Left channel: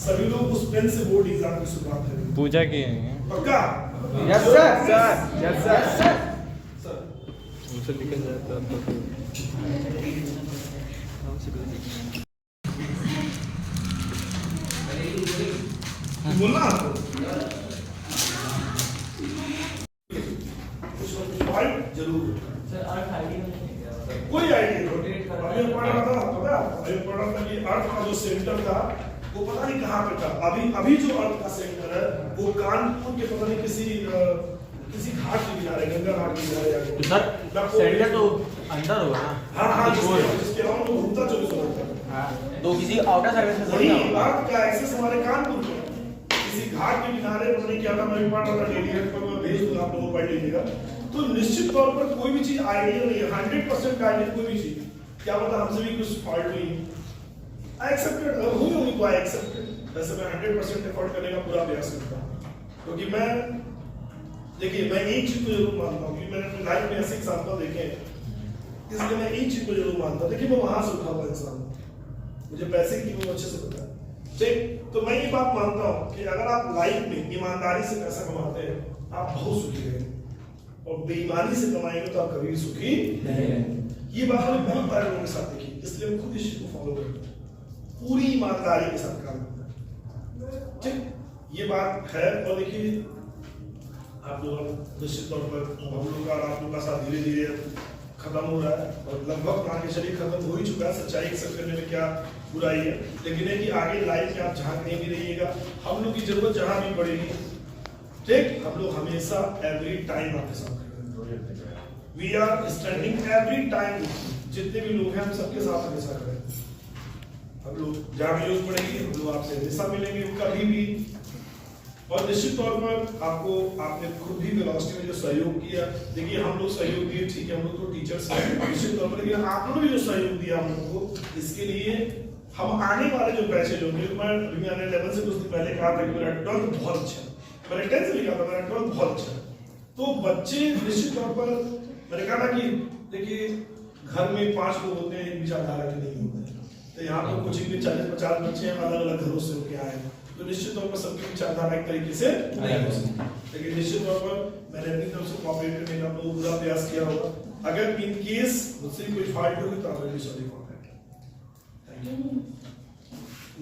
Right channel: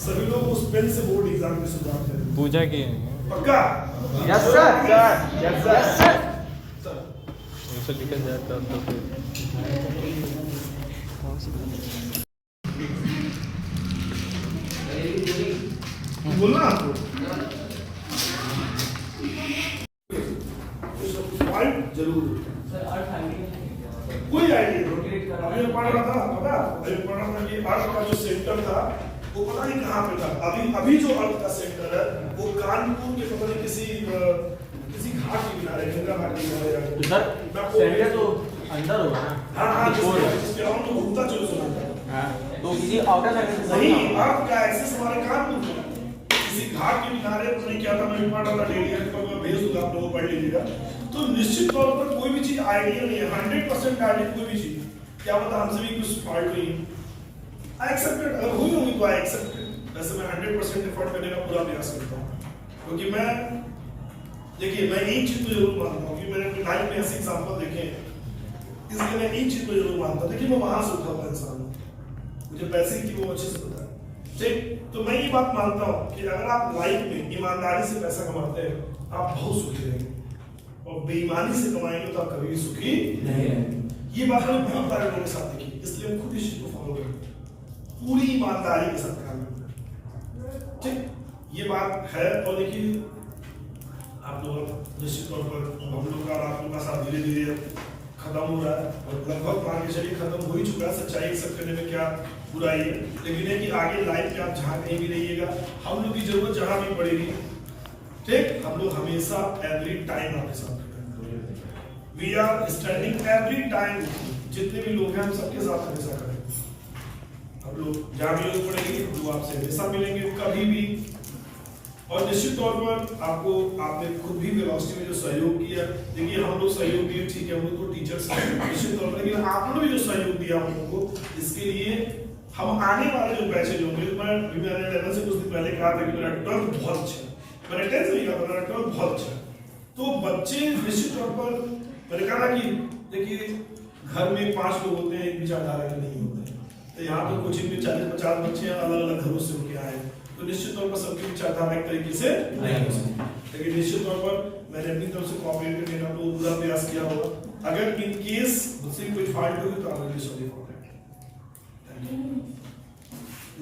सभी लोग उस पेन से बोर्ड एग्जाम की शुरुआत करेंगे। पूजा की पक्का? यस सर यस सर लेके जाता तो बोलना जरूर कोई आइडिया अभी पढ़ रहा था पता अभी पढ़ रहा था कि अर्थ का जो सेंटर था वो पता नहीं कहाँ पे था। अभी जो अर्थ का सेंटर है वो कानपुर के पता नहीं किसी घाट के किनारे गंगा घाट के किनारे सर सेंटर तो अंदर होगा ना। हाँ जिसके अराउंड तो घूमता 24 घंटा तो किसी आउटर सर्विस नहीं अर्थ का एक्सेस हमारे कानपुर में किसी घाट के किनारे पता नहीं क्या था। मैं पढ़ रहा था डेली पर मैं भेज दूंगा आप लोगों को पढ़ लीजिएगा। तो निश्चित तौर पर कोई भी चीज आइडिया नहीं है 100% आइडिया कोई भी चीज क्या पता हमसे भी कुछ फॉल्ट हुई आई एक्सेप्टेड अगर हुई होगी तो आई एक्सेप्टेड। वैसे मैं 100% एफर्ट करने का पूरा प्रयास करता हूँ क्योंकि मैं देखिए मैं एक चीज को जरूर मानता हूँ कि मैंने अपनी लाइफ में ऐसे एग्जाम्पल देखे हैं इसलिए मैं एक चीज को जरूर मानता हूँ। देखिए मैं वहां से उठा हुआ इंसान हूँ मुझे पैसे की वो अच्छे से पता है ठीक। तो मैं ये बात मानता हूँ कि अगर आप लाइफ में ईमानदारी से पैसा कमाते हैं आप बहुत सुखी रहेंगे और बेईमानी से कमाएंगे तो आप कभी सुखी नहीं रहेंगे। ये बात हमें बहुत सारे लोगों के साथ देखी इसलिए हम खुद इस चीज को फॉलो करते हैं पूरी ईमानदारी के साथ काम करते हैं ठीक। ये बात है और देखिए आप लोग निश्चित तौर पर हम लोग का आप लोग का साथ धीरे धीरे खत्म हो रहा है और लगभग मान के चलिए खत्म हो ही चुका है। सच्चाई एक्सेप्ट करने में क्या बुराई है लेकिन है कि आगे लाइफ में आप जहाँ कहीं भी रहिएगा हम लोग की जरूरत जहाँ भी पड़ेगी ठीक हम लोग हमेशा एवरी टाइम आपके साथ we are standing every time जितने भी लोग हैं हम सबके साथ हमेशा करेंगे। हम लोग जहाँ भी लोग पड़ेंगे हम लोग आपसे हमेशा मिलेंगे कभी भी। और निश्चित तौर पर आपको आपने खुद भी वेलोसिटी में जो सहयोग किया देखिए हम लोग सहयोग दिए ठीक है हम लोग तो टीचर्स हैं निश्चित तौर पर लेकिन आप लोगों ने जो सहयोग दिया हम लोगों को इसके लिए हम आने वाले जो बैचेज होंगे मैंने 11 से कुछ दिन पहले कहा था कि मेरा 12 बहुत अच्छा मैंने 10 से नहीं कहा था मेरा 12 बहुत अच्छा तो बच्चे निश्चित तौर पर मैंने कहा ना कि देखिए घर में 5 लोग होते हैं एक विचारधारा के नहीं होते तो यहाँ पर कोचिंग में 40-50 बच्चे अलग अलग घरों से होके आए तो निश्चित तौर पर सबकी विचारधारा एक तरीके से नहीं हो सकती लेकिन निश्चित तौर पर मैंने अपनी तरफ से कोऑपरेट करने का तो पूरा प्रयास किया होगा। अगर इन केस मुझसे कोई फॉल्ट होगी तो आप रियली सॉरी फॉर दैट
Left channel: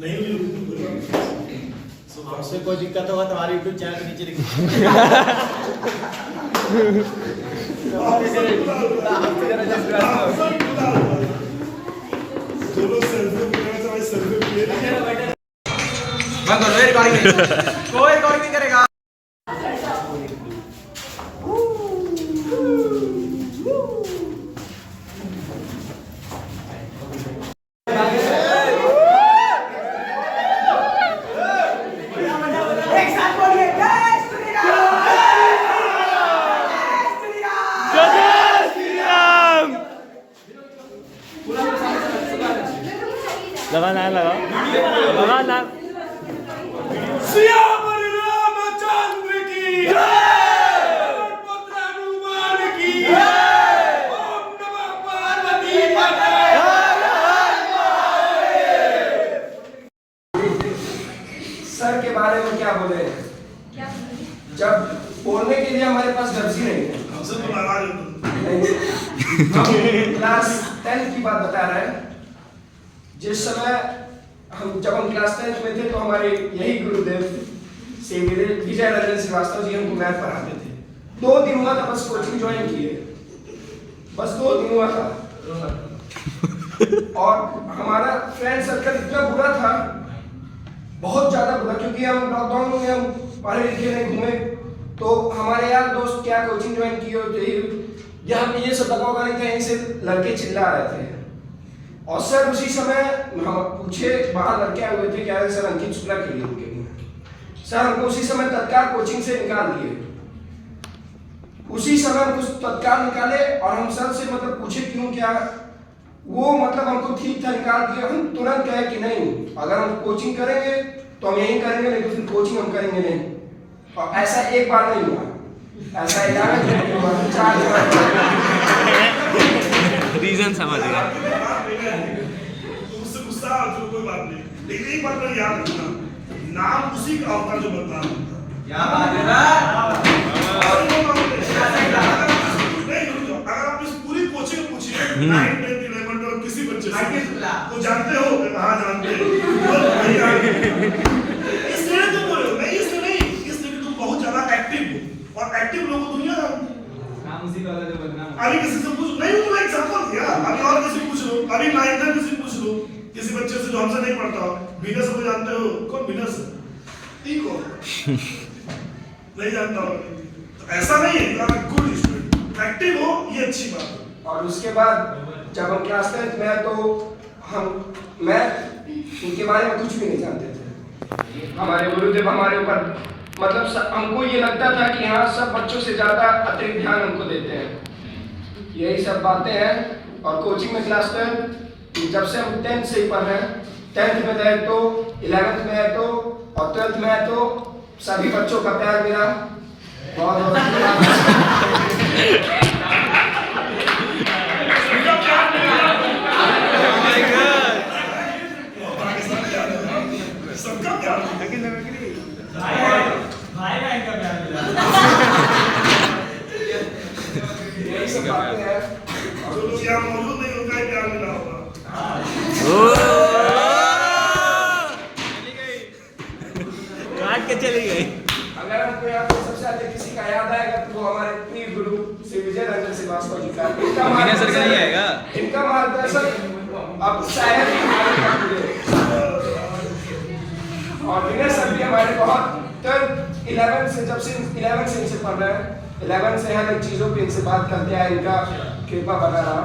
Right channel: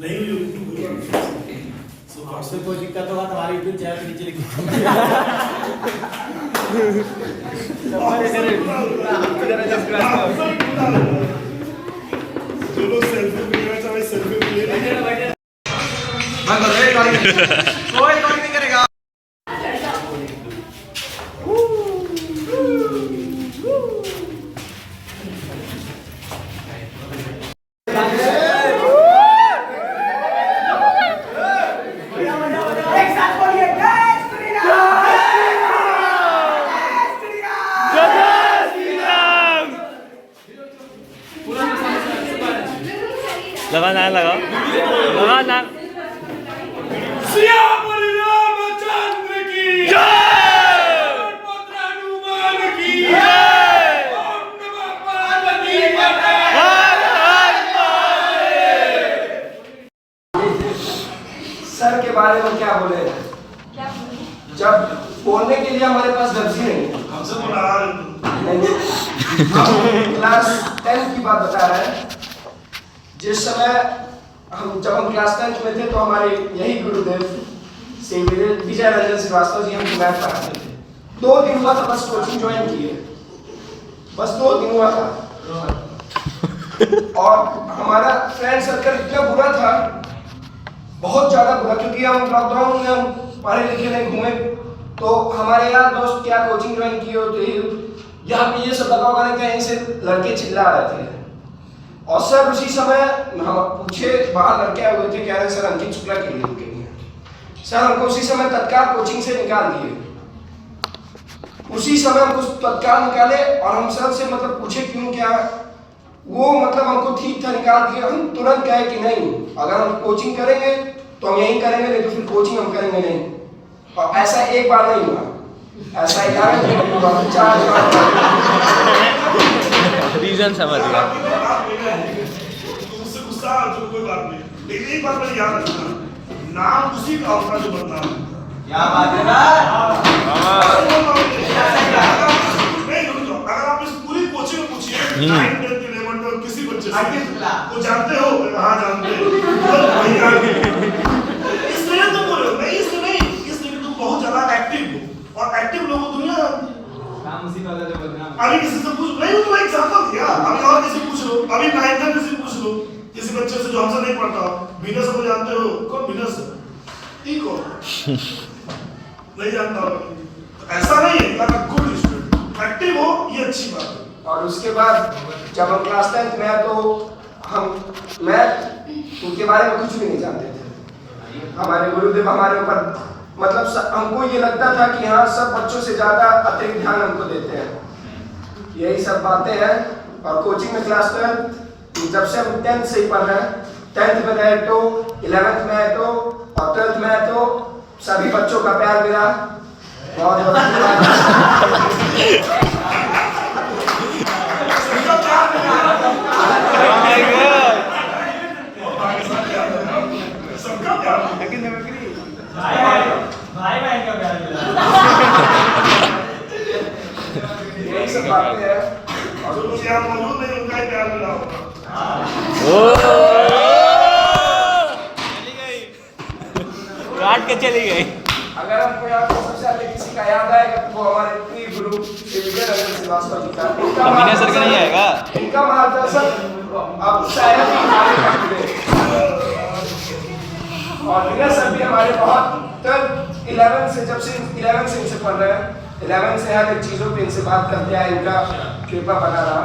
नहीं हुई तो कोई बात नहीं। आपसे कोई दिक्कत होगा तो हमारे यूट्यूब चैनल के नीचे लिखिए जो लोग सेल्फी लेना चाहे सेल्फी ले लेंगे कोई नहीं करेगा। एक साथ बोलिए जय श्री राम। लगाओ ना। सियावर रामचंद्र की जय, पुत्र हनुमान की जय, ओम नमः पार्वती पते। सर के बारे में क्या बोले? जब बोलने के लिए हमारे पास लफ्ज़ ही नहीं। हमसे तो नाराज हो हम क्लास 10 की बात बता रहे हैं। जिस समय जब हम क्लास 10 में थे तो हमारे यही गुरुदेव श्री विजय रंजन श्रीवास्तव जी हमको मैथ पढ़ाते थे। 2 दिन हुआ था बस कोचिंग ज्वाइन किए, बस 2 दिन हुआ था। और हमारा फ्रेंड सर्कल इतना बुरा था, बहुत ज्यादा बुरा, क्योंकि हम लॉकडाउन में हम पढ़े लिखे नहीं घूमे, तो हमारे यार दोस्त क्या कोचिंग ज्वाइन किए होते यहाँ पे ये सब लगा होगा नहीं, कहीं से लड़के चिल्ला रहे थे। और सर उसी समय हम पूछे, बाहर लड़के आए हुए थे, कह रहे सर अंकित शुक्ला के लिए रुकेंगे। सर हमको उसी समय तत्काल कोचिंग से निकाल दिए, उसी समय हमको तत्काल निकाले। और हम सर से मतलब पूछे क्यों, क्या वो मतलब हमको ठीक था निकाल दिया। हम तुरंत कहे कि नहीं, अगर हम कोचिंग करेंगे तो हम यही करेंगे, लेकिन फिर कोचिंग हम करेंगे नहीं। और ऐसा एक बार नहीं हुआ, ऐसा 11 हुआ, 4 रीजन समझ गया। उससे गुस्सा तो कोई बात नहीं, लेकिन एक बात मैं याद रखना, नाम उसी का होता जो बदनाम होता है। क्या बात है ना? अगर आप इस पूरी कोचिंग में पूछिए 9, 10, 11, 12 किसी बच्चे से वो जानते हो, हाँ जानते हो, इसलिए तुम बोल रहे हो, नहीं इसलिए नहीं, इसलिए कि तुम बहुत ज्यादा एक्टिव हो, और एक्टिव लोगों को दुनिया नाम उसी का जो बदनाम। अभी किसी से पूछ नहीं, तो एग्जांपल दिया, अभी और किसी पूछ लो, अभी 9th तक किसी पूछ लो, किसी बच्चे से जो हमसे नहीं पढ़ता हो, विनस को जानते हो, कौन विनस है? ठीक हो नहीं जानता हो, तो ऐसा नहीं है, अगर गुड स्टूडेंट एक्टिव हो, ये अच्छी बात है। और उसके बाद जब हम क्लास 10 में तो मैं उनके बारे में कुछ भी नहीं जानते थे। हमारे गुरुदेव हमारे ऊपर मतलब हमको ये लगता था कि हाँ सब बच्चों से ज़्यादा अतिरिक्त ध्यान हमको देते हैं, यही सब बातें हैं। और कोचिंग में क्लास 10 जब से हम 10th से ही पढ़ रहे हैं, 10th में आए तो 11th में आए तो और 12th में आए तो सभी बच्चों का प्यार मिला, बहुत बहुत सबका प्यार भाई भाई का प्यार मिला। यही सब बातें हैं। जो लोग यहाँ मौजूद नहीं उनका ही प्यार मिला होगा। काट के चली गई। अगर हमको याद तो सबसे आगे किसी का याद आएगा तो वो हमारे प्रिय गुरु श्री विजय रंजन श्रीवास्तव जी का। मीना सर का नहीं आएगा। इनका मार्गदर्शन अब शायद ही हमारे और विनय सर भी हमारे बहुत 11 से जब से 11 से इनसे पढ़ रहे हैं, 11 से हर एक चीजों पे इनसे बात करते हैं, इनका कृपा बना रहा।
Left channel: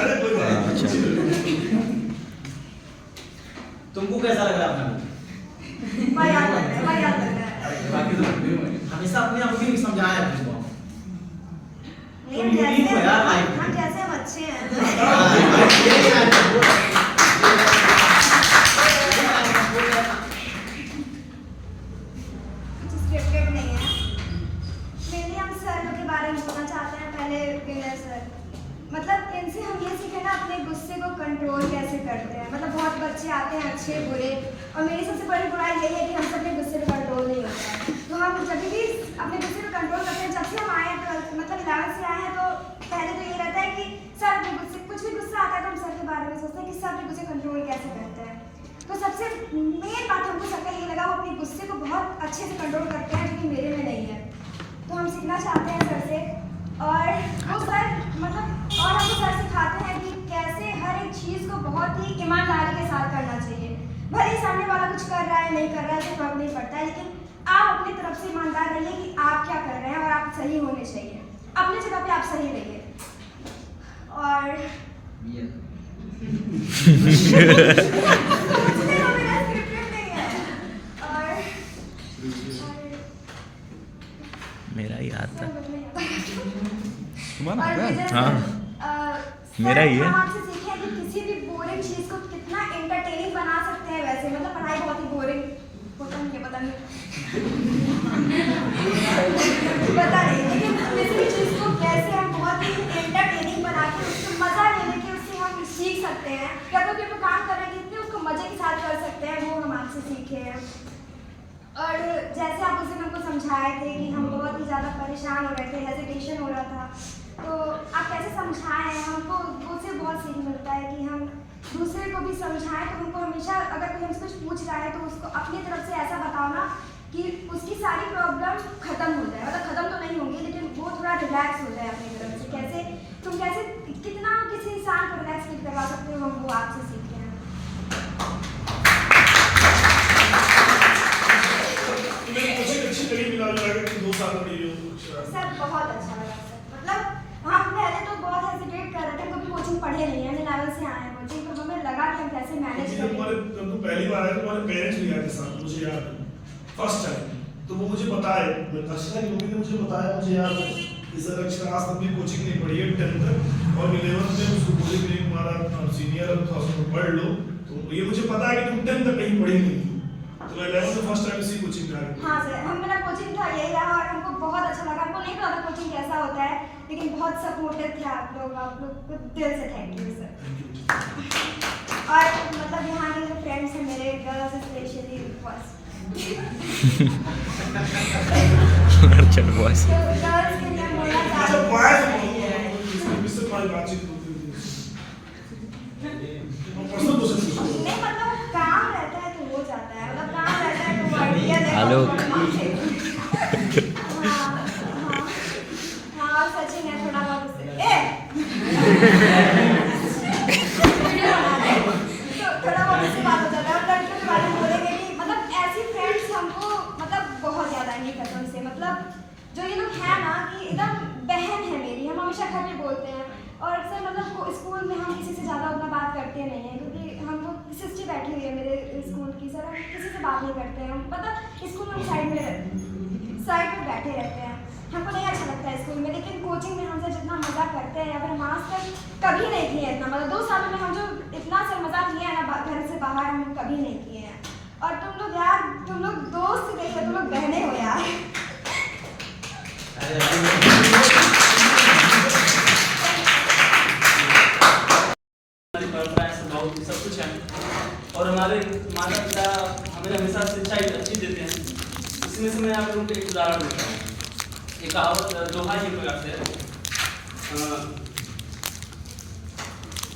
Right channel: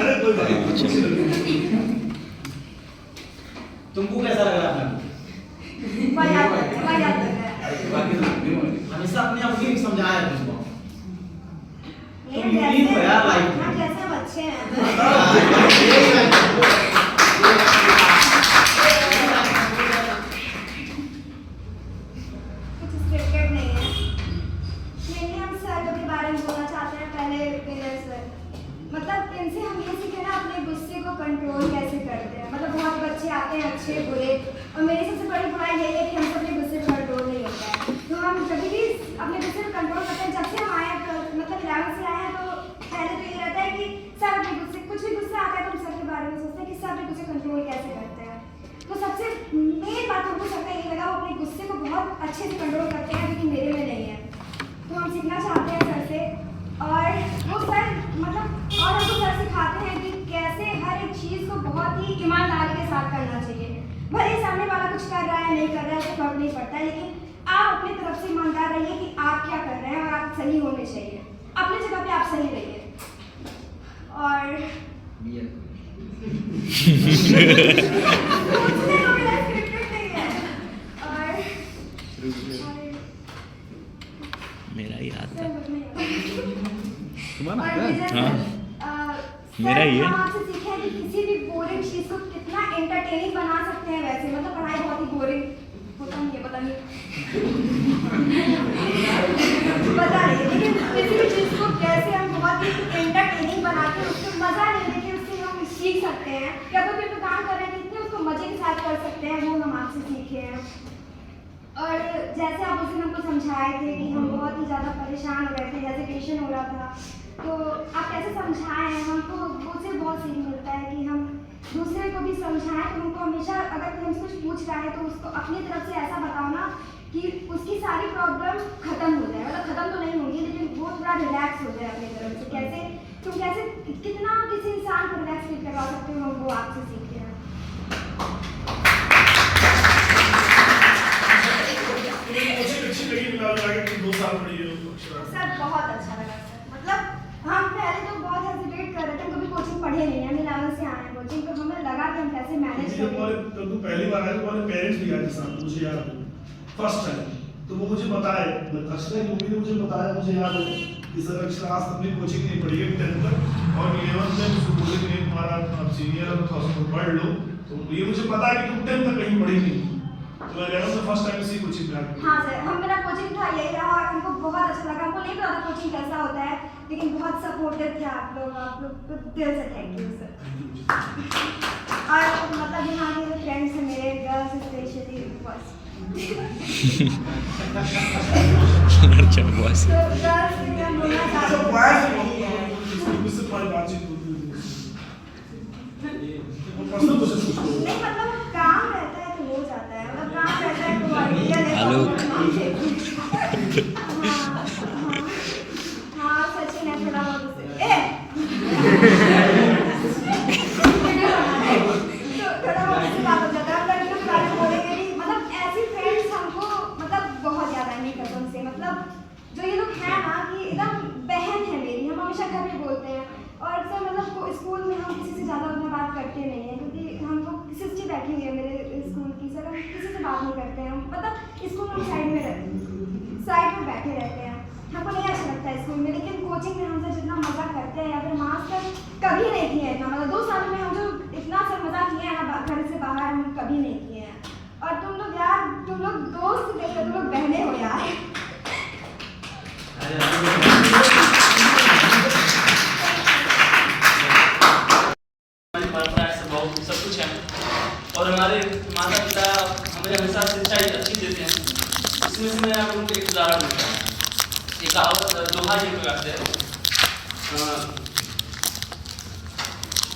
अरे कोई बात नहीं। तुमको कैसा लग रहा है? हमेशा अपने आप को समझाया तुमको। तुम यूनिक हो यार लाइफ में। जैसे बच्चे हैं। कुछ स्क्रिप्टेड नहीं है। लेकिन हम सर के बारे में बोलना चाहते हैं। पहले विनय सर, मतलब इनसे हम ये सीखे ना अपने गुस्से को कंट्रोल कैसे करते हैं। मतलब बहुत बच्चे आते हैं अच्छे बुरे, और मेरी सबसे बड़ी बुराई यही है कि हमसे अपने गुस्से पर कंट्रोल नहीं होता है। तो हम जब भी अपने गुस्से पर कंट्रोल करते हैं, जब से हम आए मतलब 11 से आए हैं, तो पहले तो ये रहता है कि सर अपने गुस्से, कुछ भी गुस्सा आता है तो हम सर के बारे में सोचते हैं कि सर अपने गुस्से कंट्रोल कैसे करते हैं। तो सबसे मेन बात हमको सबका ये लगा, वो अपने गुस्से को बहुत अच्छे से कंट्रोल करते हैं, जो कि मेरे में नहीं है। तो हम सीखना चाहते हैं सर से, और वो सर मतलब और हमको सर सिखाते हैं कि कैसे हर एक चीज़ को बहुत ही ईमानदारी के साथ करना चाहिए। भले ही सामने वाला कुछ कर रहा है नहीं कर रहा है तो फर्क नहीं पड़ता है, लेकिन आप अपनी तरफ से ईमानदार रहिए कि आप क्या कर रहे हैं और आप सही होने चाहिए, अपनी जगह पे आप सही रहिए। और मेरा याद था। और विजय सर, मेरा ही है। हम आपसे सीखे कि किसी भी बोरिंग चीज को कितना एंटरटेनिंग बना सकते हैं। वैसे मतलब पढ़ाई बहुत ही बोरिंग होता नहीं है, पता नहीं लेकिन किसी भी चीज को कैसे हम बहुत ही एंटरटेनिंग बना के उसको मजा लेने के उससे हम सीख सकते हैं, या कोई भी काम कर रहे थे उसको मजे के साथ कर सकते हैं, वो हम आपसे सीखे हैं। और जैसे आप उस दिन हमको समझाए थे कि हम बहुत ही ज़्यादा परेशान हो रहे थे, हेजिटेशन हो रहा था, तो आप कैसे समझाए हैं, हमको उससे बहुत सीख मिलता है कि हम दूसरे को भी समझाएं। तो हमको हमेशा अगर कोई हमसे कुछ पूछ रहा है तो उसको अपनी तरफ से ऐसा बताओ ना कि उसकी सारी प्रॉब्लम खत्म हो जाए, मतलब खत्म तो नहीं होंगी लेकिन वो थोड़ा रिलैक्स हो जाए अपनी तरफ से। कैसे तुम कैसे कितना किसी इंसान को रिलैक्स फील करवा सकते हो, वो आपसे सीखे हैं। अच्छी लगी मिला के 2 साल पढ़ी हो सर बहुत अच्छा लगा सर। मतलब हम पहले तो बहुत हेजिटेट कर रहे थे, कभी कोचिंग पढ़े नहीं है, 11 से आए हैं कोचिंग, तो हमें लगा कि हम कैसे मैनेज जब करें। तुम पहली बार आए तुम्हारे पेरेंट्स भी आए थे साथ, मुझे याद है फर्स्ट टाइम, तो वो मुझे बताए, फर्स्ट टाइम मम्मी ने मुझे बताया, मुझे याद है कि सर अक्षर आज तक कोचिंग नहीं पढ़ी है 10th तक, और 11th में उसको बोले कि नहीं तुम्हारा अब सीनियर है तो उसको पढ़ लो, तो ये मुझे पता है कि तुम 10th तक कहीं पढ़ी नहीं, तो मैं 11th में फर्स्ट टाइम इसी कोचिंग में आया। हाँ सर, हम मेरा कोचिंग था यही रहा और हमको बहुत अच्छा लगा। हमको नहीं पता था कोचिंग कैसा होता है, लेकिन बहुत सपोर्टिव थे आप लोग को दिल से थैंक यू सर। और मतलब यहाँ के जो फ्रेंड्स हैं मेरे, गर्ल्स स्पेशली फर्स्ट अच्छा बॉस तो गर्ल्स के लिए बोलना चाहती हूँ इससे तुम्हारी बातचीत होती थी, प्रश्न पूछो नहीं, मतलब काम रहता है तो हो जाता है, मतलब काम रहता है तो आइडिया देता हेलो। हाँ सचिन है थोड़ा बहुत उससे तो थोड़ा बहुत उससे बात हो जाता है। लड़कियों के बारे में बोलेंगे कि मतलब ऐसी फ्रेंड्स हमको मतलब बहुत ज़्यादा नहीं कसम से, मतलब जो ये लोग हैं ना कि एकदम बहन है मेरी, हम हमेशा घर में बोलते हैं। और अक्सर मतलब स्कूल में हम किसी से ज़्यादा उतना बात करते नहीं हैं, क्योंकि हमको सिस्टर बैठी हुई है मेरे स्कूल की, सर हम किसी से बात नहीं करते हैं। हम मतलब स्कूल में साइड में बैठे रहते हैं, हमको नहीं अच्छा लगता है स्कूल में। लेकिन कोचिंग में हमसे जितना मज़ा करते हैं या फिर मास्टर कभी नहीं किए हैं इतना, मतलब 2 सालों में हम जो इतना सब मज़ा किए हैं ना घर से बाहर, हम कभी नहीं किए हैं। और तुम लोग यार, तुम लोग दोस्त नहीं हो, तुम लोग बहने हो यार। सब कुछ है और हमारे माता पिता हमें हमेशा शिक्षा अच्छी देते हैं। इसमें से मैं आप लोगों को एक उदाहरण देता हूँ। एक कहावत दोहा ये कहते हैं,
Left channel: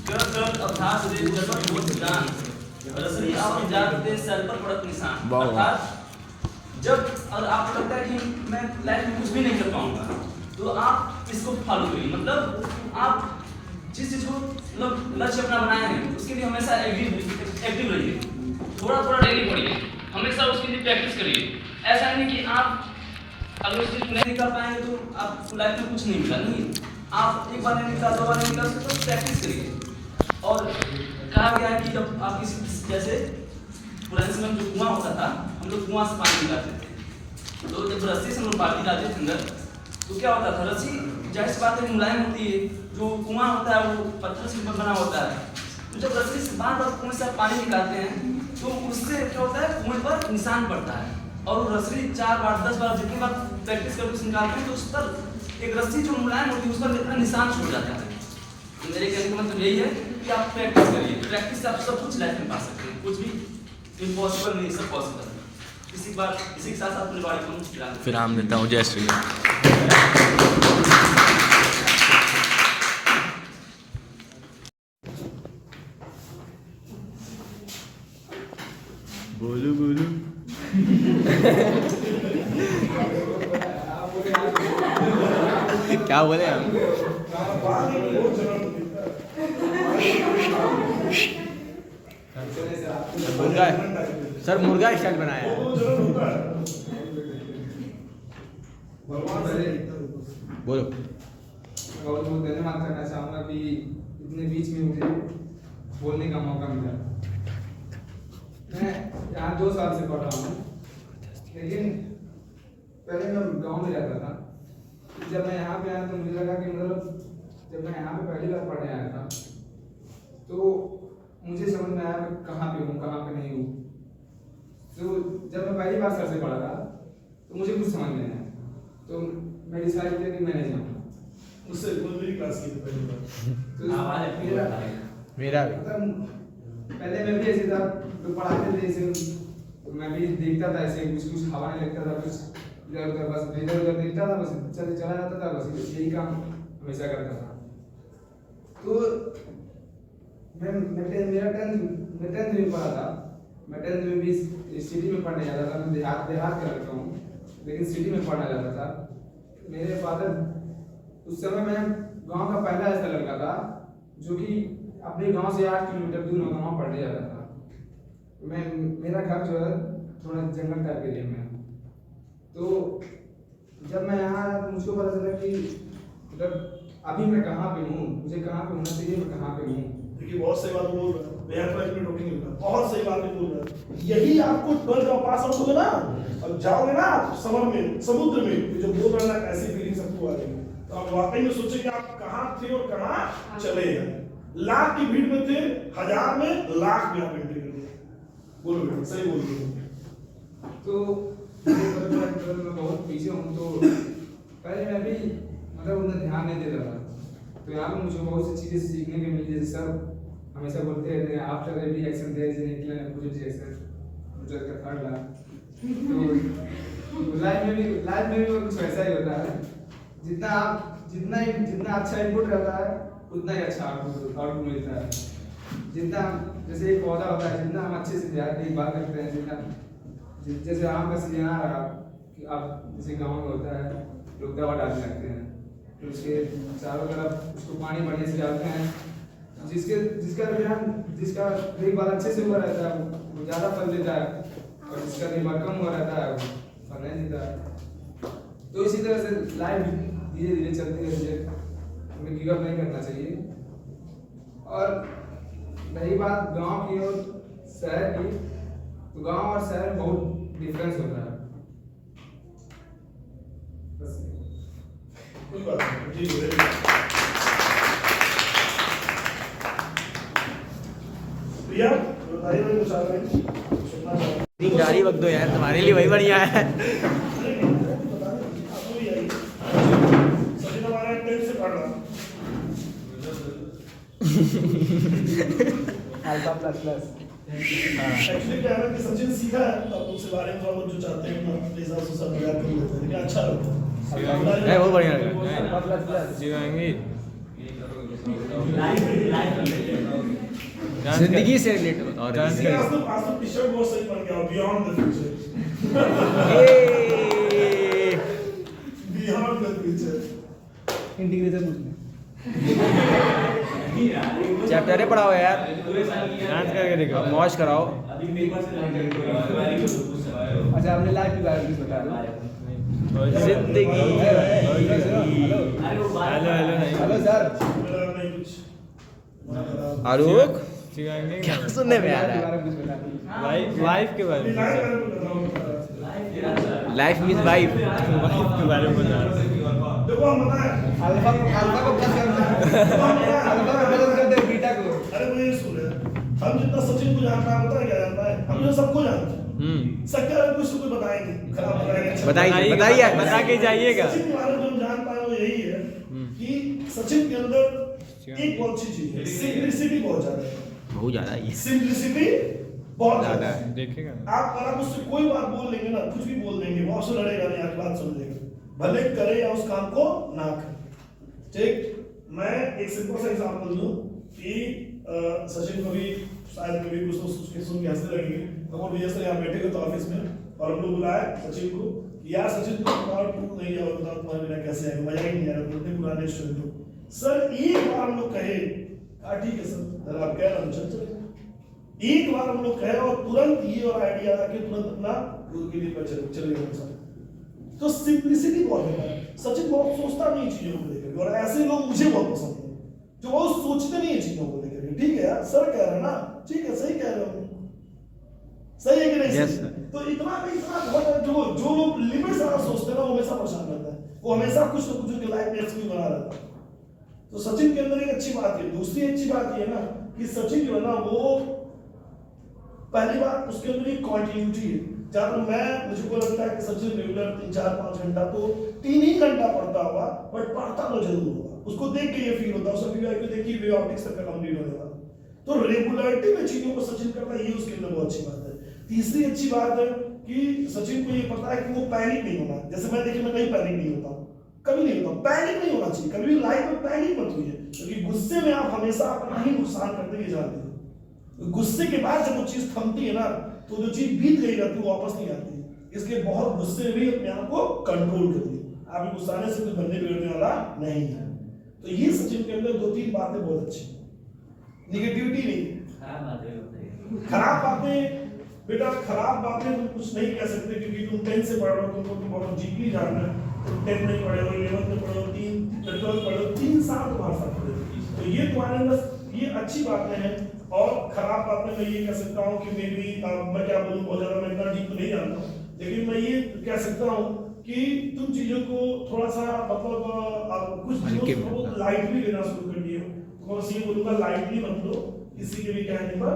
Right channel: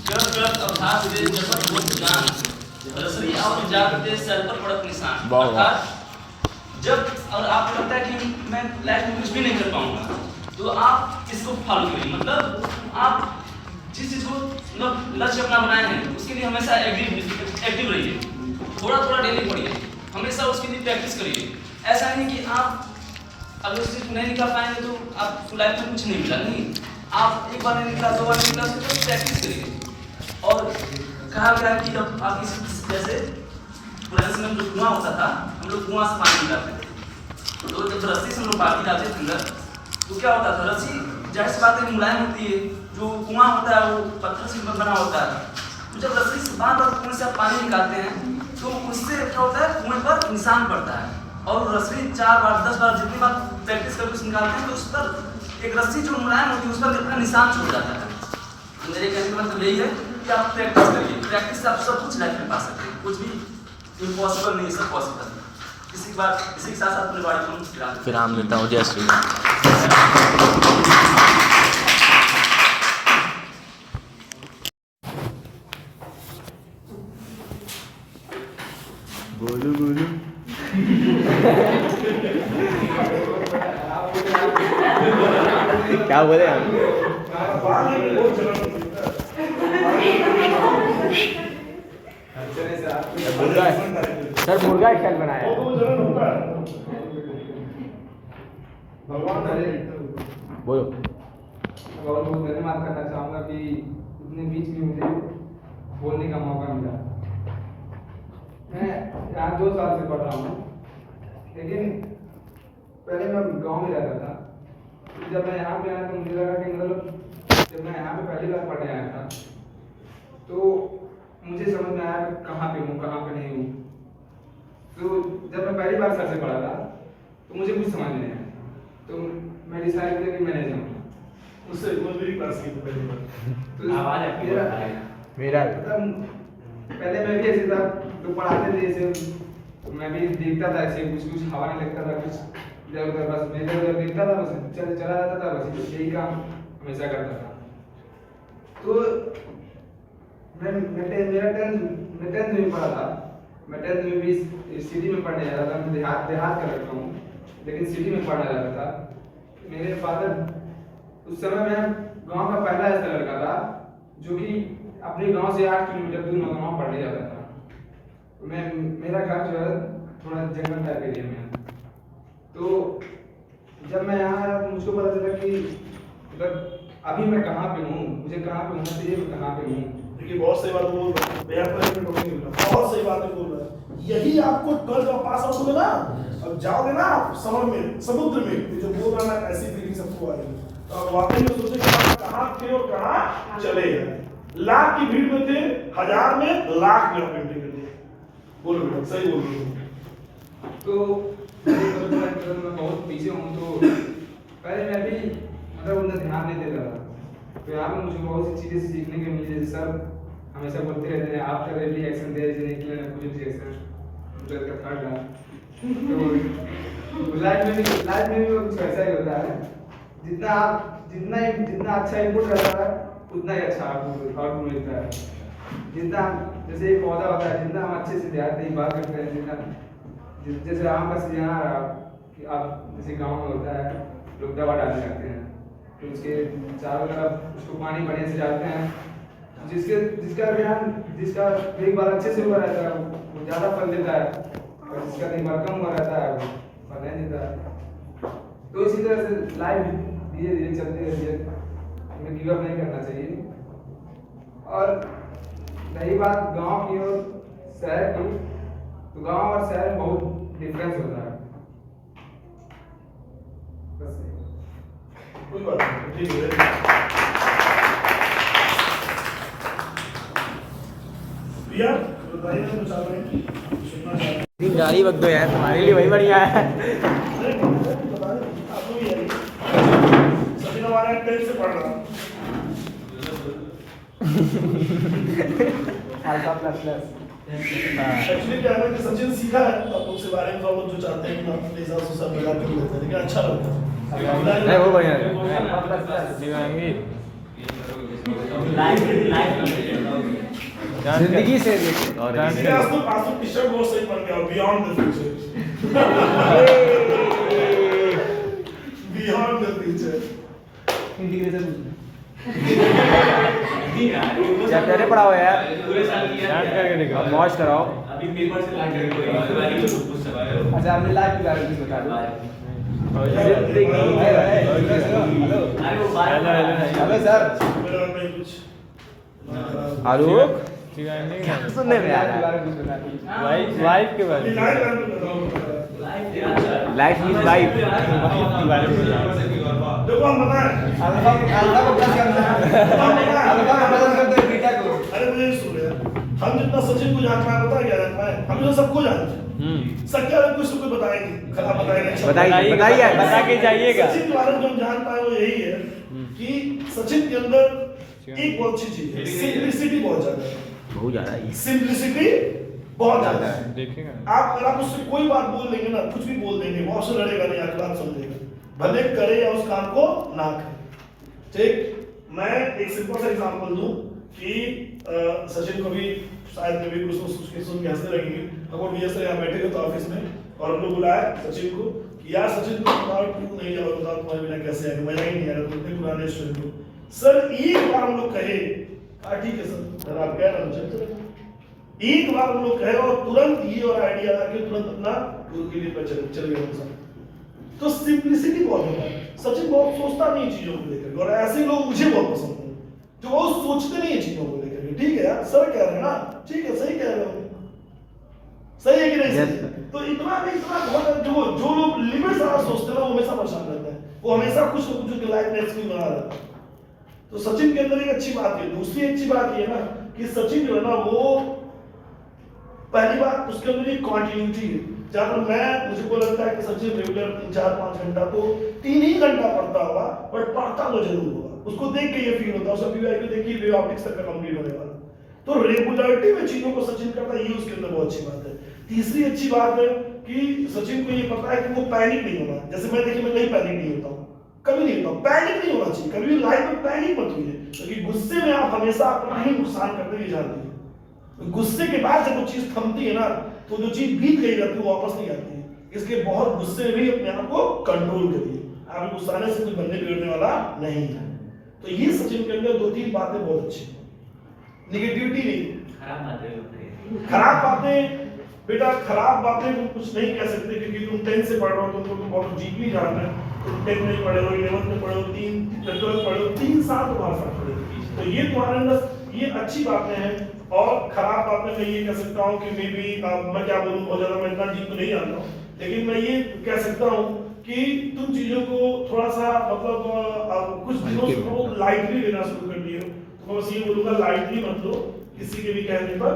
गलत अभ्यास दे जगत को जान, रसरी आप जागते सर पर पड़त निशान। अर्थात जब अगर आपको लगता है कि मैं लाइफ में कुछ भी नहीं कर पाऊंगा तो आप इसको फॉलो करिए। मतलब आप जिस चीज को मतलब लक्ष्य अपना बनाए हैं उसके लिए हमेशा एक्टिव रहिए, थोड़ा थोड़ा डेली पढ़िए, हमेशा उसके लिए प्रैक्टिस करिए। ऐसा नहीं कि आप अगर उस चीज को नहीं निकाल पाएंगे तो आपको लाइफ में कुछ नहीं मिला, नहीं, आप एक बार नहीं निकाला, 2 बार नहीं निकाला, उसको प्रैक्टिस करिए। और कहा गया है कि जब आप किसी जैसे पुराने समय में जो कुआं होता था, हम लोग कुआं से पानी निकालते थे, तो जब रस्सी से हम लोग पानी डालते थे अंदर तो क्या होता था, रस्सी जाहिर सी बात है मुलायम होती है, जो कुआं होता है वो पत्थर से बना होता है, तो जब रस्सी से बार बार कुएं से आप पानी निकालते हैं तो उससे क्या होता है, कुएं पर निशान पड़ता है। और रस्सी 4 बार 10 बार जितनी बार प्रैक्टिस करके निकालते हैं तो उस पर एक रस्सी जो मुलायम होती है उस पर अपना निशान छोड़ जाता है। तो मेरे कहने का मतलब यही है कि आप प्रैक्टिस करिए, प्रैक्टिस से आप सब कुछ लाइफ में पा सकते हैं, कुछ भी इम्पॉसिबल नहीं, सब पॉसिबल है। इसी के साथ साथ अपने बारे में फिर नाम लेता हूँ, जय श्री राम। बोलो बोलो क्या बोले हम? मुर्गा, सर मुर्गा स्टाइल बनाया है। बोलो। बहुत बहुत धन्यवाद करना चाहूँगा कि इतने बीच में मुझे बोलने का मौका मिला। मैं यहाँ 2 साल से पढ़ रहा हूँ, लेकिन पहले मैं गांव में रहता था। जब मैं यहाँ पे आया तो मुझे लगा कि मतलब जब मैं यहाँ पे पहली बार पढ़ने आया था तो मुझे समझ में आया मैं कहाँ पे हूँ कहाँ पे नहीं हूँ। तो जब मैं पहली बार सर से पढ़ा था तो मुझे कुछ समझ नहीं आया, तो मैं डिसाइड किया कि मैं नहीं जाऊँगा। उससे वो मेरी क्लास की पहली बार। तो मेरा पहले मैं भी ऐसे था, तो पढ़ाते थे ऐसे मैं भी देखता था, ऐसे कुछ कुछ हवा में लगता था, कुछ इधर उधर बस इधर उधर देखता था, बस चला जाता था, बस यही काम हमेशा करता था। तो मेरा टेंथ में पढ़ा था, मैं टेंथ में भी सिटी में पढ़ने जा रहा था। मैं देहात का लड़का हूँ लेकिन सिटी में पढ़ना जाता था। मेरे फादर उस समय मैं गांव का पहला ऐसा लड़का था जो कि अपने गांव से 8 किलोमीटर दूर गांव पढ़ने जाता था। मेरा घर जो है थोड़ा जंगल टाइप एरिया में है। तो जब मैं यहाँ आया तो मुझको पता चला कि मतलब अभी मैं कहाँ पे हूँ, मुझे कहाँ पे होना चाहिए, मैं कहाँ पे हूँ। देखिए बहुत सही बात बोल रहा है, मैं पर भी टोकिंग नहीं, बहुत सही बात बोल रहा है। यही आपको 12 जब पास आउट होगा ना, अब जाओगे ना समर में, समुद्र में, तो जो बोल रहा है ऐसी फीलिंग सबको आ जाएगी। तो आप वाकई में सोचे कि आप कहाँ थे और कहाँ चले हैं। लाख की भीड़ में थे, 1000 में, लाख में आप एंट्री कर दिए। बोलो बेटा, सही बोल रहे हो। तो मैं बहुत पीछे हूँ, तो पहले मैं भी मतलब उतना ध्यान नहीं देता था। तो यहाँ पर मुझे बहुत सी चीज़ें सीखने को मिली। जैसे सर हमेशा बोलते रहते हैं after every action there is an equal reaction, मुझे इसका थर्ड रहा। तो लाइफ में भी कुछ ऐसा ही होता है, जितना अच्छा इनपुट रहता है उतना ही अच्छा आउटपुट मिलता है। जितना जैसे एक पौधा होता है, जितना हम अच्छे से देखभाल करते हैं, जितना जैसे आम का सीजन आ रहा कि आप जैसे गाँव में होता है, लोग दवा डालने लगते हैं, तो उसके चारों तरफ उसको पानी बढ़िया से डालते हैं। जिसका देखभाल अच्छे से हुआ रहता है वो ज़्यादा फल देता है, और जिसका देखभाल कम हुआ रहता है वो फल नहीं देता है। तो इसी तरह से लाइफ धीरे धीरे चलती रहती है, हमें गिव अप नहीं करना चाहिए। और रही बात गांव की और शहर की, तो गांव और शहर में बहुत डिफरेंस होता है। बस कोई बात नहीं, ठीक है। प्रिया बताइए कुछ आप सुनना चाहते हैं। गाड़ी बक दो यार, तुम्हारे लिए वही बढ़िया है। अरे बता दें, आपको भी आइए। सचिन हमारा 10 से पढ़ रहा है। Alpha plus plus. एक्चुअली क्या है कि सचिन सीखा है, तो आप उसके बारे में थोड़ा जो चाहते हैं कि मैं अपने हिसाब से सब मिला के बोलते हैं, लेकिन अच्छा लगता है। नहीं वो बढ़िया है। अल्फा प्लस प्लस जीवाएंगे जिंदगी से रिलेटेड। और आज तो टी-शर्ट बहुत सही बन गया, beyond the future. Beyond the future integration chapter पढ़ाओ यार, पूरे साल किया डांस करके दिखाओ, मौज कराओ। अभी पेपर से लाके कोई अच्छा हमने लाइफ के बारे में बता दिया। जिंदगी हेलो अरे वो बाहर हेलो सर, मेरा में कुछ आलोक क्या सुनने में आ रहा है? लाइफ के बारे में, लाइफ मीन लाइफ के बारे में देखो हम बताएं, अल्फा को प्लस करना है, अल्फा को प्लस करते हैं बीटा को। अरे मुझे नहीं सुन रहे, हम जितना सचिन को जानता है पता है क्या जानता है, हम तो सबको जानते हैं। सबके बारे में कुछ तो बताएंगे, खराब बताएंगे, बताइए बता के जाइएगा। सचिन के बारे में जो हम जानता है वो यही है कि सचिन के अंदर एक बहुत अच्छी चीज है, सिंपलिसिटी बहुत ज्यादा है। बहुत ज्यादा है सिंपलिसिटी बहुत ज्यादा है। देखेगा आप अगर आप उससे कोई बात बोल देंगे ना, कुछ भी बोल देंगे, वो आपसे लड़ेगा नहीं, आपकी बात समझेगा, भले करे या उस काम को ना करे। ठीक, मैं एक सिंपल सा एग्जांपल दूं कि सचिन को भी शायद में भी कुछ सुन के हंसने लगेंगे। अगर भैया सर यहाँ बैठे थे तो ऑफिस में, और हम लोग बुलाया सचिन को कि यार सचिन तुम बताओ, तू नहीं जाओ, बताओ तुम्हारे बिना कैसे आएगा, मजा ही नहीं आ रहा, तुम इतने पुराने स्टूडेंट हो। सर एक बार हम लोग कहे, ठीक है सर, आप कह रहे हो चल चलेगा। एक बार हम लोग कहे और तुरंत ये और आइडिया आके तुरंत अपना के लिए चल गया। तो सिंपलिसिटी बहुत होता है। सचिन बहुत सोचता नहीं चीजों को लेकर, और ऐसे लोग मुझे बहुत पसंद है जो बहुत सोचते नहीं है चीजों को लेकर। ठीक है यार, सर कह रहे हैं ना, ठीक है, सही कह रहे हो, सही है कि नहीं? Yes, तो इतना बहुत जो लोग लिमिट सारा सोचते हैं ना, वो हमेशा परेशान रहता है, वो हमेशा कुछ ना कुछ उनकी लाइफ में एक्सपीरियंस बना रहता है। तो सचिन के अंदर एक अच्छी बात है। दूसरी अच्छी बात ये ना कि सचिन जो है ना वो पहली बात उसके अंदर एक कॉन्टिन्यूटी है। जहाँ पर मुझे को लगता है कि सचिन रेगुलर 3-4-5 घंटा तो 3 ही घंटा पढ़ता होगा, बट पढ़ता तो जरूर होगा। उसको देख के ये फील होता है, उसका पीवाई को देख के वेव ऑप्टिक्स तक कंप्लीट होने वाला। तो रेगुलरिटी में चीजों को सचिन करता है, ये उसके अंदर बहुत अच्छी बात है। तीसरी अच्छी बात है कि सचिन को ये पता है कि वो पैनिक नहीं होना। जैसे मैं देखिए, मैं कहीं पैनिक नहीं होता हूँ, कभी नहीं होता। पैनिक नहीं होना चाहिए, कभी भी लाइफ में पैनिक मत होइए, क्योंकि गुस्से में आप हमेशा अपना ही नुकसान करते हुए जानते हैं। गुस्से के बाद जब वो चीज थमती है ना, तो जो चीज बीत गई रहती है वो वापस नहीं आती है। इसलिए बहुत गुस्से में भी अपने आप को कंट्रोल करिए। आप गुस्साने से कुछ बनने बिगड़ने वाला नहीं है। तो ये सचिन के अंदर 2-3 बातें बहुत अच्छी, निगेटिविटी नहीं। खराब बातें बेटा, खराब बातें तुम कुछ नहीं कह सकते, क्योंकि तुम 10 से पढ़ रहे हो, तुम बहुत डीपली जान रहे हो। तुम 10 में पढ़े हो, 11 में पढ़े हो, 12 पढ़े हो, 3 साल तुम्हारे साथ पढ़े हो। तो ये तुम्हारे अंदर ये अच्छी बातें हैं। और खराब बातें मैं ये कह सकता हूँ कि मे बी मैं क्या बोलूँ, बहुत ज़्यादा मैं इतना डीप तो नहीं जानता हूँ, लेकिन मैं ये कह सकता हूँ कि तुम चीज़ों को थोड़ा सा मतलब कुछ दिनों से लाइटली लेना शुरू कर दिए। तो बस ये बोलूँगा, लाइटली मत लो किसी के भी कहने पर।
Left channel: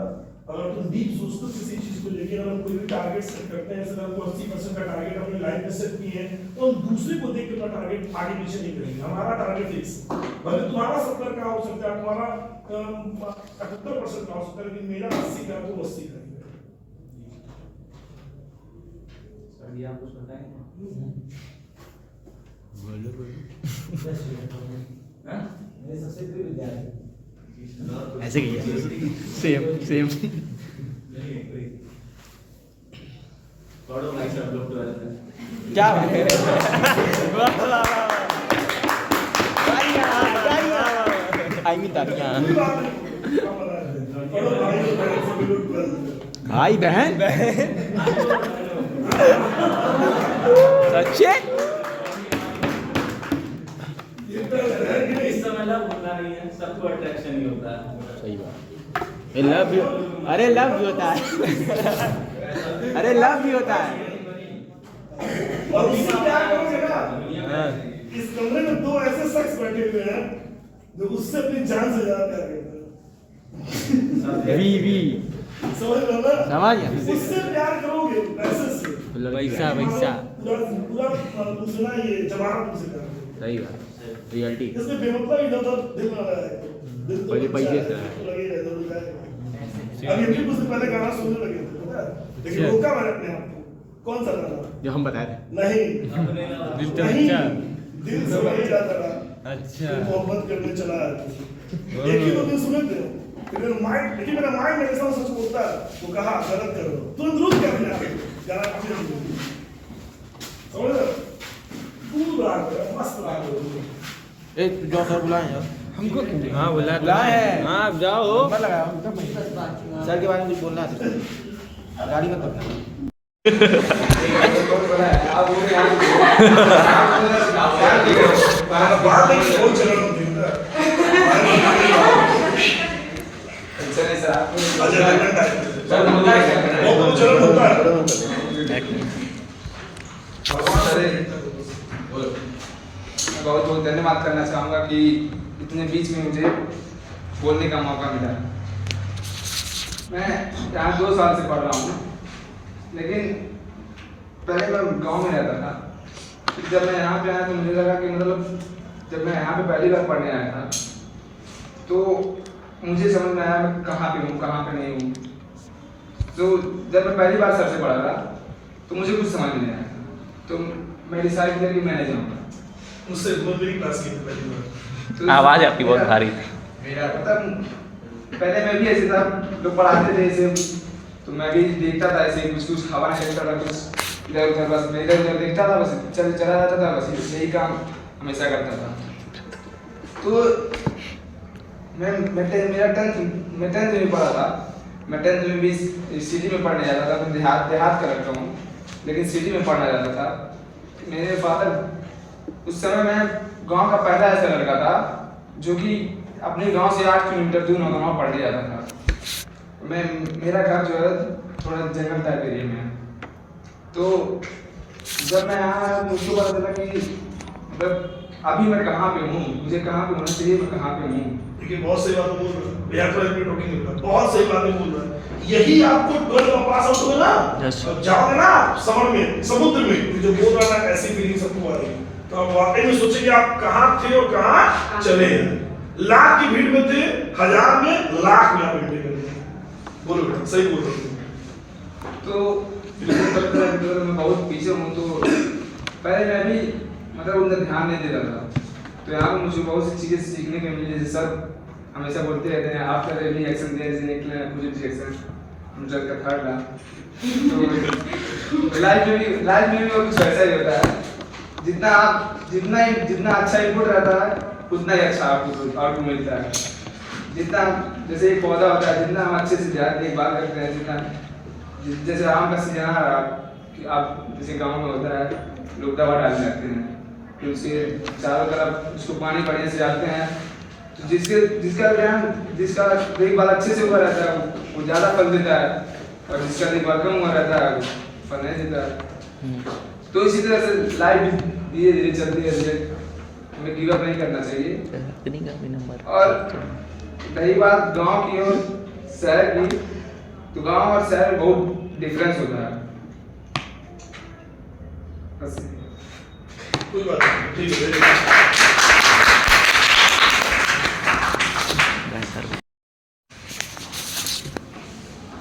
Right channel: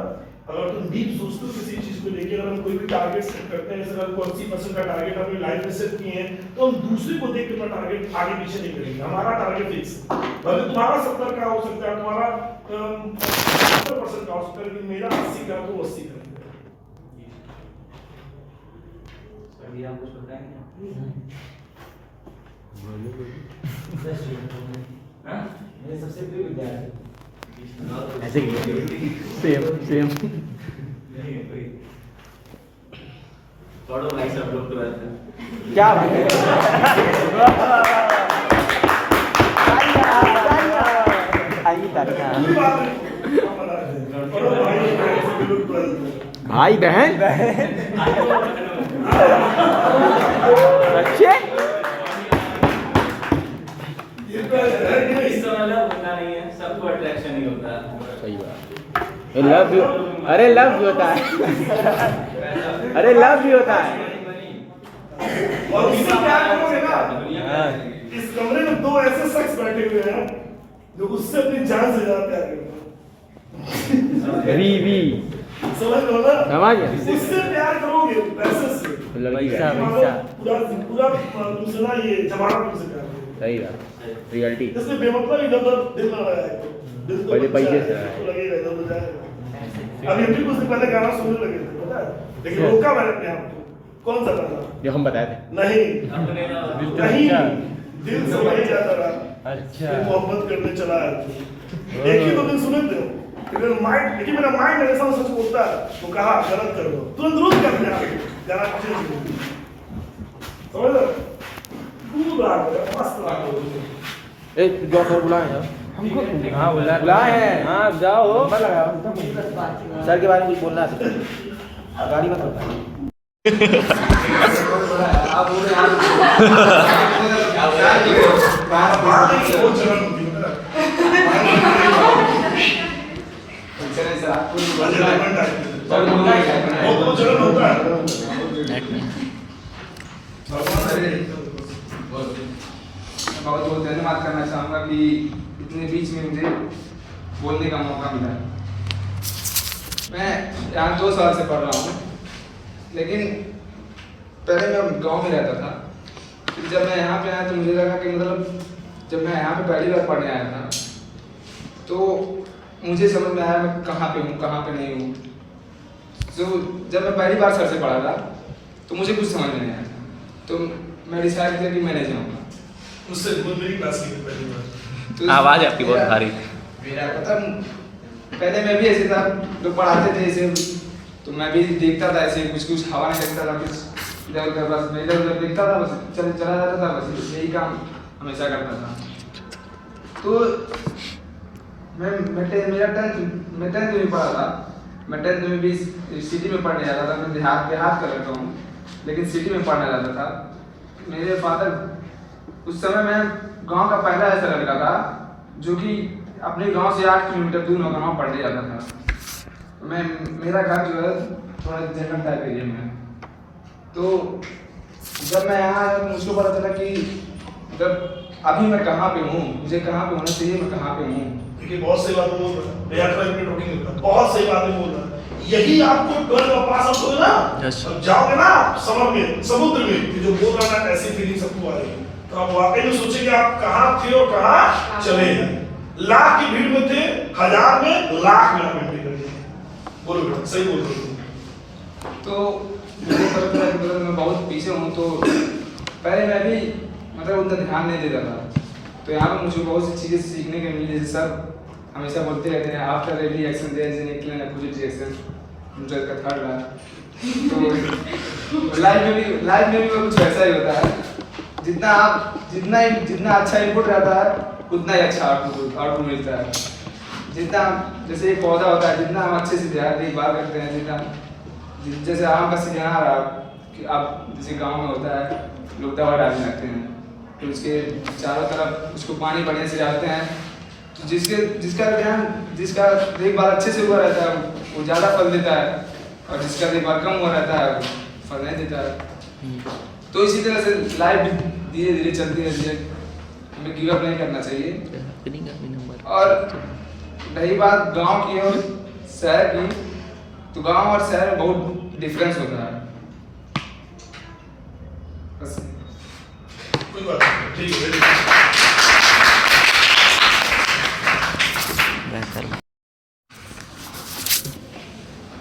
अगर तुम डीप सोचते हो किसी चीज़ को लेकर, अगर हम कोई भी टारगेट सेट करते हैं, जैसे हमको 80% का टारगेट अपनी लाइफ में सेट किए हैं, तो हम दूसरे को देख के अपना टारगेट आगे पीछे नहीं करेंगे। हमारा टारगेट फिक्स है। भले तुम्हारा 70 का हो सकता है, तुम्हारा 70% का हो सकता है, लेकिन मेरा 80 का तो 80 का। आप कुछ बताएंगे? मेरे सबसे प्रिय विद्यार्थी ऐसे किया सेम पढ़ो भाई सब लोग 12th में। क्या बात है। भाई बहन अच्छे इस समय लव होता नहीं है, सबको अट्रैक्शन ही होता है। सही बात। लव भी, अरे लव भी होता है, अरे लव भी होता है। और इससे क्या करोगे ना, इस कमरे में 2 ऐसे शख्स बैठे हुए हैं जो उससे अपनी जान से ज्यादा प्यार करते हैं। वी समझ लो ना, समझ उससे प्यार करोगे पैसे से, वैसा पूरा दूसरा ये जमाना तुमसे प्यार करेगा। सही बात, रियलिटी। इसलिए बेमतलब इधर दिल ना लगाया करो, दिल तो पहले पैसे से लगेगा, इधर तो जाएगा। अभी भी कुछ दिन पहले गाना सुनने लगे थे, पता है, लेकिन रोका मैंने अपने आप को। कौन सा गाना? जो हम बताए थे। नहीं, दिल से वही जाता रहा। अच्छा, मोहब्बत करने चला है। एक ही 2 दिन सुने थे, लेकिन मेरा माइंड हमेशा सच बोलता है। वो कहा गलत कर दो, तुरंत रोक कर अपने आप को, गाना चेंज हो गया। समझ लो, दूर राग है, मस्त राग है। एक जो बुलाए यार हमको। हाँ बुलाए हैं। हाँ जाओ, सर के बारे में कुछ बोलना है तो गाड़ी मत उठाओ। बहुत बहुत धन्यवाद करना चाहूँगा कि इतने बीच में मुझे बोलने का मौका मिला। मैं यहाँ 2 साल से पढ़ रहा हूँ, लेकिन पहले मैं गांव में रहता था। फिर जब मैं यहाँ पे आया तो मुझे लगा कि मतलब जब मैं यहाँ पे पहली बार पढ़ने आया था तो मुझे समझ में आया मैं कहाँ पे हूँ, कहाँ पे नहीं हूँ। तो जब मैं पहली बार सर से पढ़ा था तो मुझे कुछ समझ में नहीं आया, तो मैं डिसाइड किया कि मैं नहीं जाऊँगा। उससे बहुत बड़ी क्लास की पहली बार। तो आवाज आपकी बहुत भारी। मेरा मतलब पहले मैं भी ऐसे था, लोग पढ़ाते थे ऐसे, तो मैं भी देखता था ऐसे कुछ हवा नहीं लगता था, कुछ इधर उधर बस मैं इधर उधर देखता था, बस चला जाता था, बस यही काम हमेशा करता था। तो मेरा 10th में पढ़ा था। मैं 10th में भी सिटी में पढ़ने जाता था। मैं देहात का लड़का हूँ, लेकिन सिटी में पढ़ने जाता था। मेरे फादर उस समय मैं गांव का पहला ऐसा लड़का था जो कि अपने गांव से 8 किलोमीटर दूर गांव पढ़ने जाता था। मेरा घर जो है थोड़ा जंगल टाइप एरिया में है। तो जब मैं यहाँ आया मुझको पता चला कि मतलब अभी मैं कहाँ पे हूँ, मुझे कहाँ पे होना चाहिए, मैं कहाँ पे हूँ। देखिए बहुत सही बात बोल रहा है, बहुत सही बातें बोल रहा है। यही आपको 12 का पास आउट हुए ना, अब जाओगे ना आप समर में, समुद्र में, जो बोल रहा है ना, ऐसी फीलिंग सबको आ रही है, तो आप वाकई में सोचेंगे आप कहाँ थे और कहाँ चले हैं। लाख की भीड़ में थे, 1000 में, लाख में आप एंट्री कर लिए। बोलो बेटा, सही बोल रहे हो। तो मैं बहुत पीछे हूँ, तो पहले मैं भी मतलब उतना ध्यान नहीं देता था, तो यहाँ पे मुझे बहुत सी चीज़ें सीखने को मिली। जैसे सब हमेशा बोलते रहते हैं after every action there is an positive action, मुझे का थर्ड रहा। तो लाइफ में भी वो कुछ ऐसा ही होता है, जितना अच्छा इनपुट रहता है उतना ही अच्छा आउटपुट मिलता है। जितना जैसे एक पौधा होता है, जितना हम अच्छे से देखभाल करते हैं, जितना जैसे आम का सीजन आ रहा कि आप जैसे गांव में होता है, लोग दवा डालने लगते हैं, तो उसके चारों तरफ उसको पानी बढ़िया से डालते हैं, तो जिसका देखभाल अच्छे से हुआ रहता है वो ज़्यादा फल देता है, और जिसका देखभाल कम हुआ रहता है वो फल नहीं देता है। तो इसी तरह से लाइफ धीरे धीरे चलती रहती है, हमें गिव अप नहीं करना चाहिए। और रही बात गांव की और शहर की, तो गांव और शहर में बहुत डिफरेंस होता है। बस कोई बात नहीं, ठीक है।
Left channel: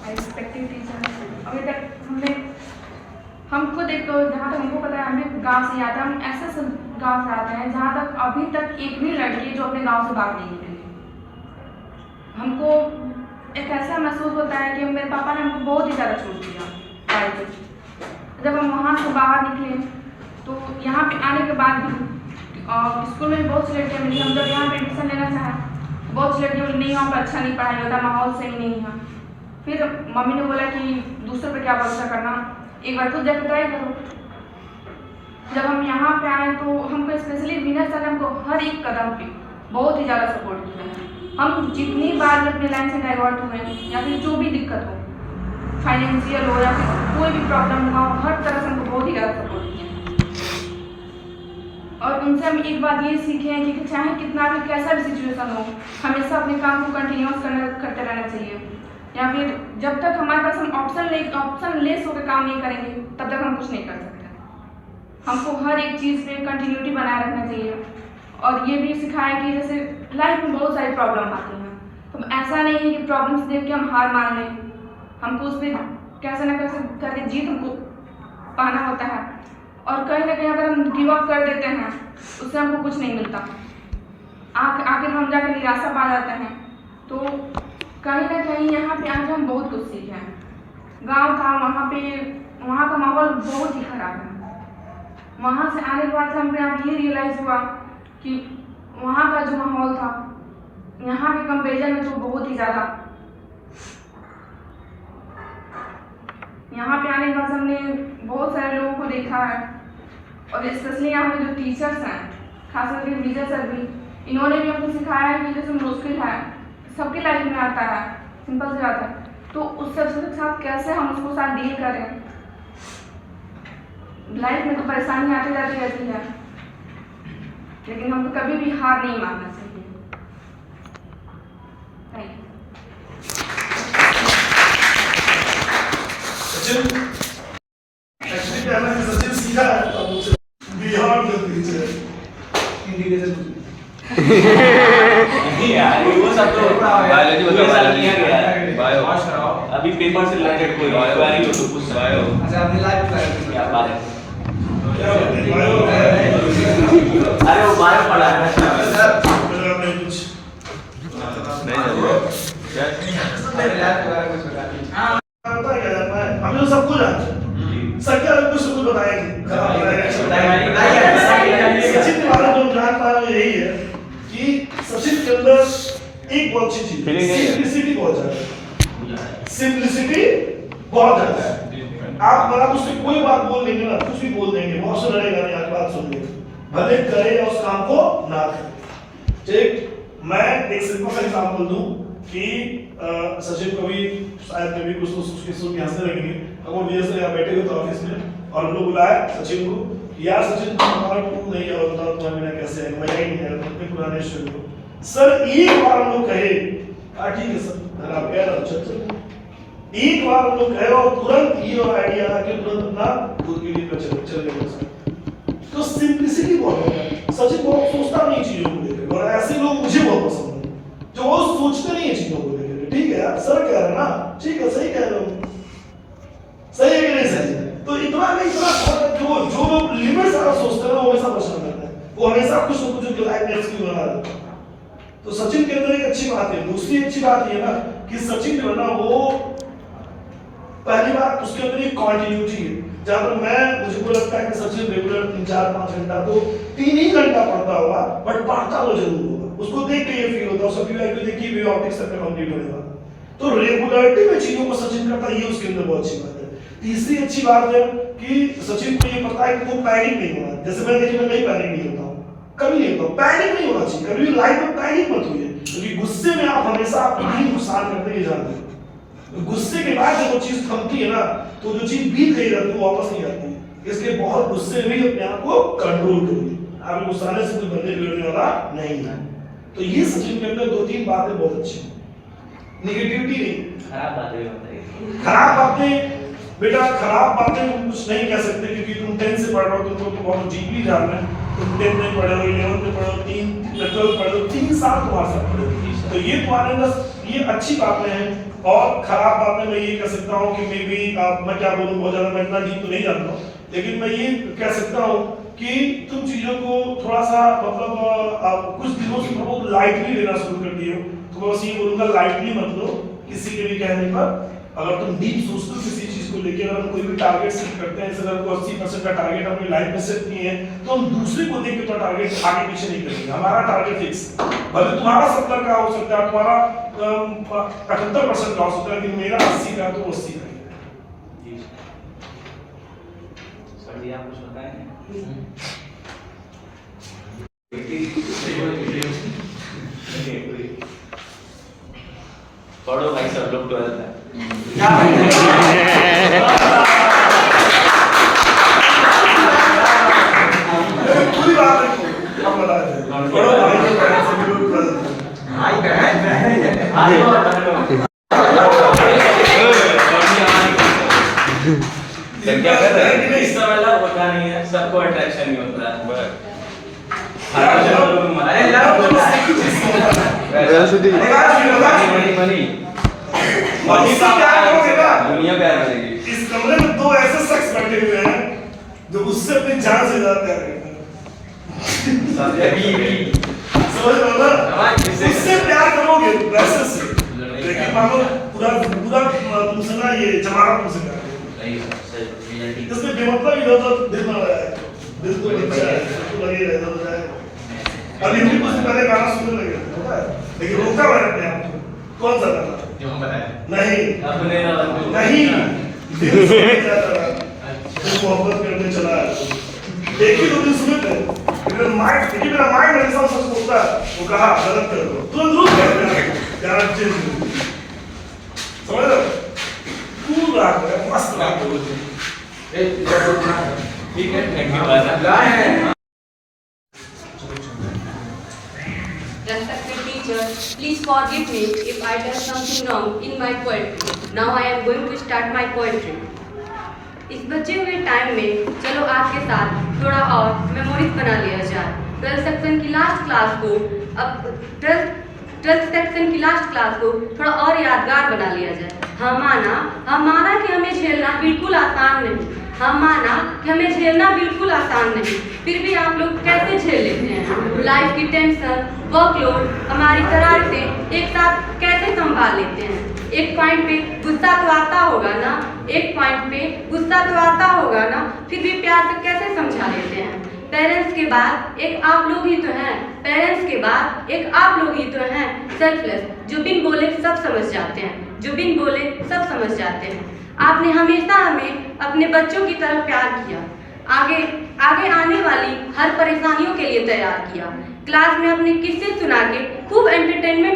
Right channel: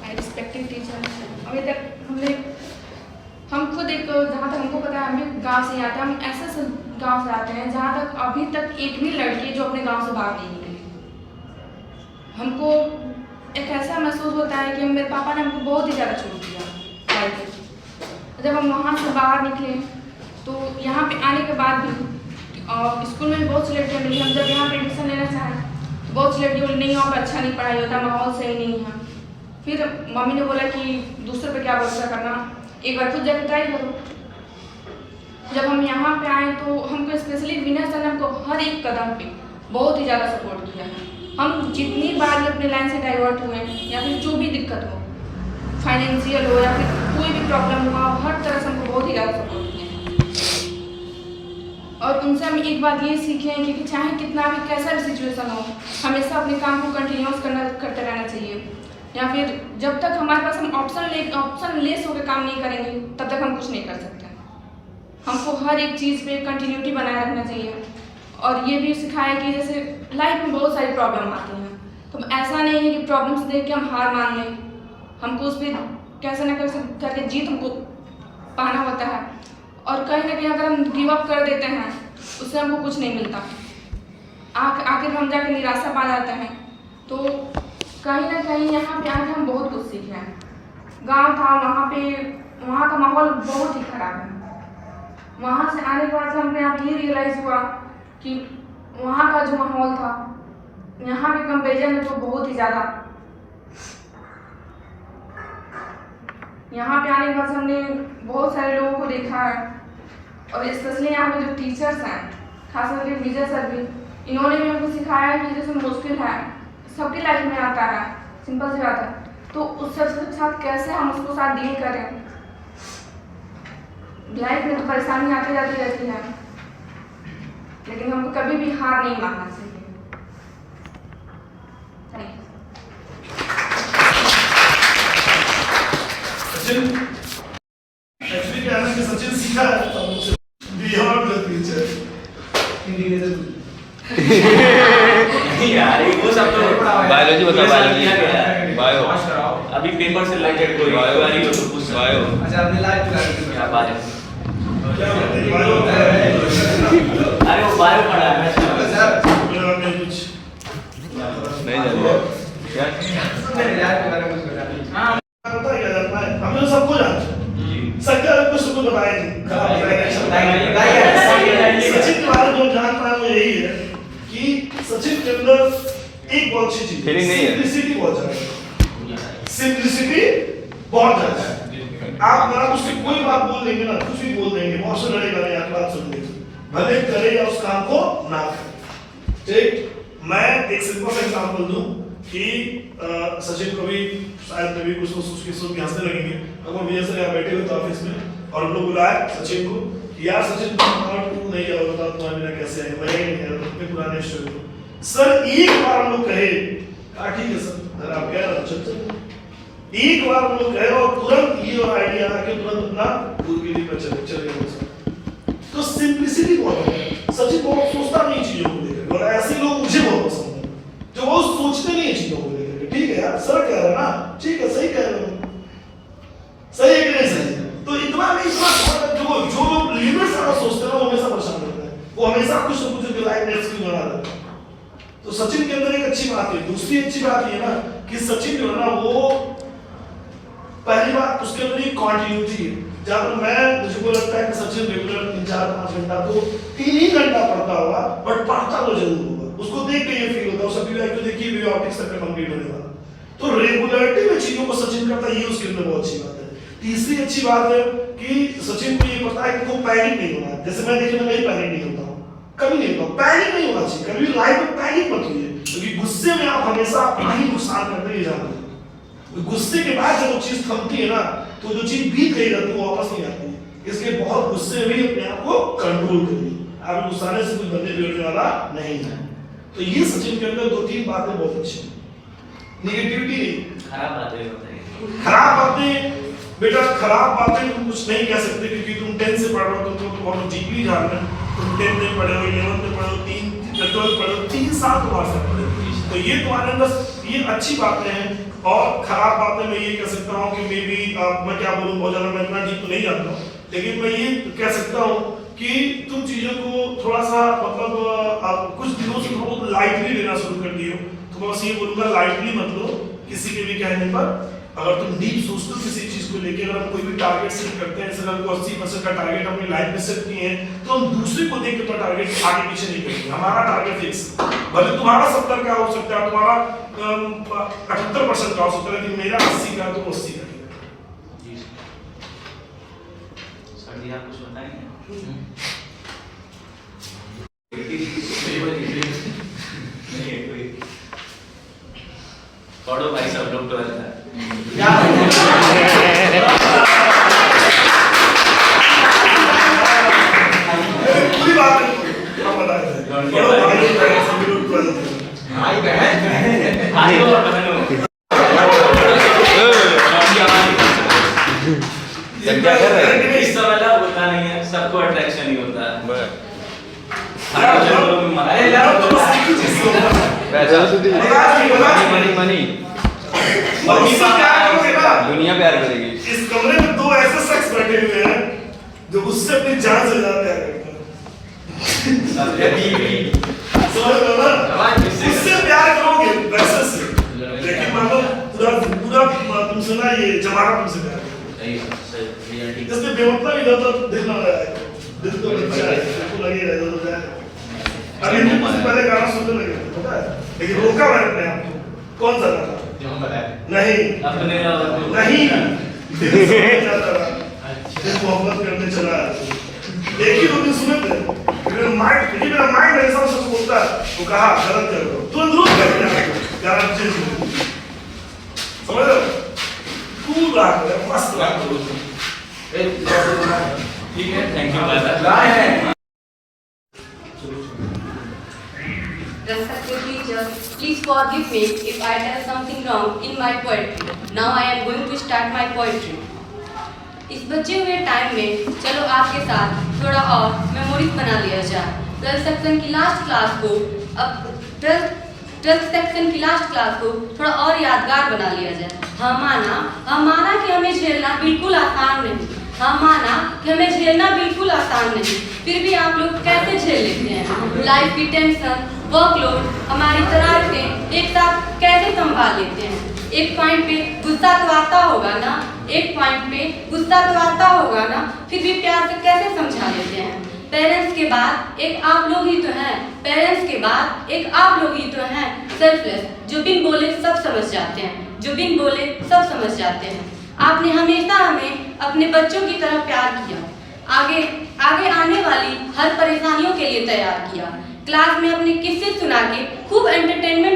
रिस्पेक्टिव टीचर, अभी तक हम खुद एक, जहाँ तक हमको पता है, हमें गांव से आते हैं, हम ऐसे गांव से आते हैं जहाँ तक अभी तक एक भी लड़की जो अपने गांव से बाहर नहीं निकली। हमको एक ऐसा महसूस होता है कि मेरे पापा ने हमको बहुत ही ज़्यादा छूट दिया पढ़ाई के। जब हम वहाँ से बाहर निकले तो यहाँ पे आने के बाद भी स्कूल में भी बहुत सी लड़कियाँ मिली। हम जब यहाँ पर एडमिशन लेना चाहें, बहुत सी लड़कियों बोली नहीं, वहाँ पर अच्छा नहीं पढ़ाई होता, माहौल सही नहीं है। फिर मम्मी ने बोला कि दूसरों पे क्या भरोसा करना, एक बार खुद जाकर ट्राई करो। जब हम यहाँ पे आए तो हमको स्पेशली विनर सर ने हमको हर एक कदम पे बहुत ही ज़्यादा सपोर्ट किया है। हम जितनी बार भी अपने लाइन से डाइवर्ट हुए या फिर जो भी दिक्कत हो, फाइनेंशियल हो या फिर कोई भी प्रॉब्लम हुआ, हर तरह से हमको बहुत ही ज़्यादा सपोर्ट किया है। और उनसे हम एक बात ये सीखे हैं कि चाहे कितना भी कैसा भी सिचुएशन हो, हमेशा अपने काम को कंटिन्यूस करते रहना चाहिए, या फिर जब तक हमारे पास हम ऑप्शन लेस होकर काम नहीं करेंगे तब तक हम कुछ नहीं कर सकते। हमको हर एक चीज़ पे कंटिन्यूटी बनाए रखना चाहिए। और ये भी सिखाया कि जैसे लाइफ में बहुत सारी प्रॉब्लम आती हैं, तो ऐसा नहीं है कि प्रॉब्लम्स देख के हम हार मान लें, हमको उस पर कैसे न कैसे करके जीत हमको पाना होता है। और कहीं ना कहीं अगर हम गिव अप कर देते हैं उससे हमको कुछ नहीं मिलता, आखिर हम जाकर निराशा पा जाते हैं। तो कहीं ना कहीं यहाँ पे आके हम बहुत कुछ सीखे हैं। गांव था, वहाँ का माहौल बहुत ही खराब है। वहाँ से आने के बाद हमको यहाँ ये रियलाइज़ हुआ कि वहाँ का जो माहौल था यहाँ के कंपेरिजन में तो बहुत ही ज़्यादा। यहाँ पे आने के बाद हमने बहुत सारे लोगों को देखा है, और स्पेशली यहाँ पे जो टीचर्स हैं, खास करके विजय सर भी, इन्होंने भी हमको सिखाया है कि जैसे मुश्किल है सबकी लाइफ में आता है, सिंपल सी बात है, तो उस सबके साथ कैसे हम उसको साथ डील करें। लाइफ में तो परेशानी आती जाती रहती है, लेकिन हमको कभी भी हार नहीं मानना चाहिए। Thank you. सचिन एक्चुअली क्या है कि सचिन सीधा है, तो मुझे बियॉन्ड द फ्यूचर नहीं यार, वो सब तो बायोलॉजी होता है, बायो अभी पेपर से रिलेटेड कोई क्वेरी हो तो पूछ बायो। अच्छा, अपने लाइफ का क्या बात है? क्या बोलते हैं बायो अरे वो बायो पढ़ा है मेरा में कुछ मेरे लाइफ के बारे में कुछ बताइए। हाँ पता है क्या करना है, हम लोग सबको जानते हैं, सबका कुछ तो कुछ बताया जी। सचिन के बारे में जो जान पाया वो यही है कि सचिन के अंदर एक बहुत अच्छी चीज सिंपलिसिटी बहुत ज्यादा है। सिंपलिसिटी बहुत ज्यादा है। आप अगर आप उससे कोई बात बोल देंगे ना, कुछ भी बोल देंगे, बहुत से लड़ेगा नहीं, आपकी बात सुन लेंगे, भले करे या उस काम को ना करे। ठीक, मैं एक सिंपल सा एग्जांपल दूं कि सचिन को भी शायद कभी कुछ उसके सुन हंसने लगेंगे। अब वो विजय सर यहाँ बैठे हुए थे ऑफिस में, और हम लोग बुलाया सचिन को यार सचिन तुम्हारा तू नहीं होता तुम्हारा मेरा कैसे है मैं ही नहीं है इतने पुराने शो सर एक बार हम लोग कहे ठीक है सर आप कह रहे हो चल एक बार हम लोग कहे और तुरंत ये और आइडिया आ के तुरंत अपना दूरबीन पर चल गए सर। तो सिंपलिसिटी बहुत है। सचिन बहुत सोचता नहीं चीजों को लेकर और ऐसे लोग मुझे बहुत पसंद है जो वो सोचते नहीं है चीजों को लेकर। ठीक है यार सर कह रहे हैं ना ठीक है सही कह रहे हो सही है कि नहीं सही तो इतना नहीं इतना जो जो लोग लिमिट से सोचते हैं वो हमेशा पसंद करते हैं वो हमेशा कुछ ना कुछ लाइफ में एक्सक्यूज बना देते हैं। तो सचिन के अंदर एक अच्छी बात है। दूसरी अच्छी बात ये ना कि सचिन जो है ना वो पहली बात उसके अंदर एक कॉन्टिन्यूटी है। जब मैं मुझे को लगता है कि सचिन रेगुलर 3-4-5 घंटा तो 3 ही घंटा पढ़ता होगा बट पढ़ता वो जरूर होगा। उसको देख के ये फील होता है सभी भाई को देखिए वे ऑप्टिक्स तक कंप्लीट होने वाला तो रेगुलरिटी में चीजों को सचिन करता है ये उसके अंदर बहुत अच्छी बात है। तीसरी अच्छी बात है कि सचिन को ये पता है कि वो पैनिक नहीं होना। जैसे मैं देखिए मैं कहीं पैनिक नहीं होता हूँ कभी नहीं होता पैनिक नहीं होना चाहिए कभी लाइफ में पैनिक मत होइए क्योंकि गुस्से में आप हमेशा अपनी नुकसान करते ही जाते हैं। गुस्से के बाद जब वो चीज थमती है ना तो जो चीज बीत गई रहती है वो वापस नहीं आती है। इसलिए बहुत गुस्से में अपने आप को कंट्रोल करिए। आप गुस्साने से कोई बंदे बिगड़ने वाला नहीं है। तो ये सचिन के अंदर 2-3 बातें बहुत अच्छी नेगेटिविटी नहीं। खराब बातें बताइए। खराब बातें बेटा खराब बातें तुम कुछ नहीं कह सकते क्योंकि तुम 10 से पढ़ रहे हो तुमको बहुत डीपली जानना है। तुम 10 में पढ़े हो 11 में पढ़े हो 12 पढ़े हो 3 साल तुम्हारे साथ पढ़े हो तो ये तुम्हारे अंदर ये अच्छी बातें हैं। और खराब बातें मैं ये कह सकता हूँ कि मे बी मैं क्या बोलूँ बहुत ज्यादा मैं इतना डीप नहीं जानता हूँ लेकिन मैं ये कह सकता हूँ कि तुम चीजों को थोड़ा सा मतलब कुछ दिनों से बहुत लाइटली लेना शुरू कर दिए हो। तो मैं बस ये बोलूंगा लाइटली मत लो किसी के भी कहने पर। अगर तुम डीप सोचते हो किसी चीज को लेकर अगर कोई भी टारगेट सेट करते हैं अगर कोई 80% का टारगेट अपनी लाइफ में सेट किए हैं तो हम दूसरे को देख के तो टारगेट आगे पीछे नहीं करेंगे। हमारा टारगेट फिक्स भले तुम्हारा 70 का हो सकता है तुम्हारा 78% का हो सकता है लेकिन मेरा 80 का तो 80 का। सर जी आप कुछ बताएंगे? कौड़ो भाई सब लोग तो है पूरी बात है हम बता भाई बहन क्या कर रहे हैं इस वाला होता नहीं है सबको अट्रैक्शन ही होता है। मनी दुनिया प्यार करेगी। इस कमरे में 2 ऐसे शख्स बैठे हुए हैं जो उससे अपनी जान से ज्यादा प्यार करते हैं। समझ लो ना उससे प्यार करोगे वैसे से लेकिन मान लो पूरा तुमसे ना ये जमाना तुमसे प्यार करेगा इसमें बेमतलब इधर तो दिल ना लगाए दिल तो बच्चा है तो लगेगा इधर हो जाएगा। अभी भी मुझे पहले गाना सुनने लगे पता है लेकिन रोका मैंने अपने आप को। कौन सा गाना जो हम बताए नहीं नहीं मोहब्बत करने चला देखिए तुमने सुने थे मेरा माइंड ऐसा सब बोलता वो कहा गलत कर रहे हो तुरंत रुक गया चेंज समझ रहे हो कूल रहा है मस्त रहा ठीक है thank you. Respected teacher, please forgive me if I done something wrong in my poetry. Now I am going to start my poetry. इस बचे हुए टाइम में चलो आपके साथ थोड़ा और मेमोरीज बना लिया जाए। 12th सेक्शन की लास्ट क्लास को अब 12th सेक्शन की लास्ट क्लास को थोड़ा और यादगार बना लिया जाए। हम माना कि हमें झेलना बिल्कुल आसान नहीं। हम माना कि हमें झेलना बिल्कुल आसान नहीं, फिर भी आप लोग कैसे झेल लेते हैं? लाइफ की टेंशन, वर्कलोड, हमारी शरारतें एक साथ कैसे संभाल लेते हैं? एक पॉइंट पे गुस्सा तो आता होगा ना, फिर भी प्यार से कैसे समझा लेते हैं? पेरेंट्स के बाद एक आप लोग ही तो हैं, सेल्फलेस, जो बिन बोले सब समझ जाते हैं, आपने हमेशा हमें अपने बच्चों की तरह प्यार किया, आगे आने वाली हर परेशानियों के लिए तैयार किया। क्लास में अपने किस्से सुना के खूब एंटरटेनमेंट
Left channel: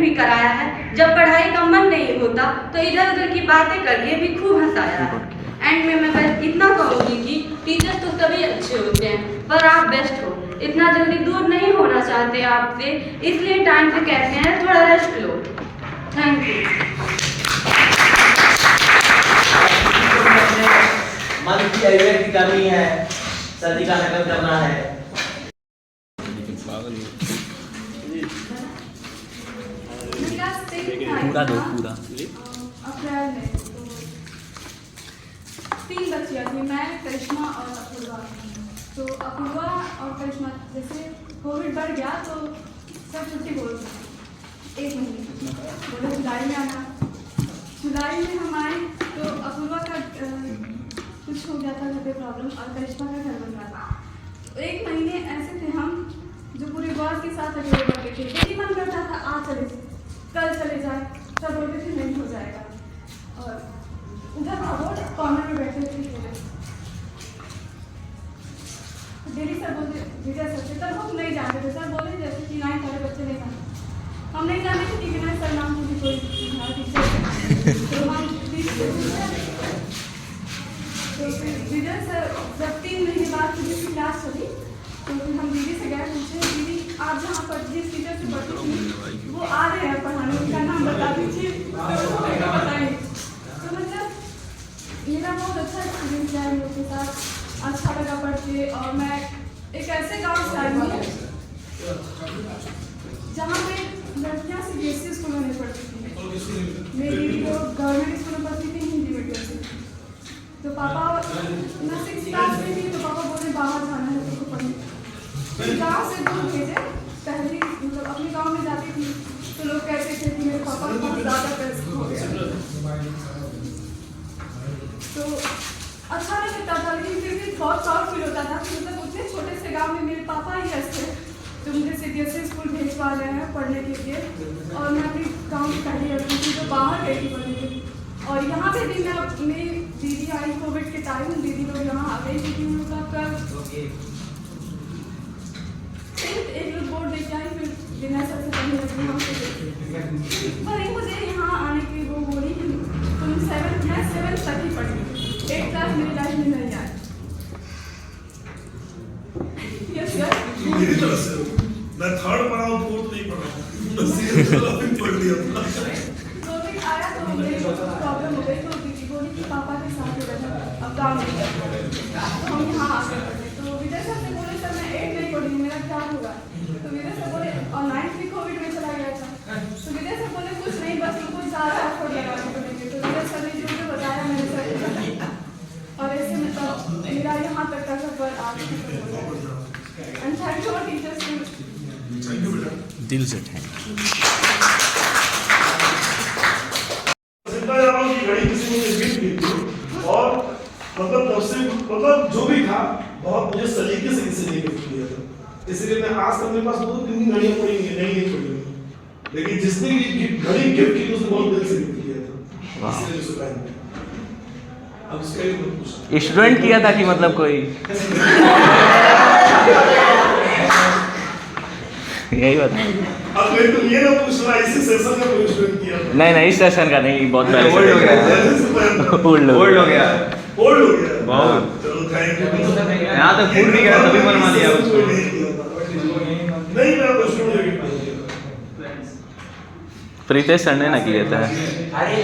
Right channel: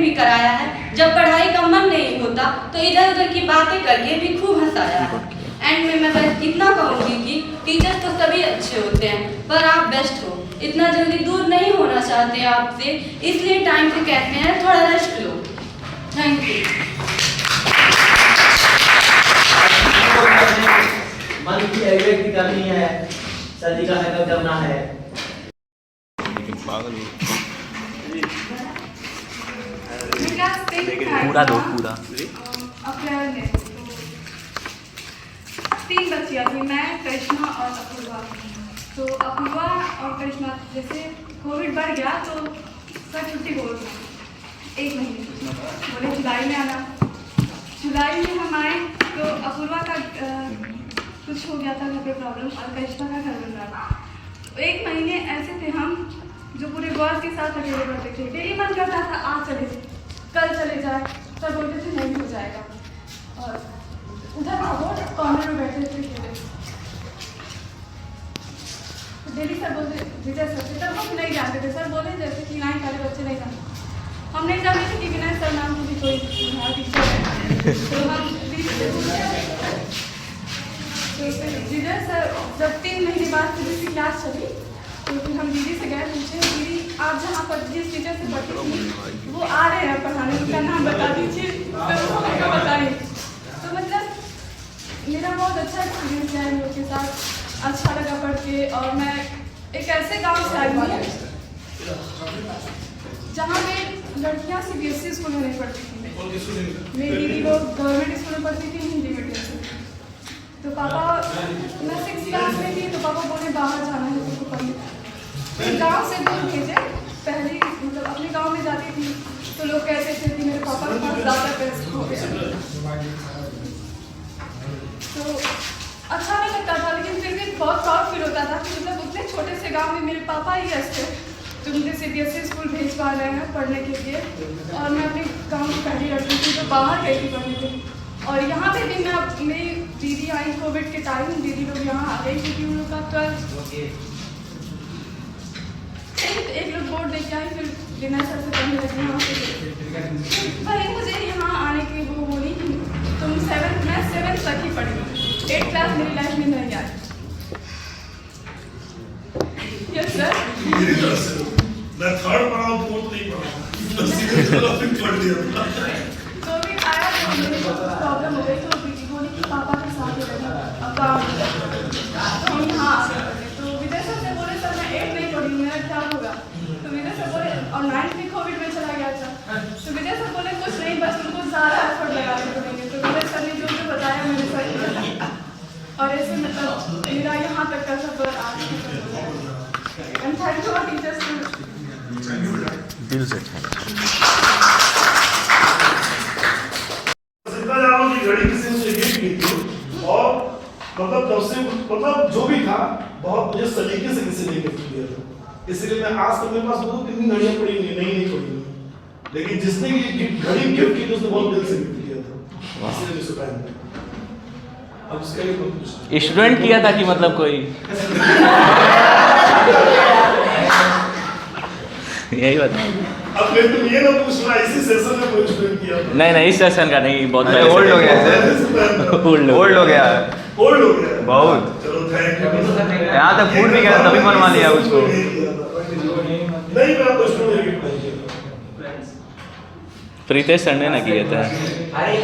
भी कराया है। जब पढ़ाई का मन नहीं होता तो इधर उधर की बातें करके भी खूब हंसाया है। एंड में मैं बस इतना कहूँगी कि टीचर्स तो सभी अच्छे होते हैं पर आप बेस्ट हो, इतना जल्दी दूर नहीं होना चाहते आपसे, इसलिए टाइम पे कहते हैं थोड़ा रेस्ट लो। Thank you. मन की अभिव्यक्ति करनी है, सर्दी का नकल करना है। पूरा दो पूरा। तीन बच्चियाँ थी, मैं, करिश्मा और अपूर्वा। तो अपूर्वा और करिश्मा जैसे कोविड बढ़ गया तो सर छुट्टी बोल रहे 1 महीने, बोले जुलाई में आना। जुलाई में हम आए तो अपूर्वा का कुछ हो गया था घर पे प्रॉब्लम और करिश्मा का घर बन रहा था। 1 महीने ऐसे थे हम जो पूरे बॉस के साथ अकेले करते थे। मेरी मन करता था आज चले जाए, कल चले जाए, सब बोलते थे नहीं हो जाएगा। और उधर था वो कॉर्नर में बैठे थे, तो डेली सर बोलते विजय सर से, तब हम नहीं जानते थे। सर बोले जैसे कि 9 वाले बच्चे नहीं जानते, हम नहीं जानते थे कि विनय सर नाम की भी कोई टीचर है। तो हम दीदी से पूछे, तो फिर विजय सर जब 3 महीने बाद फिजिक्स की क्लास चली तो फिर हम दीदी से गए, पूछे दीदी आप जहाँ पर जिस टीचर से पढ़ती थी वो आ रहे हैं पढ़ाने, उनका नाम बता दीजिए। तो वो हमको बताइए। तो मतलब मेरा बहुत अच्छा एक्सपीरियंस है इन लोग के साथ, अच्छा लगा पढ़ के। और मैं एक ऐसे गांव से आई हूँ जहाँ पे लड़कियाँ CBSE स्कूल में नहीं पढ़ती थी, मेरी दीदी लोग गवर्नमेंट स्कूल में पढ़ती थी हिंदी मीडियम से। तो पापा, मैं 6th क्लास में थी तो पापा बोले बाहर जाना है उनको पढ़ने, फिर गाँव से दूर भेजे। पहले मतलब अपने गाँव में जाती थी तो लोग कहते थे कि मेरे पापा के पास ज़्यादा पैसे हो गया, तो अच्छा नहीं लगता था। लेकिन फिर भी बहुत प्राउड फील होता था कि मतलब उतने छोटे से गांव में मेरे पापा ही ऐसे जो मुझे CBSE स्कूल भेज पा रहे हैं पढ़ने के लिए। और मैं अपने गांव की पहली लड़की थी जो बाहर गई थी पढ़ने के लिए। और यहाँ पे भी मैं अपनी दीदी आई कोविड के टाइम, दीदी लोग यहाँ आ गई क्योंकि उन लोग का 12th एक लोग बोर्ड देके आई, फिर विनय सर से पढ़ने लगी यहाँ से। भले मुझे यहाँ आने की वो बोली कि तुम 7th तक ही पढ़ी, 8th क्लास मेरी लाइफ में नहीं आई। यस सर, मेरी तरफ से मैं 3rd पढ़ा हूँ, 4th नहीं पढ़ा, पढ़ लिया। तो भी आया तो मुझे प्रॉब्लम हो गई, तो दीदी बोली कि पापा के साथ ही रहना, अब गाँव में तो हम यहाँ आ गए। तो विजय सर से बोले सर मैं 8 नहीं पढ़ी, मेरा क्या होगा? तो विजय सर बोले और 9th भी कोविड में चला गया था। तो विजय सर बोले कुछ नहीं, बस उनको ज़्यादा एफर्ट लगाने पड़ेंगे। तो विजय सर ने जो मुझे बताया मैंने सर, और ऐसे मतलब मेरा यहाँ तक का सफर आज and thank you our teachers. दिल से घड़ी किसी ने गिफ्ट की थी और मतलब तब से मतलब जो भी था बहुत मुझे सलीके से किसी ने गिफ्ट किया था, इसलिए मैं आज तक मेरे पास 2-3 घड़ियां पड़ी हुई नहीं पड़ी, लेकिन जिसने ये घड़ी गिफ्ट की उसने बहुत दिल से गिफ्ट किया था, इसलिए उसको पहन। अब उसका एक पूछना स्टूडेंट किया था कि मतलब कोई यही बता। अब मैं तो ये ना पूछना इसी सेशन में कोई स्टूडेंट किया था? नहीं इस सेशन का नहीं, बहुत पहले ओल्ड हो गया, ओल्ड ओल्ड हो गया, ओल्ड हो गया बहुत। चलो थैंक यू। यहाँ तक फूड नहीं करा तभी बनवा लिया उसको। नहीं मैं आपको स्टूडेंट गिफ्ट नहीं किया। प्रीतेश सर ने ना किए थे। अरे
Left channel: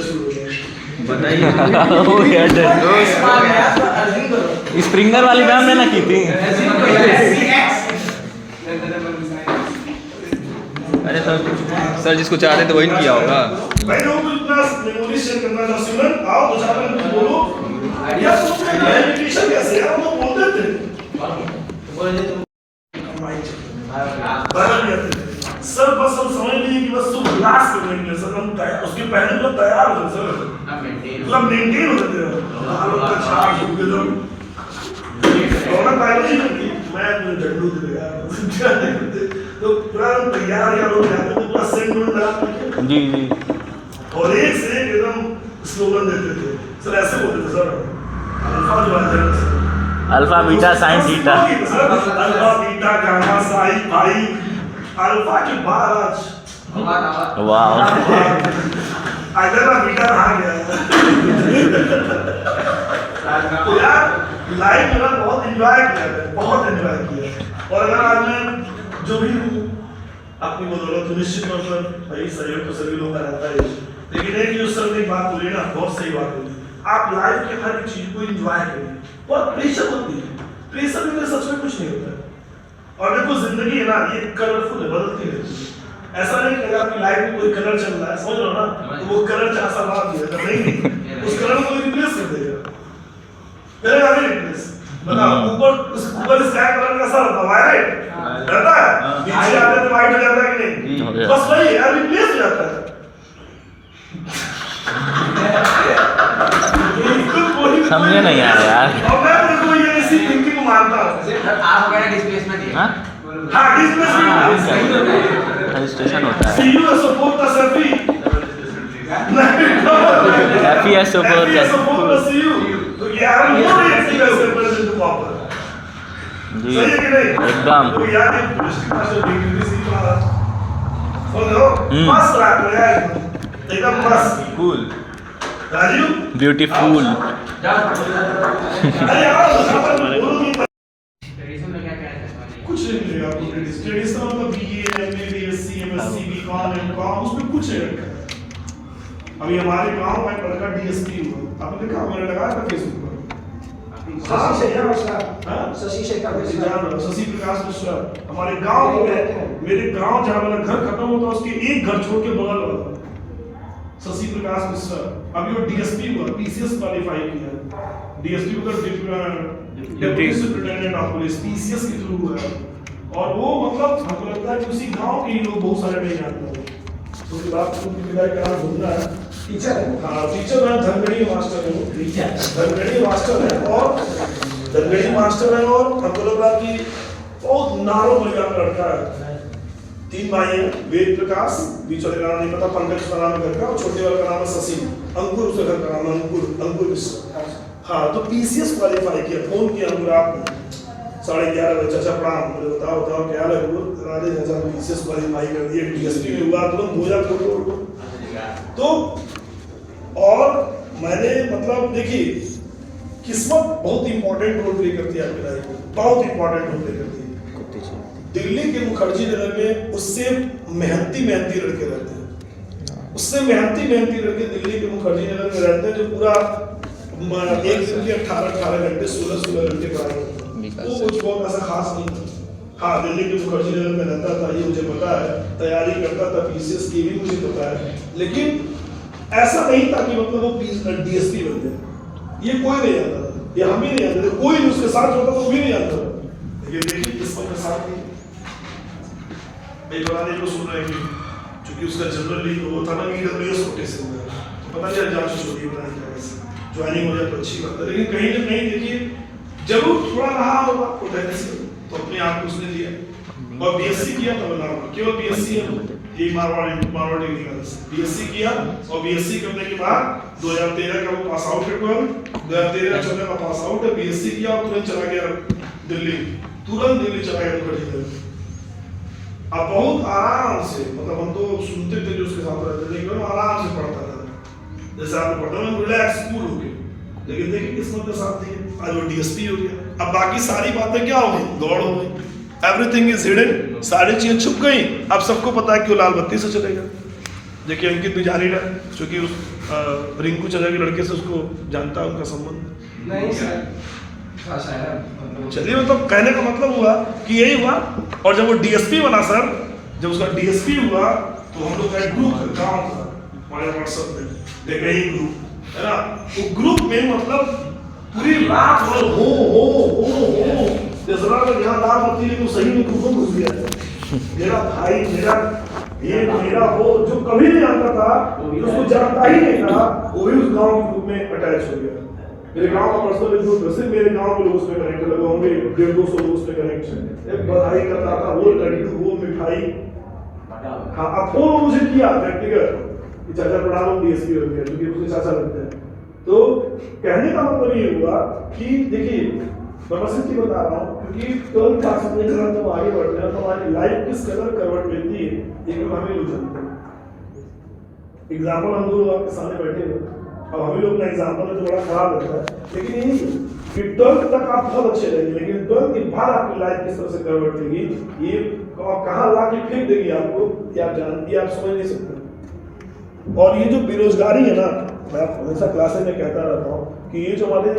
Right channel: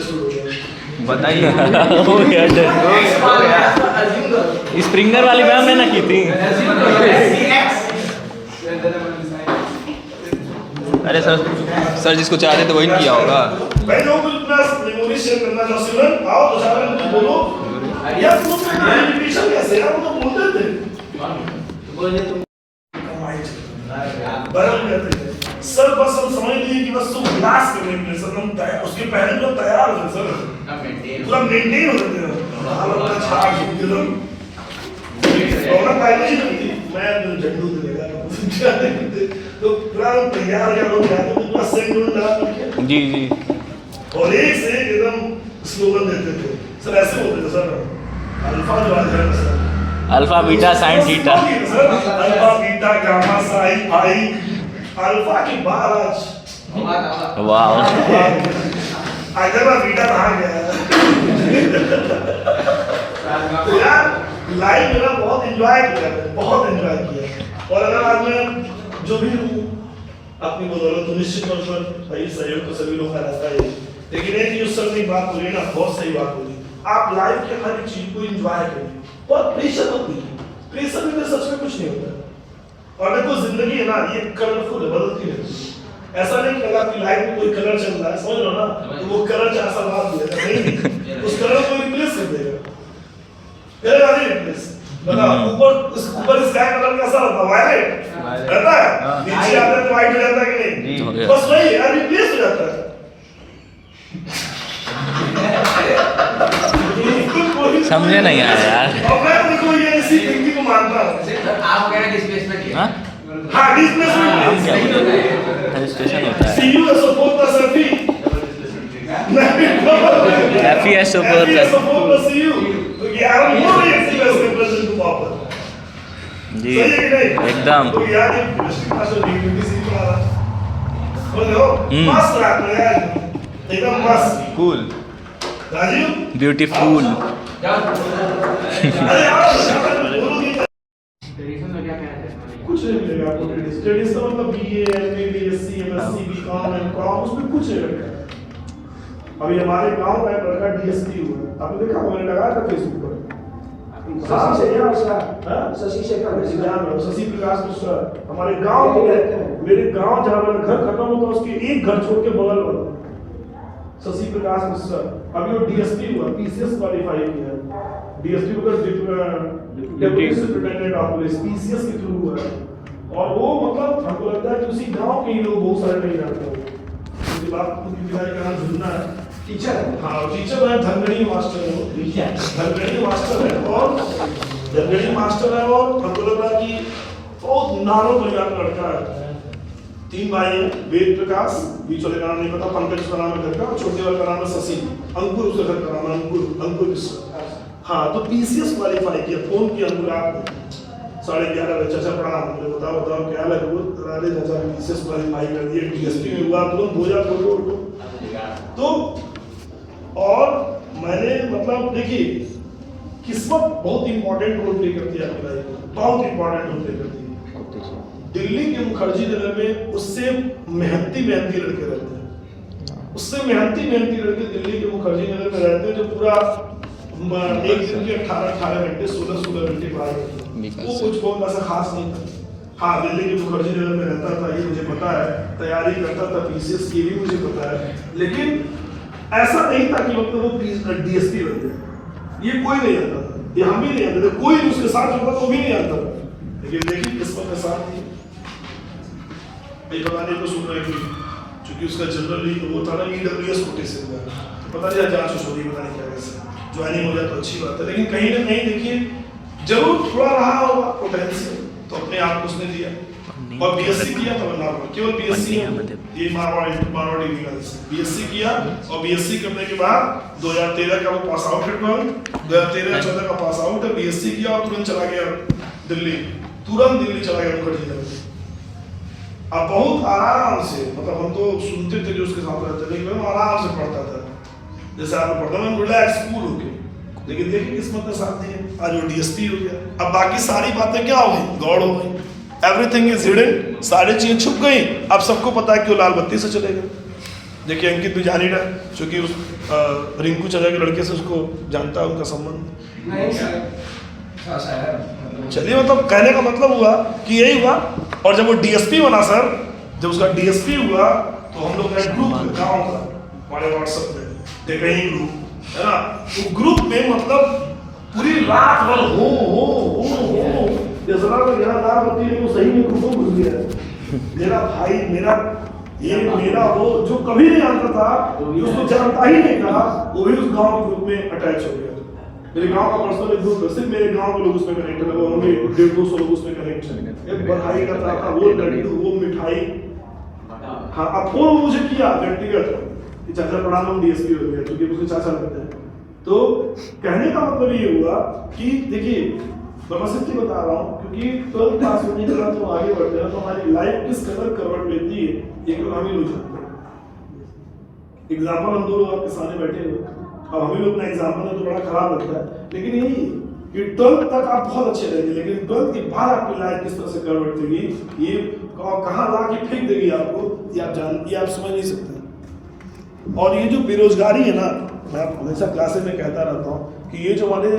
शुरू हो गया। बताइए स्प्रिंगर वाली मैम ने ना की थी। अरे सर जिसको चाहते थे वही किया होगा। भाई लोग इतना मेमोरी शेयर करना था, स्टूडेंट आओ तो सारा कुछ बोलो या सोच के कम्युनिकेशन कैसे है वो बोलते थे बदल जाते थे सर। बस हम समझ लिए कि बस तुम क्लास करने के लिए सर हम तैयार, उसके पहले तो तैयार हो सर, पूरा मेंटेन हो जाते हैं चार्ज एकदम दोनों प्राइवेट थी। मैं झंडू दे देगा तो पूरा तैयार या लोग जाते थे, पूरा सेंड होता जी और एक से एक एकदम स्लोगन देते थे सर, ऐसे होते थे सर। अल्फा जो है sir, alpha beta sine theta, alpha beta gamma sine pi, alpha के बाद आज वाह अगर ना बेटा रहा गया तो यार लाइफ मेरा बहुत एंजॉय किया है, बहुत एंजॉय किया। और अगर आज मैं जो भी हूँ अपनी बदौलत तो निश्चित तौर पर भाई सहयोग तो सभी लोगों का रहता है, लेकिन एक जो सर ने एक बात बोली ना, बहुत सही बात बोली। आप लाइफ के हर एक चीज को एंजॉय करें, बहुत प्रेशर मत लीजिए। प्रेशर में सच में कुछ नहीं होता है। और देखो जिंदगी है ना, ये कलरफुल है, बदलती रहती है। ऐसा नहीं कि अगर आपकी लाइफ में कोई कलर चल रहा है, समझ लो ना, तो वो कलर 4 साल बाद देगा नहीं, उस कलर को रिप्लेस कर देगा। करेगा नहीं रिप्लेस, बताओ ऊपर स्काई कलर कैसा रहता है? वायलेट रहता है, नीचे आते तो व्हाइट हो जाता है कि नहीं? बस वही है, रिप्लेस हो जाता है। समझे नहीं यार और मैं देखो ये इसी थिंकिंग को मानता हूँ। आप वगैरह डिस्प्लेसमेंट दिया हाँ हाँ डिस्प्लेसमेंट रजिस्ट्रेशन होता है C U S support the सर्फी FES support the- support the C U. तो यार वो भी सी एस रिप्रेजेंट प्रॉपर जी सही है कि नहीं? एकदम तो यार ये डिस्ट्रिक्ट मास्टर डिग्री सी पढ़ा हो मस्त लग रहा है एकदम मस्त कूल राजीव ब्यूटीफुल अरे यार बोलो नहीं ट्रेडिशन में क्या कहना है? कुछ नहीं मिलेगा आपको स्टडीज का मतलब BA MA BSc MSc BCom MCom उसमें कुछ नहीं रखा है। अभी हमारे गांव का एक लड़का डीएसपी हुआ, आपने देखा मैंने लगाया था फेसबुक पर। शशि शेखर शशि प्रकाश मिश्रा हमारे गांव में, मेरे गांव जहाँ मेरा घर खत्म होता उसके एक घर छोड़ के बगल वाला शशि प्रकाश मिश्रा अभी वो डीएसपी हुआ, पीसीएस क्वालिफाई किया है। डीएसपी मतलब deputy superintendent of police PCS के थ्रू हुआ है। और वो मतलब हमको लगता है कि उसी गांव के ही लोग बहुत सारे नहीं जानते हैं। उसके बाद विदाई का नाम ढूंढना है टीचर। हाँ टीचर है, धनगढ़ी मास्टर है वो, धनगढ़ी मास्टर है और धनगढ़ी मास्टर है और हमको लग रहा कि बहुत नारों बलिया का लड़का है। 3 भाई हैं, वेद प्रकाश, बीच वाले का नाम नहीं पता, पंकज का नाम है घर का, और छोटे वाले का नाम है शशि, अंकुर उसके घर का नाम है अंकुर मिश्रा। हाँ तो पीसीएस क्वालिफाई किया, फोन किया हमको रात में 11:30 बजे, चाचा प्रणाम, बोले बताओ क्या लगे? अरे चाचा पीसीएस क्वालिफाई कर दिए, डीएसपी में हुआ, तुरंत 2000 फोटो। तो और मैंने मतलब देखिए किस्मत बहुत इंपॉर्टेंट रोल प्ले करती है आपकी लाइफ में, बहुत इंपॉर्टेंट रोल प्ले करती है। दिल्ली के मुखर्जी नगर में उससे मेहनती लड़के रहते हैं, उससे मेहनती लड़के दिल्ली के मुखर्जी नगर में रहते हैं जो पूरा एक दिन के 18 घंटे 16 घंटे पढ़ाई करते हैं। वो कुछ बहुत ऐसा खास नहीं था। हाँ दिल्ली के मुखर्जी नगर में रहता था, ये मुझे पता है, तैयारी करता था पीसीएस की भी मुझे पता है, लेकिन ऐसा नहीं था कि मतलब वो डीएसपी बन जाए। ये कोई नहीं जानता था, ये हम भी नहीं जानते थे, कोई भी उसके साथ होता तो भी नहीं जानता था। लेकिन देखिए किस्मत के साथ नहीं बताने को सुन रहे कि चूंकि उसका जनरली तो वो था ना ईडब्ल्यूएस कोटे से हुआ है, तो पता नहीं जांच छोड़ी पता नहीं क्या कैसे ज्वाइनिंग हो जाए तो अच्छी बात है। लेकिन कहीं ना कहीं देखिए जरूर थोड़ा रहा होगा पोटेंशियल, तो अपने आप को उसने दिया और बीएससी किया था। नॉर्मल केवल बीएससी ये मारवाड़ी निकाल बीएससी किया और बीएससी करने के बाद 2013 का वो पास आउट है, 2013-14 का पास आउट है, बीएससी किया और तुरंत चला गया दिल्ली, तुरंत दिल्ली चला गया मुखर्जी नगर। अब बहुत आराम से, मतलब हम तो सुनते थे जो उसके साथ रहते थे, लेकिन आराम से पढ़ता था, जैसे आप पढ़ता मैं रिलैक्स कूल हो गया। लेकिन देखिए किस्मत के साथ नहीं, आज वो डीएसपी हो गया। अब बाकी सारी बातें क्या हो गई, दौड़ हो गई, एवरीथिंग इज हिडन, सारी चीजें छुप गई। अब सबको पता है कि वो लाल बत्ती से चलेगा। देखिए अंकित भी जान ही रहा, क्योंकि उस रिंकू चाचा के लड़के से उसको जानता है, उनका संबंध नहीं सर चलिए, मतलब कहने का मतलब हुआ कि यही हुआ। और जब वो डीएसपी बना सर, जब उसका डीएसपी हुआ तो हम लोग का ग्रुप गाँव का हमारे व्हाट्सएप में देखा ही ग्रुप है ना, वो ग्रुप में मतलब पूरी रात भर हो जैसा यहाँ दाल बत्ती लेकिन सही में ग्रुप में घुस गया है। मेरा भाई मेरा वो जो कभी नहीं आता था, जो उसको जानता ही नहीं था, वो भी उस गाँव ग्रुप में अटैच हो गया। मेरे गांव का पर्सनल ग्रुप है, सिर्फ मेरे गांव के लोग उसमें कनेक्ट है, होंगे 150-200 लोग उसमें कनेक्ट हैं। एक बधाई करता था, वो लड्डू वो मिठाई। हाँ अब फोन मुझे किया व्यक्तिगत कि चाचा प्रणाम डीएसपी हो गया, क्योंकि उसके चाचा लगते हैं। तो कहने का मतलब ये हुआ कि देखिए मैं बस सच्ची बता रहा हूँ, क्योंकि 12th पास होने के बाद जब आगे बढ़ते हैं तो हमारी लाइफ किस कदर करवट लेती है ये लोग हमें नहीं जानते। एग्जाम्पल हम दो लोग आपके सामने बैठे हुए, अब हमें लोग ना एग्जाम्पल है तो बड़ा खराब लगता है, लेकिन ये नहीं कि 12th तक आप बहुत अच्छे रहेंगे, लेकिन 12th के बाद आपकी लाइफ किस तरह से कन्वर्ट होगी, ये कहाँ ला के फेंक देगी आपको, ये आप समझ नहीं सकते। और ये जो बेरोजगारी है ना, मैं हमेशा क्लासेस में कहता रहता हूँ कि ये जो हमारे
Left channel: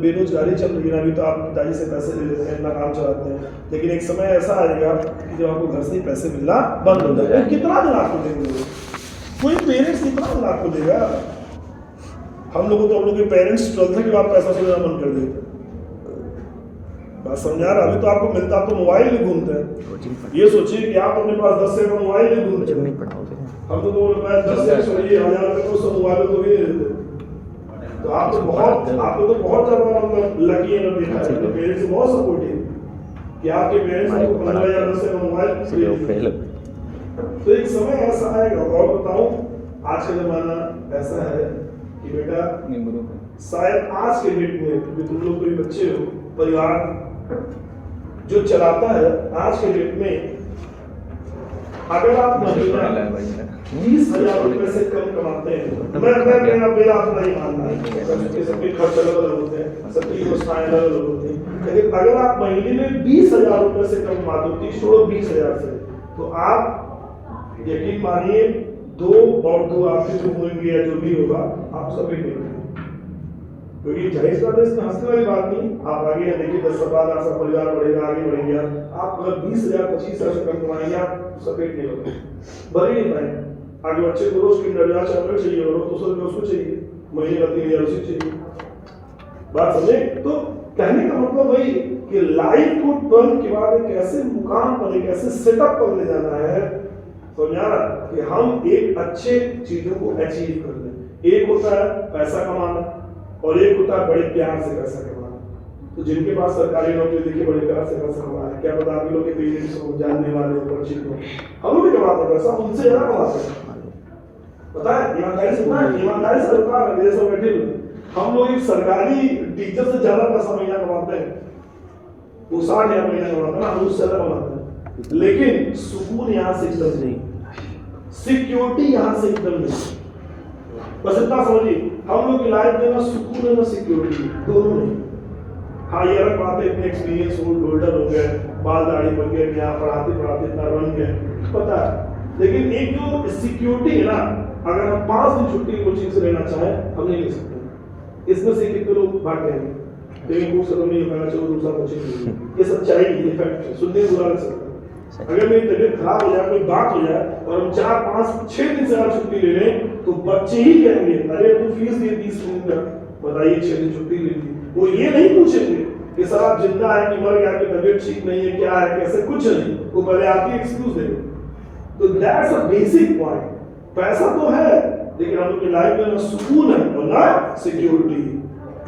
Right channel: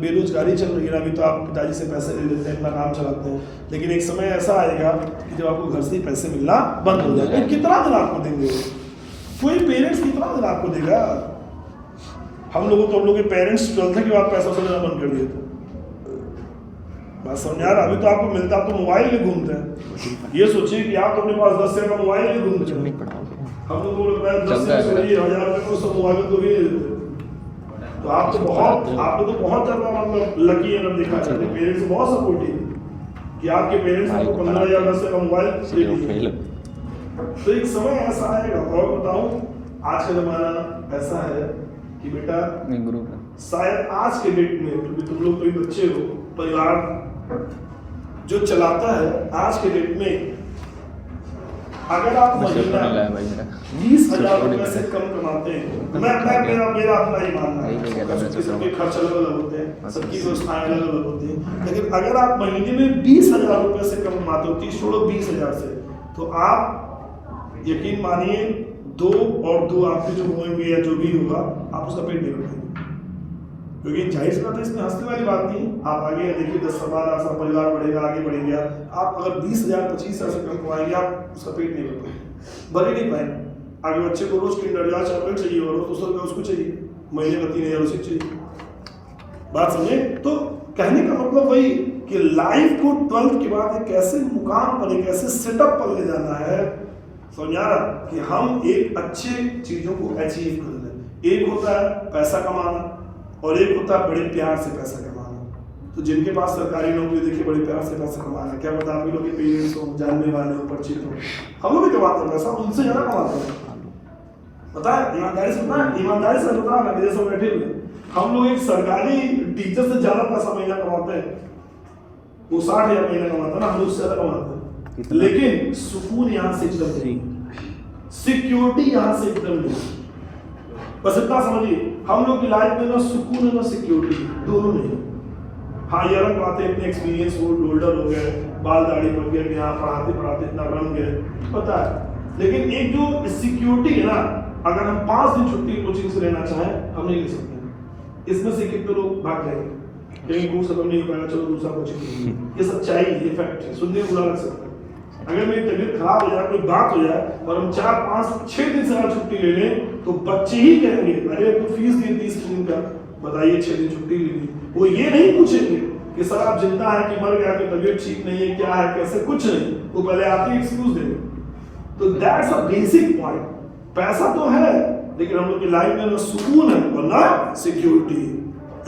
बेरोजगारी चल रही है ना, अभी तो आप पिताजी से पैसे ले लेते हैं, अपना काम चलाते हैं, लेकिन एक समय ऐसा आएगा कि जब आपको घर से ही पैसे मिलना बंद हो जाएगा। कितना दिन आपको देंगे, कोई पेरेंट्स कितना दिन आपको देगा? हम लोग के पेरेंट्स 12th के बाद पैसा देना बंद कर दिए थे, बात समझ आ रहा? अभी तो आपको मिलता, आप तो मोबाइल में घूमते हैं, ये सोचिए कि आप तो अपने पास 10 रुपये का मोबाइल में घूमते हैं, हम तो 2 रुपये 10 से 1000 रुपये को सब मोबाइल तो भी देते। तो आप तो बहुत ज़्यादा लकी है ना, देखा है पेरेंट्स से बहुत सपोर्टिव कि आपके पेरेंट्स को 15 या 10 का मोबाइल। तो एक समय ऐसा आएगा, और बताऊं आज का जमाना ऐसा है कि बेटा शायद आज के डेट में, क्योंकि तुम लोग कोई बच्चे हो, परिवार जो चलाता है आज के डेट में, अगर आप महीना 20,000 रुपए से कम कमाते हैं, मेरा अपना ही मानना है, सबके खर्च अलग अलग होते हैं, सबकी व्यवस्थाएं अलग अलग होती हैं, लेकिन अगर आप महीने में 20,000 रुपए से कम कमाते हो, 30 छोड़ो 20,000 से, तो आप यकीन मानिए 2 और 2 आपके जो होंगे या जो भी होगा, आप उसका पेट नहीं उठाएंगे, क्योंकि जाहिर सी बात है, इसमें हंसने वाली बात नहीं। आप आगे देखिए 10 साल बाद आपका परिवार बढ़ेगा, आगे बढ़ेंगे, आप अगर 20,000 25,000 से कम कमाएंगे, आप उसका पेट नहीं भर पाएंगे, भर ही नहीं पाएंगे। आगे बच्चे को रोज किंडर जॉय चॉकलेट चाहिए और 200 रुपये उसको चाहिए, महीने का 3,000 उसे चाहिए, बात समझे? तो कहने का मतलब वही कि लाइफ को 12th के बाद एक ऐसे मुकाम पर, एक ऐसे सेटअप पर ले जाना है, समझ आ रहा, कि हम एक अच्छे चीजों को अचीव कर लें। एक होता है पैसा कमाना और एक होता है बड़े प्यार से पैसा कमाना। तो जिनके पास सरकारी नौकरी देखिए, बड़े प्यार से पैसा कमाना, क्या पता आप लोग के पेरेंट्स हो, जानने वाले हो, परिचित हो, हम लोग भी कमाते हैं पैसा, उनसे ज्यादा कमाते हैं, पता है? ईमानदारी से बता मेरे सब बैठे हुए, हम लोग एक सरकारी टीचर से ज्यादा पैसा महीना कमाते हैं, वो 60,000 महीना कमाता है ना, हम उससे ज्यादा कमाते हैं, लेकिन सुकून यहाँ से एकदम नहीं, सिक्योरिटी यहाँ से एकदम नहीं। बस इतना समझिए, हम लोग की लाइफ में ना सुकून है ना सिक्योरिटी, दोनों नहीं। हाँ, ये अलग बात है, इतने एक्सपीरियंस होल्डर हो गए, बाल दाढ़ी बन गए, यहाँ पढ़ाते इतना बन गए, पता है, लेकिन एक जो सिक्योरिटी है ना, अगर हम 5 दिन छुट्टी कोचिंग से लेना चाहें, हम नहीं ले सकते। इसमें से कितने लोग भाग जाएंगे, लेकिन कोर्स खत्म नहीं हो पाएगा, चलो दूसरा कोचिंग। ये सच्चाई, ये फैक्ट है, सुनने में बुरा लग सकता है। अगर मेरी तबीयत खराब हो जाए, कोई बात हो जाए और हम 4 5 6 दिन से अगर छुट्टी ले लें, तो बच्चे ही कहेंगे अरे तो फीस दिए 30 दिन का, बताइए 6 दिन छुट्टी ले ली। वो ये नहीं पूछेंगे कि सर आप जिंदा है कि मर गया, कि तबीयत ठीक नहीं है, क्या है, कैसे, कुछ नहीं, वो पहले आके एक्सक्यूज देंगे। तो दैट्स अ बेसिक पॉइंट। पैसा तो है, लेकिन हम लोग की लाइफ में ना सुकून है और ना सिक्योरिटी।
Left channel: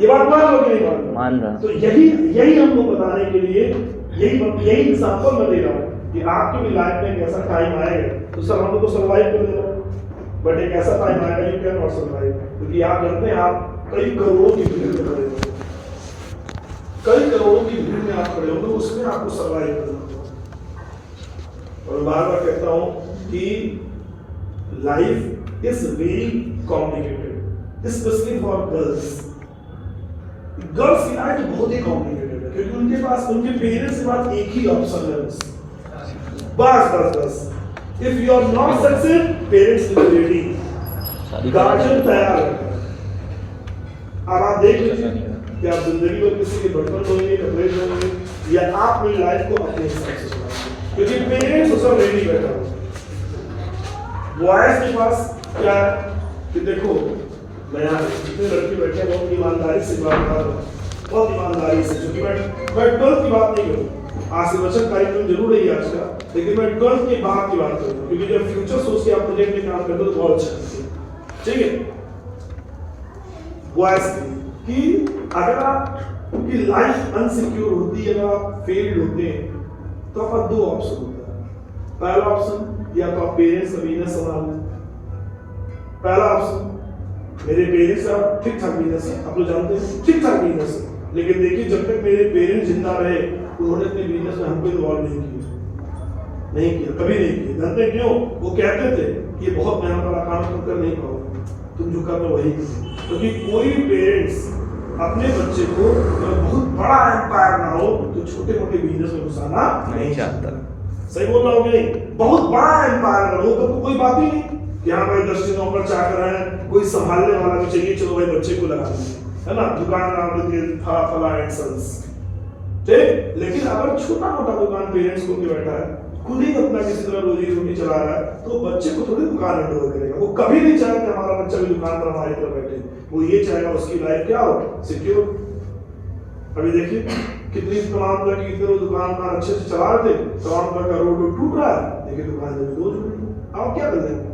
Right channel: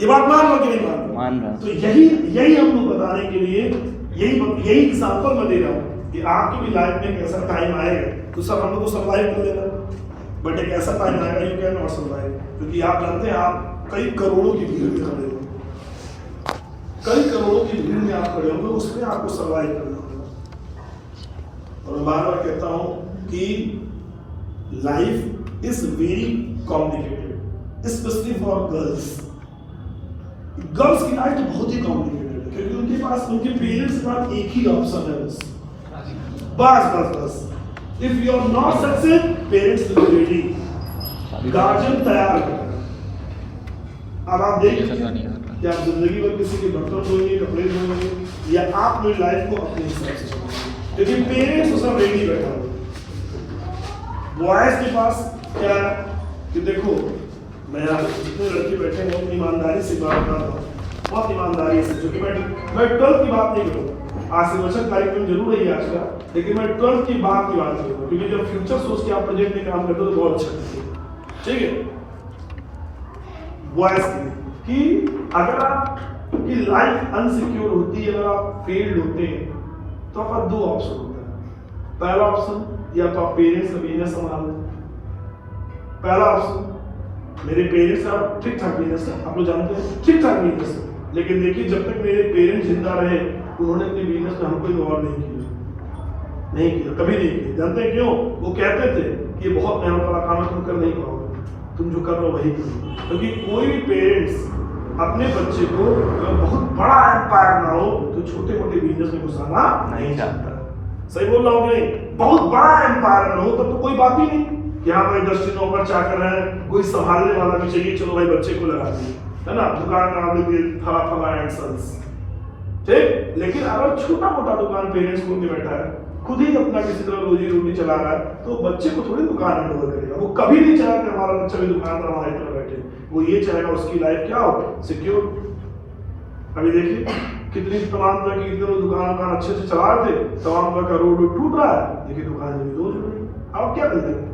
ये बात मान लो कि नहीं मान रहा? तो यही हम लोग बताने के लिए यही एग्जांपल मैं दे रहा हूँ कि आपकी भी लाइफ में एक ऐसा टाइम आएगा, तो सर हम लोग तो सर्वाइव कर लेना, बट एक ऐसा टाइम आएगा यू कैन नॉट सर्वाइव, क्योंकि आप जानते हैं आप कई करोड़ों की भीड़ में खड़े हो, कई करोड़ों की भीड़ में आप खड़े होंगे, उसमें आपको सर्वाइव करना होगा। और मैं बार बार कहता हूँ कि life is very complicated, specially for girls. Girls की लाइफ तो बहुत ही कॉम्प्लिकेटेड है, क्योंकि उनके पास उनके पेरेंट्स के पास एक ही ऑप्शन है, बस if you are not success, parents will be ready, guardian तैयार है। अब आप देख लीजिए कि आप जिंदगी भर किसी के बर्तन धोएंगे, कपड़े धोएंगे, या आप अपनी लाइफ को अपने हिसाब से चलाएंगे, क्योंकि पेरेंट्स उसका रेडी बैठा हो। बॉयज के पास क्या है कि देखो, मैं यहाँ जितने लड़के बैठे हैं बहुत ईमानदारी से बात कर रहा हूँ, बहुत ईमानदारी से, क्योंकि मैं 12th की बात नहीं करूँ, आज से वचन कार्यक्रम जरूर है आज का, लेकिन मैं 12th की बात की बात करूँगा, क्योंकि जब फ्यूचर सोच के आप प्रोजेक्ट में काम करते हो तो बहुत अच्छा, ठीक है? बॉयज कि अगर आपकी लाइफ अनसिक्योर होती है, अगर आप फेल्ड होते हैं, तो आपका 2 ऑप्शन होता है। पहला ऑप्शन, या तो आप पेरेंट्स का बिजनेस संभाल लें। पहला ऑप्शन, मेरे पेरेंट्स का ठीक ठाक बिजनेस है, आप लोग जानते हैं ठीक ठाक बिजनेस है, लेकिन देखिए जब तक मेरे पेरेंट्स जिंदा रहे, उन्होंने अपने बिजनेस में हमको इन्वॉल्व नहीं किया, नहीं किया, कभी नहीं किया। जानते हैं क्यों? वो कहते थे कि ये बहुत मेहनत वाला काम है, तुम कर नहीं पाओगे, तुम जो कर रहे हो वही करो। क्योंकि कोई पेरेंट्स अपने बच्चे को बहुत बड़ा एम्पायर ना हो तो छोटे मोटे बिजनेस में घुसाना नहीं चाहता। सही बोल रहा हूँ कि नहीं? बहुत बड़ा एम्पायर ना हो तब तो कोई बात ही नहीं कि हाँ भाई 10 नौकर चाकर है, कोई संभालने वाला भी चाहिए, चलो भाई बच्चे को लगा दिए, है ना, दुकान का नाम दे फला फला एंड सन्स, ठीक। लेकिन अगर छोटा मोटा दुकान पेरेंट्स को भी बैठा है, खुद ही अपना किसी तरह रोजी रोटी चला रहा है, तो बच्चे को थोड़ी दुकान हैंडओवर करेगा। वो कभी नहीं चाहेगा कि हमारा बच्चा भी दुकान पर हमारी तरह बैठे, वो ये चाहेगा उसकी लाइफ क्या हो, सिक्योर। अभी देखिए कितनी तमाम तरह की इधर दुकान अच्छे से चला रहे थे, तमाम तरह का रोड टूट रहा है, देखिए दुकान में दो आप क्या कर देंगे?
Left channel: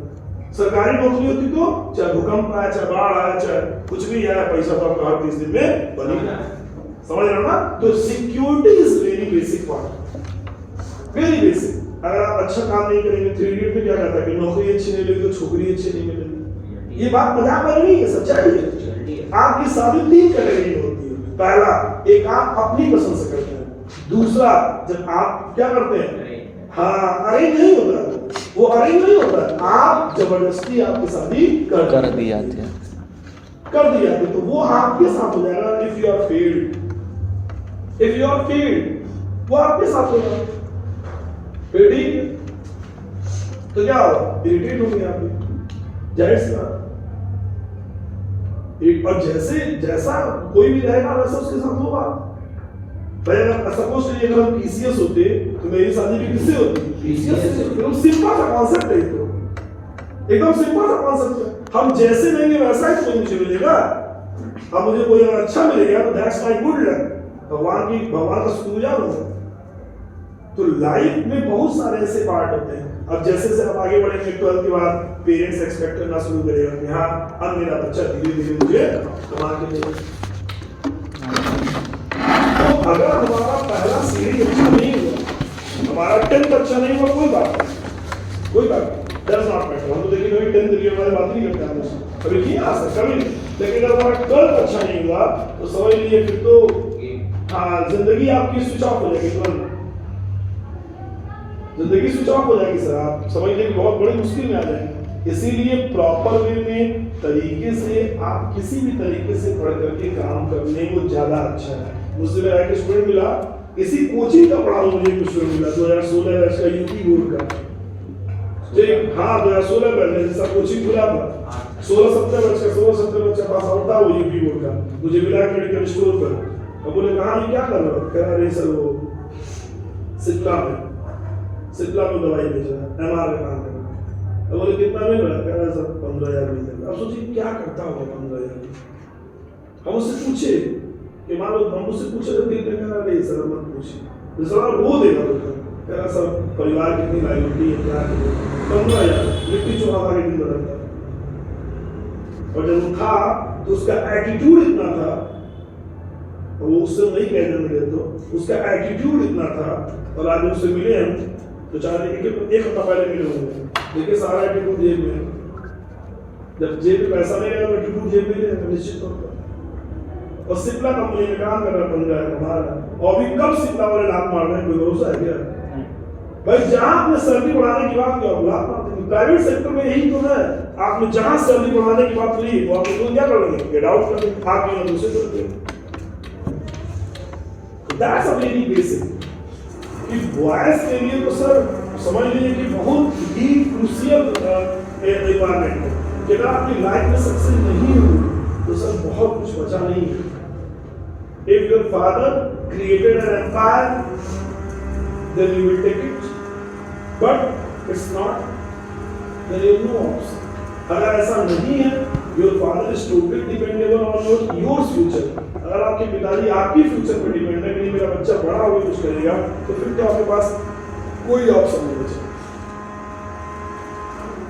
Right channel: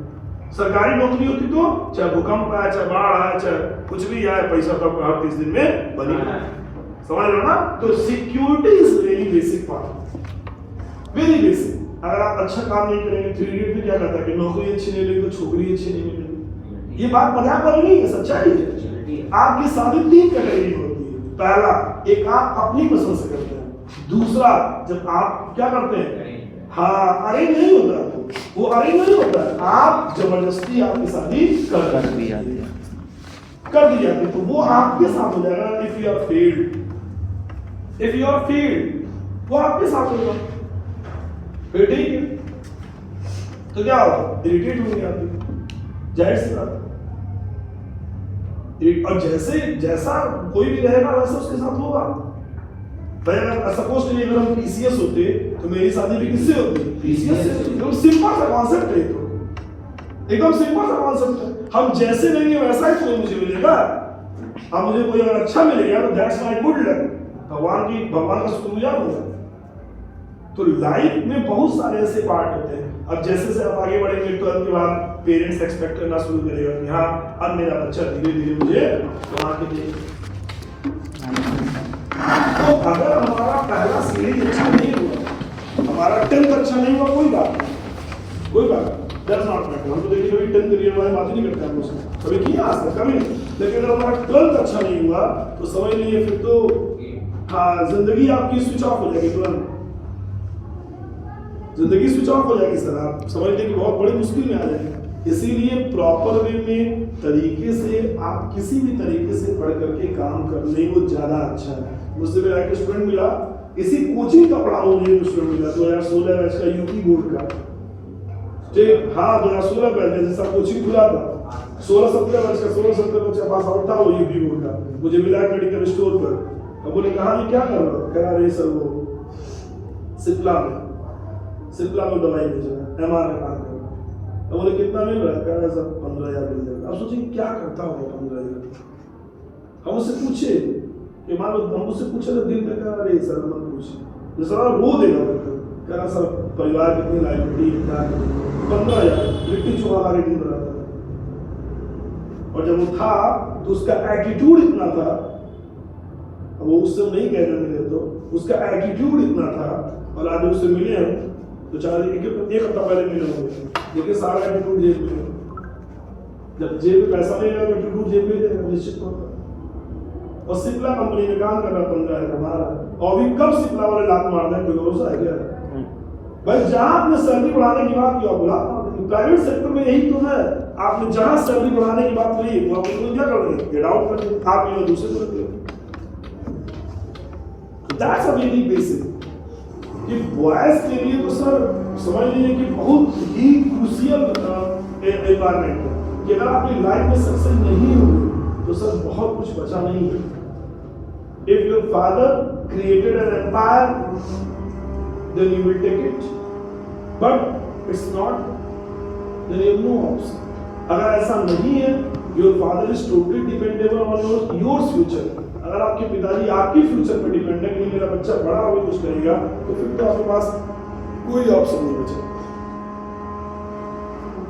सरकारी नौकरी होती तो चाहे भूकंप आए, चाहे बाढ़ आए, चाहे कुछ भी आए, पैसा तो आपका हर 30 दिन में बनी है, समझ रहे हो ना? तो security is very basic part, very basic. अगर आप अच्छा काम नहीं करेंगे, 3 इडियट में क्या कहता है कि नौकरी अच्छी नहीं मिलेगी तो छोकरी अच्छी नहीं मिलेगी। ये बात मजाक वाली नहीं है, सच्चाई है। आपकी शादी 3 कैटेगरी में होती है। पहला, एक आप अपनी पसंद से करते हैं, दूसरा जब आप क्या करते हैं, हाँ अरेंज नहीं होता है, वो अरेंज नहीं होता है, आप जबरदस्ती आपकी शादी कर दी जाती है, कर दी जाती है, तो वो आपके साथ हो जाएगा। If you are failed, if you are failed, वो आपके साथ होगा, फिर ठीक है। तो क्या होगा, इरिटेट हो गया आप, जाहिर सी बात। और जैसे जैसा कोई भी रहेगा वैसा उसके साथ होगा। भाई अगर सपोज करिए अगर हम पीसीएस होते तो मेरी शादी भी किससे होती? पीसीएस से। तो सिंपल सा कॉन्सेप्ट है, तो एकदम सिंपल सा कॉन्सेप्ट है। हम जैसे लेंगे वैसा ही कोई मुझे मिलेगा। अब मुझे कोई अगर अच्छा मिलेगा तो दैट्स माय गुड लक, भगवान का शुक्रगुजार हूं। तो लाइफ में बहुत सारे ऐसे पार्ट होते हैं। अब जैसे जैसे आप आगे बढ़ेंगे 12th के बाद पेरेंट्स एक्सपेक्ट करना शुरू करेगा कि हाँ अब मेरा बच्चा धीरे धीरे मुझे कमा के देगा। तो अगर हमारा पहला सीढ़ी अच्छा नहीं हुआ, हमारा 10th अच्छा नहीं हुआ, कोई बात नहीं, कोई बात नहीं, दैट्स नॉट मैटर। हम तो देखिए कभी 10th के बारे में बात नहीं करते हैं मुझसे, कभी किया आज तक कभी नहीं। लेकिन अगर हमारा 12th अच्छा नहीं हुआ तो समझ लीजिए फिर तो हाँ जिंदगी आपकी स्विच ऑफ हो जाएगी, तुरंत जिंदगी स्विच ऑफ हो जाएगी सर। आप समझने की बहुत बड़ी मुश्किल में आ जाएंगे। इसीलिए प्रॉपर वे में तरीके से आप किसी भी तरीके से पढ़ करके काम करने को ज्यादा अच्छा है। मुझसे मेरा एक स्टूडेंट मिला, इसी कोचिंग का पढ़ा मुझे एक स्टूडेंट मिला 2016 बैच का यूपी बोर्ड का, ठीक हाँ 2016 बैच जैसा कोचिंग खुला था, 16-17 बैच का पास आउट था वो यूपी बोर्ड का। मुझे मिला मेडिकल स्टोर पर, अब बोले कहा ये क्या कर रहा हो? कह रहा सर वो सिप्ला में दवाई बेच रहा है, एमआर का काम कर रहा है। अब बोले कितना मिल रहा है? कह रहा है सर 15,000 मिल रहा है। अब सोचिए क्या करता होगा 15,000। हम उससे पूछे कि मान लो हम उससे पूछे तो दिल में कह रहा है सर मत पूछिए, सर वो देगा तो कह रहा सर परिवार कितनी लाइबिलिटी है, क्या 15,000 मिट्टी चुरा मार्केटिंग बनाता है। और जब वो था तो उसका एटीट्यूड इतना था, वो उससे नहीं कहने मिले तो उसका एटीट्यूड इतना था। और आज उससे मिले हम तो चाह रहे एक हफ्ता पहले मिले होंगे, देखिए सारा एटीट्यूड जेब में। जब जेब में पैसा नहीं है तो एटीट्यूड जेब में लेगा निश्चित तौर पर। और सिप्ला कंपनी में काम कर रहा है, 15,000 कमा रहा है। और अभी कब सिप्ला वाले लात मार रहे हैं, कोई भरोसा है क्या? भाई जहां आपने सैलरी बढ़ाने की बात की आप लात मार देंगे। प्राइवेट सेक्टर में यही तो है, आपने जहां सैलरी बढ़ाने की बात करी वो आपने तो क्या करोगे? गेट आउट कर देंगे, आप ये दूसरे को देंगे। दैट्स अ वेरी बेसिक कि बॉयज के लिए तो सर समझ लीजिए कि बहुत ही क्रूशियल एनवायरनमेंट है कि अगर आपकी लाइफ में सक्सेस नहीं हो तो सर बहुत कुछ बचा नहीं है। If your father created an empire then you will take it, but it's not, there is no option. अगर ऐसा नहीं है, your father is totally dependable on your future. अगर आपके पिताजी आपकी फ्यूचर पर डिपेंड है कि मेरा बच्चा बड़ा होकर कुछ करेगा, तो फिर तो आपके पास कोई ऑप्शन नहीं बचा।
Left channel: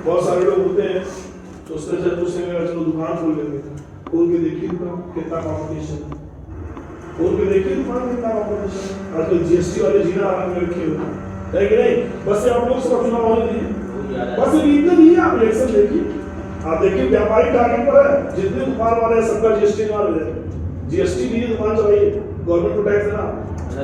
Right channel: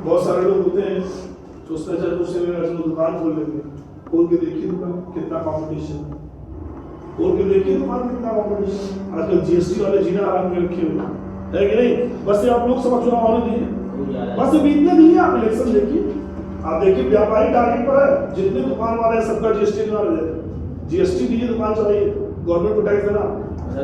बहुत सारे लोग होते हैं सोचते चलो दूसरे में चलो दुकान खोल लेंगे, खोल के देखिए दुकान कितना कंपटीशन है, खोल के देखिए दुकान कितना कंपटीशन। आजकल जीएसटी वाले जीना आराम में रखे हुए है कि नहीं? बस आप लोग सब चुनाव होने दिए, बस इतने दिए, आप इलेक्शन देखिए, आप देखिए व्यापारी टारगेट पर है, जितने दुकान वाले हैं सबका जीएसटी ना हो जाए। जीएसटी दीजिए, दुकान चलाइए, गवर्नमेंट को टैक्स देना।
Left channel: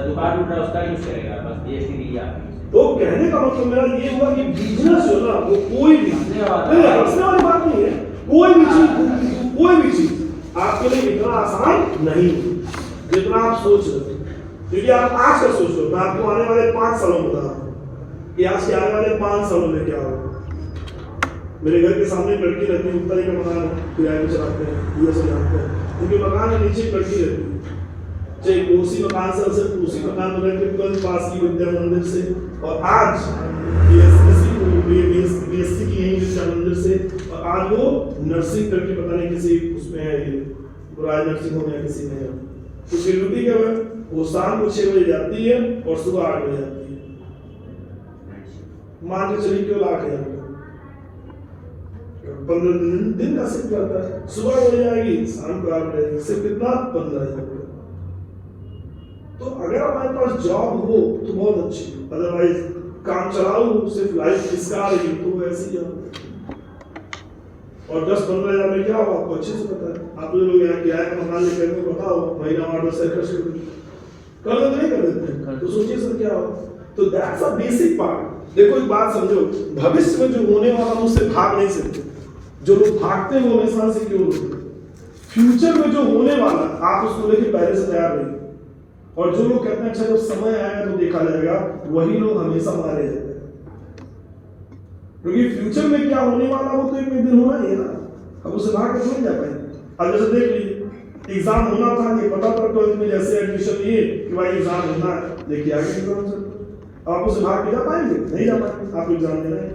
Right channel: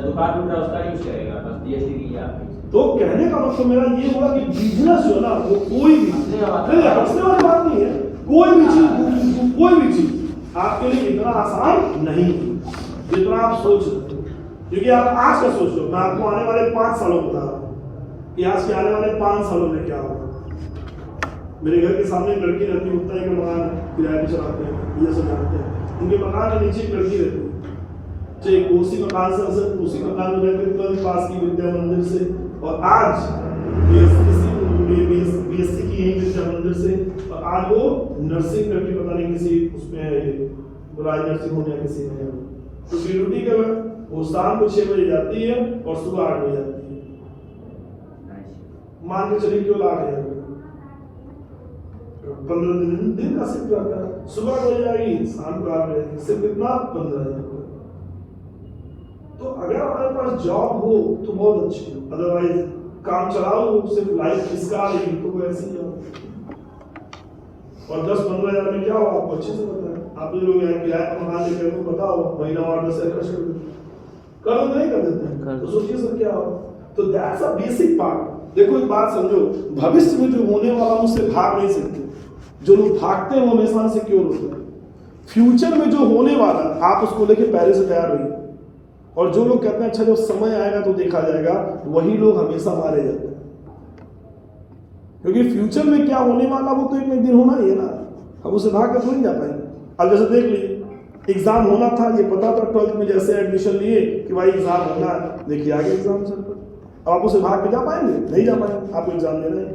दुकान टूट रहा है उसका यूज करेगा, बस जीएसटी दीजिए आप। तो कहने का मतलब मेरा ये हुआ कि बिजनेस जो है ना वो कोई भी नहीं, हंसने वाली बात नहीं है, कोई भी चीज आपके लिए इतना आसान नहीं है जितना आप सोच रहे हो। क्योंकि आप आज का सोच रहे हो, मैं आपको आने वाले 5 सालों बता रहा हूँ कि आज के आने वाले 5 सालों में क्या होगा। मेरे घर के सामने एक लड़की रहती है, उत्तर के मकान किराए पे चलाते हैं, ये सब जानते हैं, उनके मकान के नीचे एक लड़की रहती है, चाहे उसी मकान से उसी मकान में रहते हैं, पास की विद्या मंदिर से, और आज बीएससी की यही विद्या मंदिर से, और आज वो नर्सिंग करके पता नहीं किसी उसमें है, राज नर्सिंग होम या किसी में है। तो ड्यूटी क्या है, वो शाम को 6 बजे जाती है और सुबह 8 बजे जाती है। मान के चलिए क्यों लाख है, 15 दिन का शिफ्ट रहता है, सुबह 8 बजे आएगी, शाम को 8 बजे आएगी, सिर्फ इतना 15,000। तो अगर हमारे पास जॉब हो तो बहुत अच्छी, अदरवाइज काम चलाओ सिर्फ लाइफ इसका रही तो वैसे ही हो। और 10-15 हज़ार में क्या हो आपको अच्छे से पता है। आप लोग यहाँ किराए का मकान लेते हैं, बताओ महीना और 10 खर्च कर देते नहीं कर देते हैं, तो सोचिए सर क्या हो। तो दैट्स अ बेसिक पार्ट। देखो एक बात समझो, भविष्य में जो होने वाला उससे भाग नहीं सकते। जो लोग भागते हैं वो हमेशा से क्यों होते हैं। फ्यूचर में जो होने वाला आप उसको लेके पहले से तैयार रहिए। और जो लोग कहते हैं अच्छा जब समय आएगा तो देखा जाएगा, वही लोग हमेशा मारे जाते हैं। क्योंकि फ्यूचर में क्या होने वाला वो तो एक दिन होना ही है ना, अब उसे भाग कर नहीं जा पाएंगे। अब जैसे देख लीजिए एग्जाम होना था, ये पता था 12th में जैसे एडमिशन लिए कि भाई एग्जाम होना है, देखिए आगे एग्जाम चल रहा है। अब आप उसे भाग के जा पाएंगे, नहीं जा पाएंगे। आप एग्जाम दे रहे हैं,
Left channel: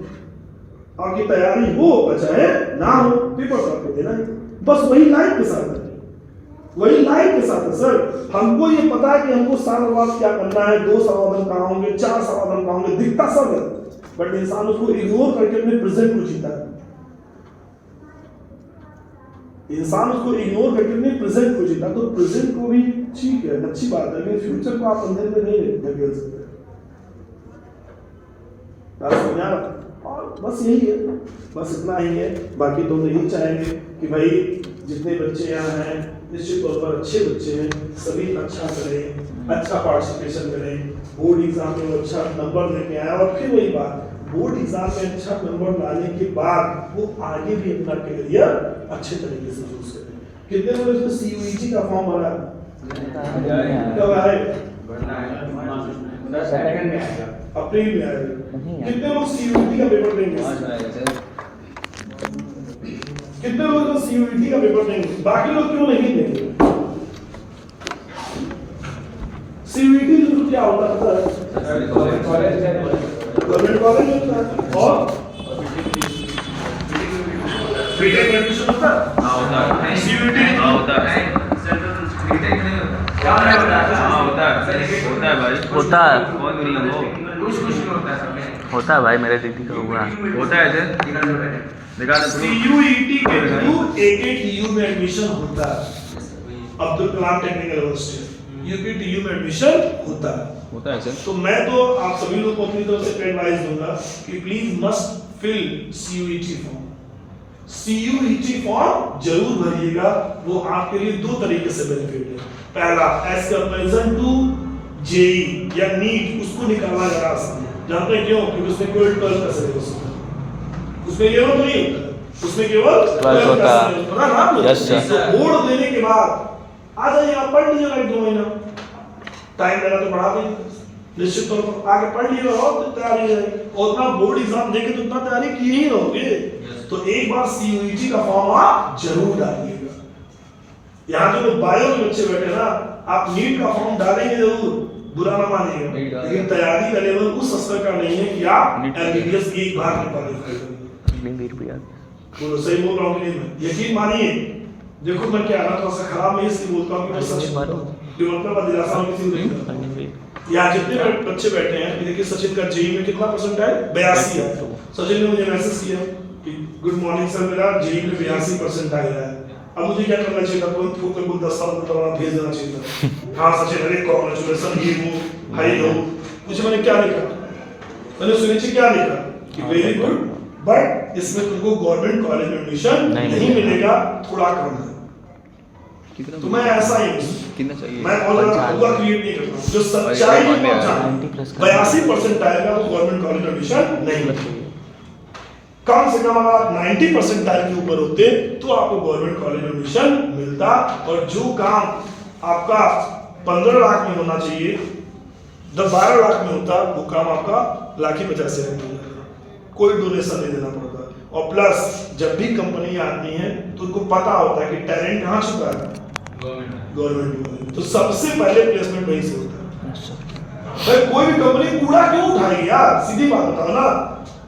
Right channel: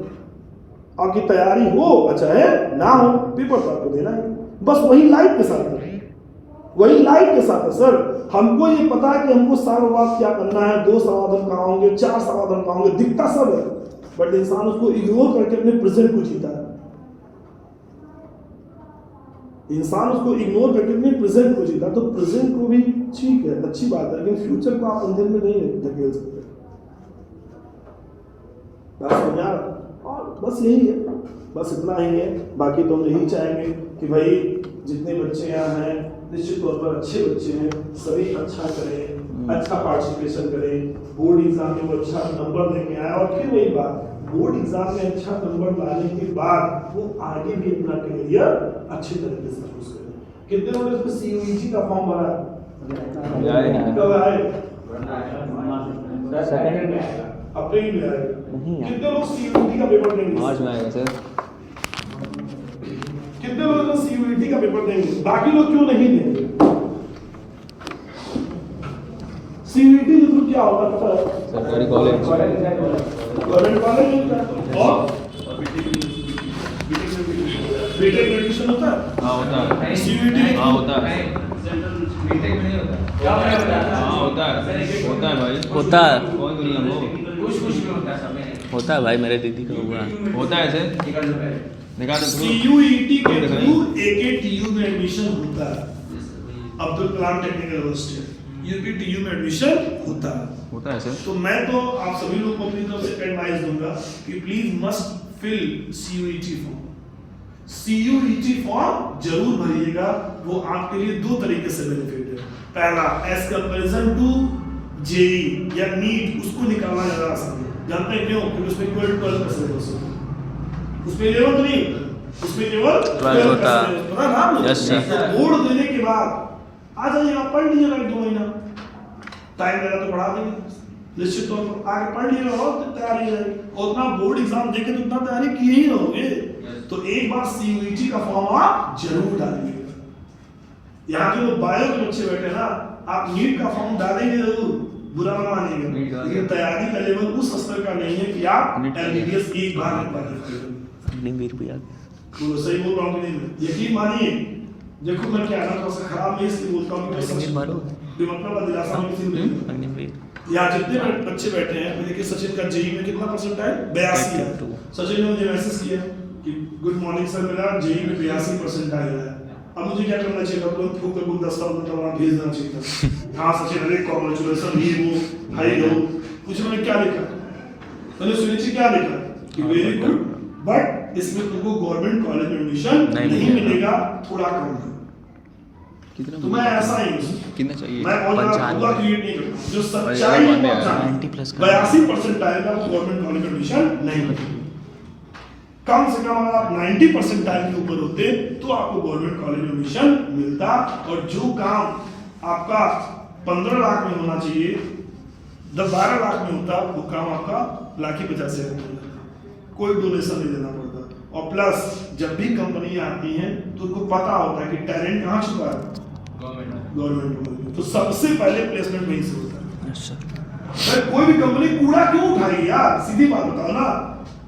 आपकी तैयारी हो अच्छा है ना हो, पेपर तो आपको देना है। बस वही लाइफ के साथ है, वही लाइफ के साथ है सर। हमको ये पता है कि हमको साल बाद क्या करना है, 2 समाधान कहाँ होंगे, 4 समाधान कहाँ होंगे, दिखता सब है, बट इंसान उसको इग्नोर करके अपने प्रेजेंट को जीता है। इंसान उसको इग्नोर करके अपने प्रेजेंट को जीता। तो प्रेजेंट को भी ठीक है, अच्छी बात है, लेकिन फ्यूचर को आप अंधेरे में नहीं ढकेल सकते। और बस यही है, बस इतना ही है। बाकी तो हम यही चाहेंगे कि भाई जितने बच्चे यहाँ हैं निश्चित तौर पर अच्छे बच्चे हैं, सभी अच्छा करें, अच्छा पार्टिसिपेशन करें, बोर्ड एग्जाम में वो अच्छा नंबर लेके आए। और फिर वही बात, बोर्ड एग्जाम में अच्छा नंबर लाने के बाद वो आगे भी अपना करियर अच्छे तरीके से चूज करें। कितने लोगों ने सीयूईटी का फॉर्म भरा है? कब आए? अप्रैल में आए। कितने लोग सीयूईटी का पेपर देंगे? कितने लोग सीयूईटी का पेपर देंगे? बाकी लोग क्यों नहीं देंगे? सीयूईटी तो क्या होता है? गवर्नमेंट कॉलेज होता है और बीटेक में एडमिशन होता है। हाँ होता है। सीयूईटी हाँ होता है। बीटेक नहीं होता। क्या होता है? हाँ होता है भाई। होता है। कौन नहीं हो? कुछ में होता है सब में। होता है भाई, मेरे दीदी का हुआ है। होता है ऐसे? दिखा दे। सीयूईटी के थ्रू एकेटीयू में एडमिशन होता है। Abdul Kalam technical university UPTU में एडमिशन होता है ऐसे? तो मैं तो आप सभी लोग को अपनी तरफ से एडवाइस दूंगा कि please must fill CUET form. CUET form जरूर भरिएगा, वो आपके लिए 2 तरीके से बेनिफिट है। पहला, एज कंपैरिजन टू जेई या नीट, उसको निकालना जरा आसान है। जानते हैं क्यों? क्योंकि उसमें केवल 12 का सिलेबस होता है, उसमें लेवल नहीं होता है, उसमें केवल 12 होता है। पता ना? Yes sir. बोर्ड देने के बाद आ जाइए, आप पढ़ लीजिएगा 1-2 महीना, टाइम लगा तो पढ़ा देंगे, निश्चित तौर पर आगे पढ़ लीजिएगा और तैयारी है। और उतना बोर्ड एग्जाम देके तो उतना तैयारी किए ही रहोगे। तो एक बार सीयूईटी का फॉर्म आप जरूर डालिएगा। यहाँ जो लोग बायो के बच्चे बैठे ना, आप नीट का फॉर्म डालेंगे जरूर, बुरा ना मानिएगा, लेकिन तैयारी का लेवल उस स्तर का नहीं है कि आप एमबीबीएस की एक बार बोलो। सही बोल रहा हूँ कि नहीं? यकीन मानिए, देखो मैं क्या ना थोड़ा सा खराब में इसलिए बोलता हूँ कि यहाँ जितने बच्चे बैठे हैं, देखिए सचिन का जेई में कितना परसेंट है? 82 है। सचिन ने मुझे मैसेज किया कि गुड मॉर्निंग सर, मेरा जेई में 82% आया है। अब मुझे क्या करना चाहिए था? तुरंत फूक कर गुलदस्ता भेज देना चाहिए था। हाँ सचिन, अरे कांग्रेचुलेशन, ये वो भाई हो। मुझे मैंने क्या लिखा? मैंने सुनिश्चित क्या लिखा कि वेरी गुड, बट इसमें तुमको गवर्नमेंट कॉलेज में एडमिशन नहीं मिलेगा, थोड़ा कम है। तो मैं ऐसा ही हूँ, कितना चाहिए? मैं बहुत ज्यादा हुआ क्रिएट नहीं करता हूँ। जो सच्चाई है वो जानता है। 82% आएगा तो गवर्नमेंट कॉलेज में एडमिशन नहीं मिलेगा। कम से कम अगर आप 90% टाइम के ऊपर होते तो आपको गवर्नमेंट कॉलेज में एडमिशन मिलता, और जो काम आपका 15 लाख में होना चाहिए 12 लाख में होता, वो काम आपका 1,50,000 में होता। कोई डोनेशन नहीं देना पड़ता। और प्लस जब भी कंपनी आती है तो उनको पता होता है कि टैलेंट कहाँ छुपा है, गवर्नमेंट में। तो सबसे पहले प्लेसमेंट वहीं से होता है। भाई कोई भी कंपनी कूड़ा क्यों उठाएगी यार, सीधी बात बताओ ना।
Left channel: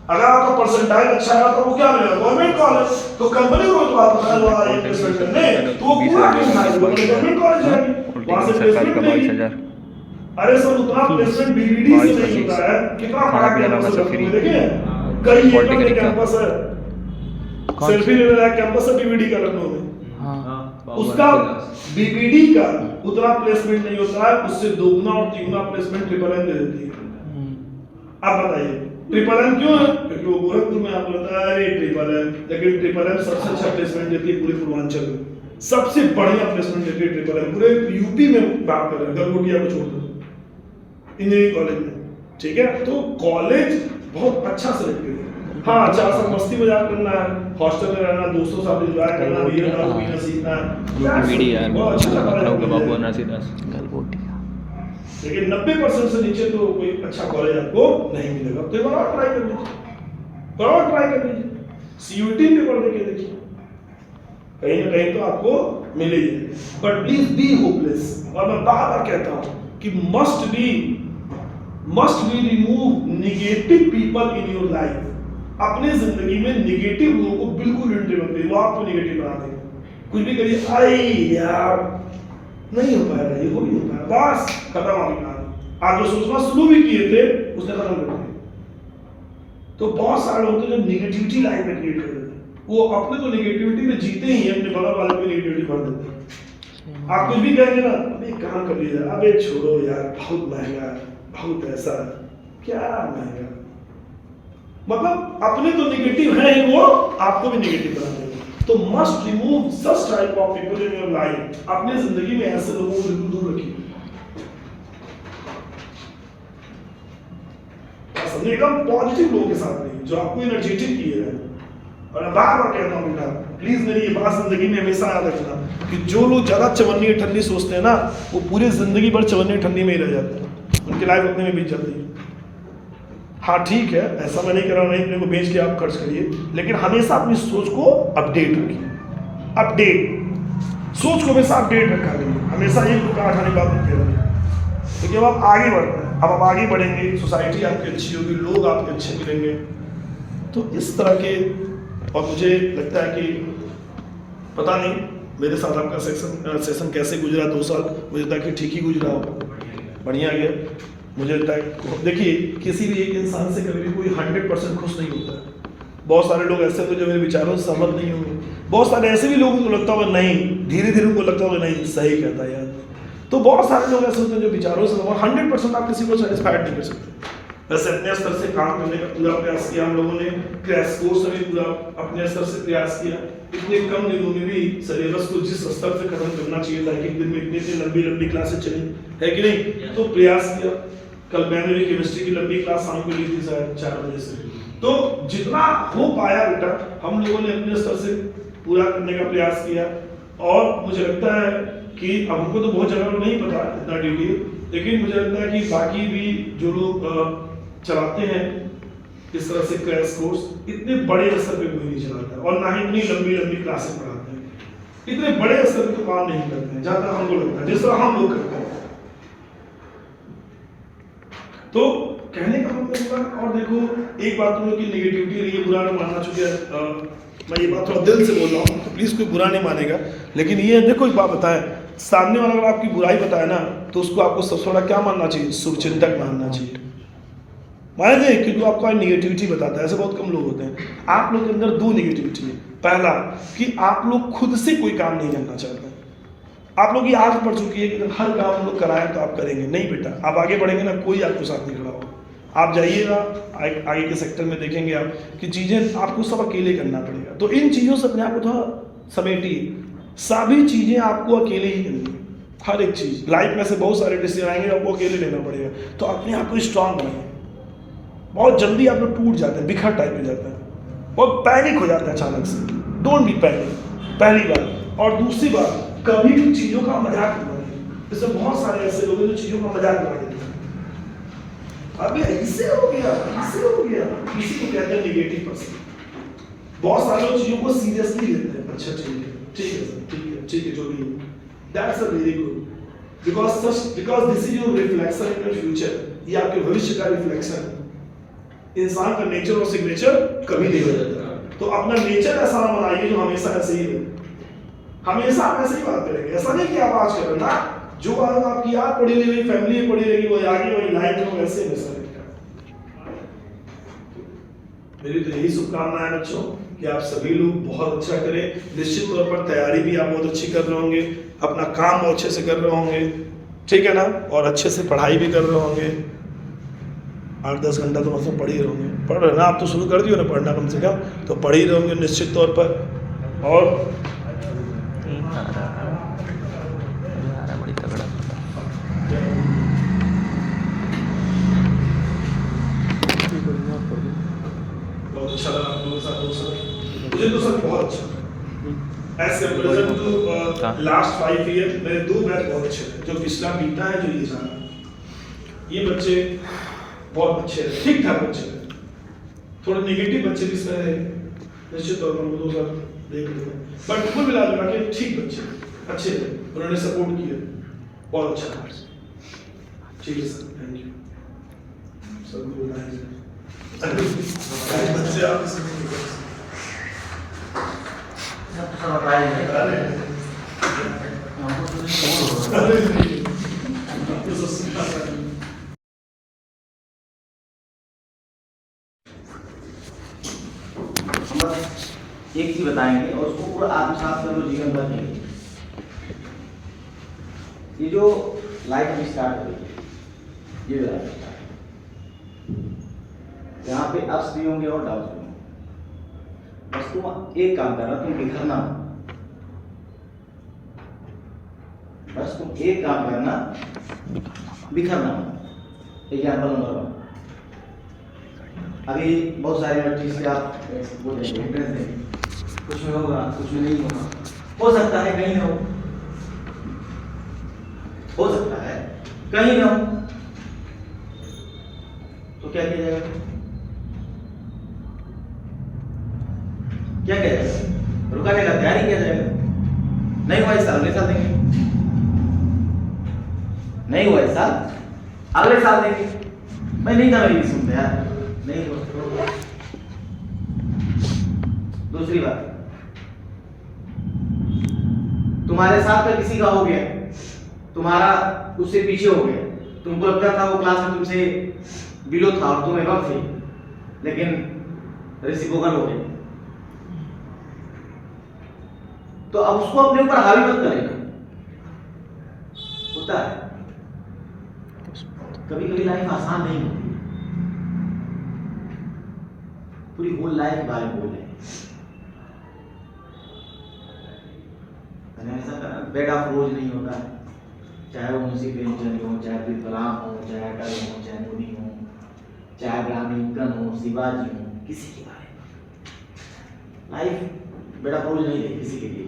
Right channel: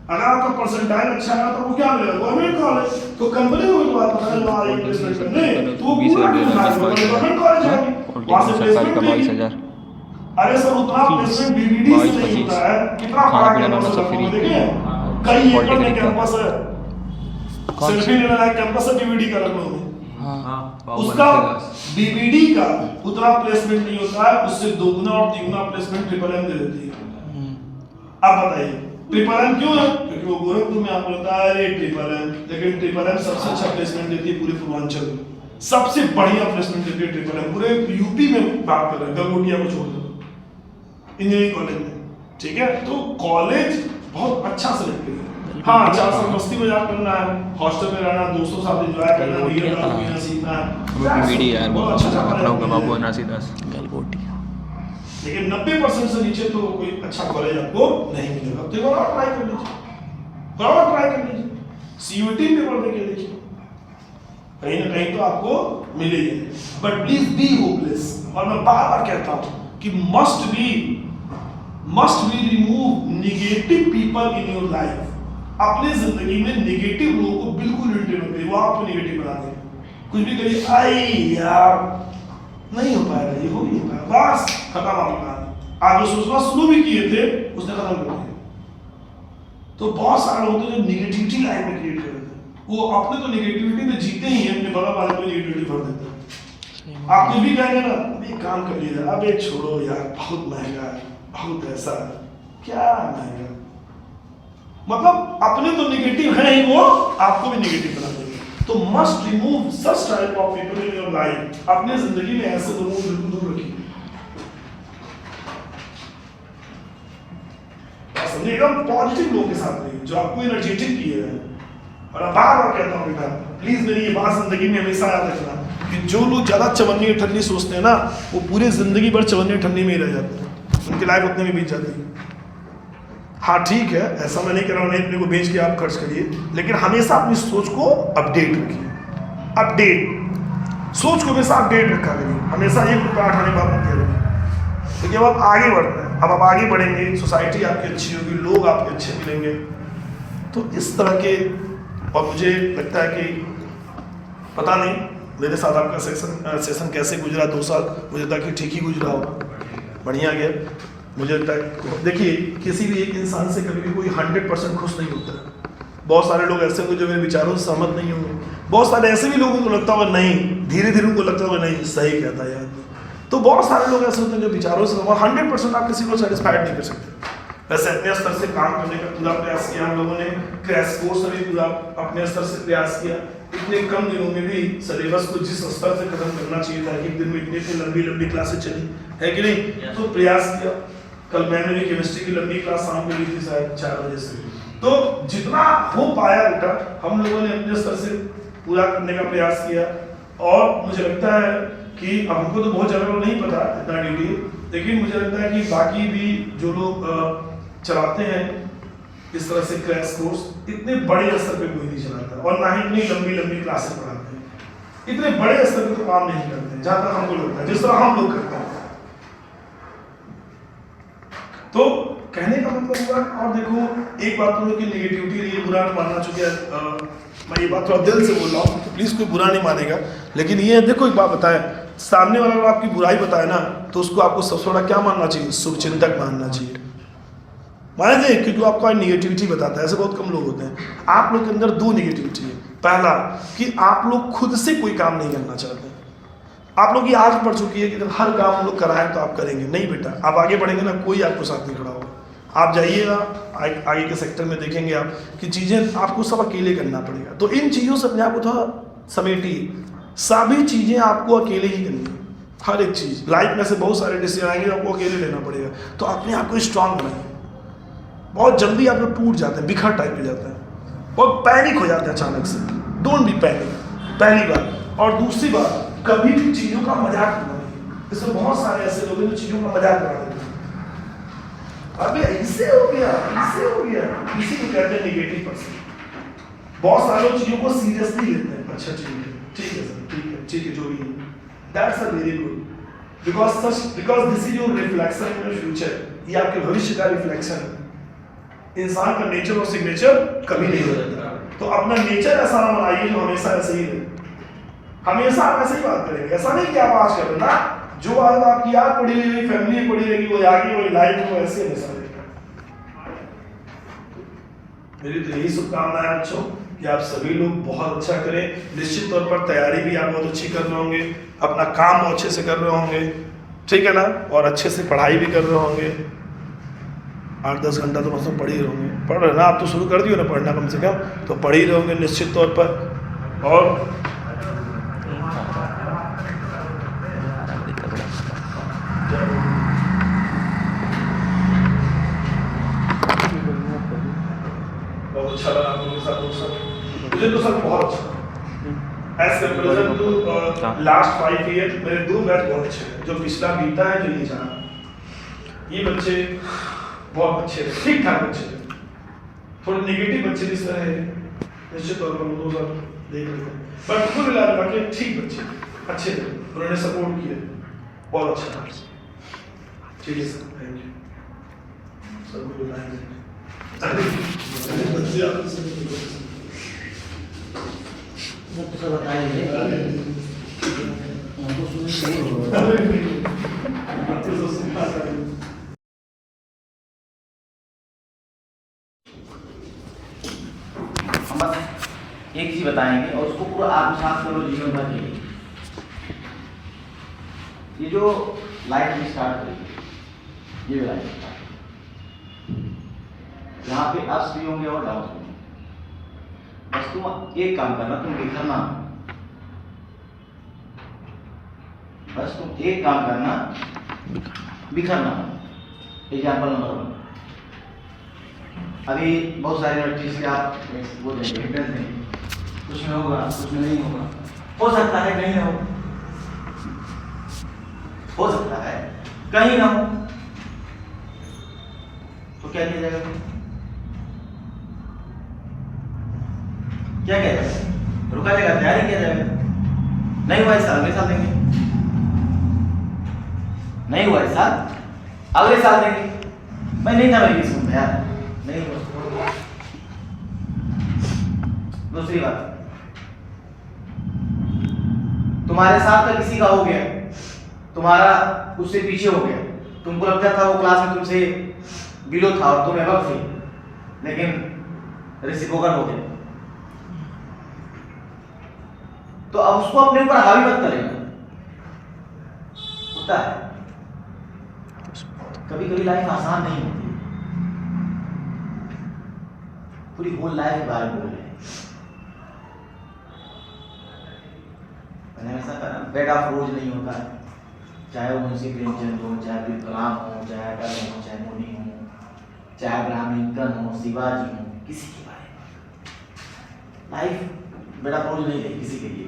अगर आपका परसेंटाइल अच्छा है तो वो क्या मिलेगा, गवर्नमेंट कॉलेज। तो कंपनी को तो आप प्लेसमेंट करने तो वो कूड़ा क्यों उठाएगी, गवर्नमेंट कॉलेज जाएगी, वहां से प्लेसमेंट देगी। अरे सर उतना प्लेसमेंट बीबीडी से नहीं होता है, कितना बड़ा कैंपस है देखिए, कई एकड़ में कैंपस है, सेल्फी लेने लायक कैंपस है बीबीडी का लखनऊ में। उसका बीबीडी का उतना प्लेसमेंट नहीं होता है, उससे 2 और 3 प्लेसमेंट ट्रिपल एम दे देती है। अब बताइए ट्रिपल एम क्यों है, क्योंकि वो गोरखपुर में आपको बताया है ट्रिपल एम, लेकिन ट्रिपल एम सबसे अच्छा प्लेसमेंट देती है पूरे पूर्वांचल में, सबसे बढ़िया प्लेसमेंट देती है ट्रिपल एम। पूरे यूपी में बात कर रहे हैं, गलगोटिया को छोड़ दो, इंजीनियरिंग कॉलेज में, ठीक है। तो कॉलेज बहुत अच्छा सेलेक्ट करें। हाँ 4 साल मस्ती मजाक करना है, हॉस्टल में रहना, दोस्तों साथ एंजॉय करना, वीडियो सीखना है, वीडियो यार बहुत अच्छा गलगोटिया। लेकिन 90% से नीचे तो कोई अच्छा कॉलेज आपको नहीं मिलेगा। तो और ट्राई कर लीजिए, और ट्राई कर लीजिए, सीयूटी पेपर देके देखिए, कहीं ना कहीं तो आपको मिलेगी। But please be hopeless. और मैं बार बार कहता हूँ कि must be remove negative people in your life. अपने जिंदगी में नेगेटिव लोगों को बिल्कुल एंट्री मत करिए, वो आपको नेगेटिव बना देंगे। कुछ भी करिए, आई यार नहीं हो पाएगा, ये हो नहीं पाएगा, बस खत्म आपकी कहानी। आप जो सोचना शुरू भी किए थे उसने खत्म कर दिया। तो बहुत सारे लोग होते हैं जो नेगेटिविटी लाइफ में क्रिएट कर देते हैं, वो अपने तो नेगेटिविटी में जीते ही हैं, अपने बगल वालों को नेगेटिविटी भर देते हैं। आप कुछ भी कहेंगे ना, अबे काम कर लीजिए, अबे छोड़ो यार बहुत महंगा है, बहुत पैसा है, क्या महंगा, मतलब अपने तो नेगेटिव है ही, वो आपको भी नेगेटिव बना देंगे। तो must remove such type of people in your life. अपने जिंदगी में ऐसे लोगों को बिल्कुल दूर रखिए। एकदम पॉजिटिव लोगों के साथ रहिए जो आपको एनर्जेटिक किए हैं। और मैं बार बार कहता हूँ बेटा, प्लीज मेरी ये बात जिंदगी में हमेशा याद रखना कि जो लोग ज्यादा चवन्नी ठंडी सोचते हैं ना, वो पूरे जिंदगी भर चवन्नी ठंडी में ही रह जाते हैं, उनकी लाइफ उतने में बीत जाती है। हाँ ठीक है, ऐसा मैं नहीं कर रहा हूँ, नहीं अपने को बेच के आप खर्च करिए, लेकिन हमेशा अपनी सोच को अपडेट रखिए। अपडेट सोच को हमेशा अपडेट रखा करिए, हमेशा एक रुपये आठाने बात मत करिए। तो जब आप आगे बढ़ते हैं, अब आप आगे बढ़ेंगे, सोसाइटी आपकी अच्छी होगी, लोग आपके अच्छे मिलेंगे। तो इस तरह के, और मुझे लगता है कि पता नहीं मेरे साथ आपका सेशन कैसे गुजरा 2 साल, मुझे लगता है कि ठीक ही गुजरा होगा, बढ़िया गया। मुझे लगता है देखिए, किसी भी एक इंसान से कभी कोई 100% खुश नहीं होता। बहुत सारे लोग ऐसे होंगे जो मेरे विचारों से सहमत नहीं होंगे, बहुत सारे ऐसे भी लोगों को लगता होगा नहीं, धीरे धीरे उनको लगता होगा नहीं सही कहता है यार। तो बहुत सारे लोग ऐसे होते हैं जो विचारों से 100% आप किसी को सेटिस्फाइड नहीं कर सकते। वैसे अपने स्तर से काम करने का पूरा प्रयास किया हम लोगों ने, क्रैश कोर्स में पूरा अपने स्तर से प्रयास किया। इतने कम दिनों में भी सिलेबस को जिस स्तर से खत्म करना चाहिए था, एक दिन में इतनी लंबी क्लासें चली है कि नहीं, तो प्रयास किया। कल मैंने भी केमिस्ट्री की लंबी क्लास शाम को ली थी शायद 4 बजे से। तो जितना हो पाया बेटा हम लोगों ने अपने स्तर से पूरा करने का प्रयास किया। और मुझे लगता है कि हमको तो बहुत ज़्यादा नहीं पता इतना ड्यूटी, लेकिन मुझे लगता है कि बाकी भी जो लोग चलाते हैं इस तरह से क्रैश कोर्स, इतने बड़े स्तर पे कोई नहीं चलाता, और ना ही इतनी लंबी क्लासें पढ़ाते हैं। इतने बड़े स्तर पे तो काम नहीं करते जहाँ तक हमको लगता है, जिस तरह हम लोग करते हैं। तो कहने का मतलब हुआ। और देखो एक बात तो कि नेगेटिविटी नहीं है, बुरा नहीं मानना, चूंकि मैं ये बात थोड़ा दिल से बोल रहा हूँ तो प्लीज़ कोई बुरा नहीं मानेगा, लेकिन ये देखो एक बात बताएं, सामने वाला अगर आपकी बुराई बताए ना तो उसको आपको सबसे बड़ा क्या मानना चाहिए, शुभचिंतक मानना चाहिए, मानेंगे, क्योंकि आपको नेगेटिविटी बताता है। ऐसे बहुत कम लोग होते हैं। आप लोग के अंदर 2 नेगेटिविटी है। पहला कि आप लोग खुद से कोई काम नहीं करना चाहते, आप लोग की आदत पड़ चुकी है कि हर काम लोग कराएं तो आप करेंगे। नहीं बेटा, आप आगे बढ़ेंगे ना, कोई आपको साथ नहीं खड़ा होगा। आप जाइएगा आगे के सेक्टर में, देखेंगे आप कि चीज़ें आपको सब अकेले करना पड़ेगा। तो इन चीज़ों से अपने आप को थोड़ा समेटिए, सभी चीजें आपको अकेले ही करनी है, हर एक चीज। लाइफ में से बहुत सारे डिसीजन आएंगे, आपको अकेले लेना पड़ेगा। तो अपने आप को स्ट्रांग बनाइए। बहुत जल्दी आप लोग टूट जाते हैं, बिखर टाइप हो जाते हैं और पैनिक हो जाते हैं अचानक से। डोंट बी पैनिक, पहली बात। और दूसरी बात, कभी भी चीजों का मजाक मत बनाइए। इसमें बहुत सारे ऐसे लोग हैं जो चीजों का मजाक बना देते हैं। अभी ऐसे हो गया, ऐसे हो गया, किसी को कहते हैं निगेटिव पर्सन। बहुत सारे लोग चीजों को सीरियसली लेते हैं। अच्छा ठीक है सर, ठीक है, जो भी है, that's a very good, because this is your reflection in your future. ये आपके भविष्य का रिफ्लेक्शन है। इंसान का नेचर और सिग्नेचर कभी नहीं हो जाता। तो अपना नेचर ऐसा ना बनाइए जो हमेशा ऐसे ही है। हमेशा आप ऐसे ही बात करेंगे, ऐसा नहीं कि आप आज कर रहे ना, जो बात आपकी याद पड़ी रहेगी, फैमिली में पड़ी रहेगी, वो आगे वो लाइफ में ऐसे हमेशा रहेगा। मेरी तो यही शुभकामनाएं बच्चों कि आप सभी लोग बहुत अच्छा करें। निश्चित तौर पर तैयारी भी आप बहुत अच्छी कर रहे होंगे, अपना काम बहुत अच्छे से कर रहे होंगे, ठीक है ना, और अच्छे से पढ़ाई भी कर रहे होंगे। 8-10 घंटा तो मतलब पढ़ ही रहोगे, पढ़ रहे ना, आप तो शुरू कर दियो ना पढ़ना कम से कम, तो पढ़ ही रहोगे निश्चित तौर पर। और बहुत अच्छा लगा आप लोगों के साथ दोस्तों, मुझे तो सर बहुत अच्छा। As comparison to last 5 year मेरे 2 बैच बहुत अच्छे हैं। जो पिछला बीता है, जो ये जाना, ये बच्चे बहुत अच्छे थे, ठीक ठाक बच्चे थे। थोड़े नेगेटिव बच्चे भी सर है, निश्चित तौर पर 2 साल देख लेते हैं, बट कुल मिला के ठीक बच्चे अच्छे थे, उन्होंने सपोर्ट किया, बहुत अच्छा। ठीक है सर, थैंक यू। सबको बताएंगे बच्चे आप सब बताएंगे। एक चीज बताएंगे और उसको पूरा आत्मसात करो जीवन भर के लिए। ये जो लाइफ में स्टार्ट करेगी, ये लाइफ स्टार्ट, यहाँ पे अप्स भी होंगे और डाउन्स भी होंगे। बस तुम एक काम करना, तुम बिखरना, बस तुम एक काम करना, बिखरना। एग्जाम्पल मतलब अभी बहुत सारे यूनिवर्सिटी से आप बोल रहे हैं कुछ में होगा, कुछ में नहीं होगा, हो सकता है कहीं हो सकता है कहीं ना हो, तो क्या किया जाएगा? क्या कहते हैं, रुका जाएगा, तैयारी किया जाएगा। नहीं हुआ इस साल, अगले साल देंगे, नहीं हुआ इस साल, अगले साल देंगे। मैं नहीं था, मैं ये सुनता यार, नहीं हुआ। दूसरी बात, तुम्हारे साथ का किसी का हो गया, तुम्हारा उससे पीछे हो गया, तुमको लगता था वो क्लास में तुमसे बिलो था और तुम एबव थे, लेकिन रेसिप्रोकल हो गया, तो अब उसको अपने ऊपर हावी मत करेगा। होता है कभी कभी लाइफ आसान नहीं होती, पूरी होल लाइफ के बारे में बोल रहे हैं। मैंने ऐसा कहा, बेड ऑफ रोज नहीं होता, चाहे वो मुंशी प्रेमचंद हो, चाहे अब्दुल कलाम हो, चाहे अटल हो, चाहे मोदी हो, चाहे अब्राहम लिंकन हो, शिवाजी हो, किसी के बारे में लाइफ बेड ऑफ रोज नहीं है किसी के लिए।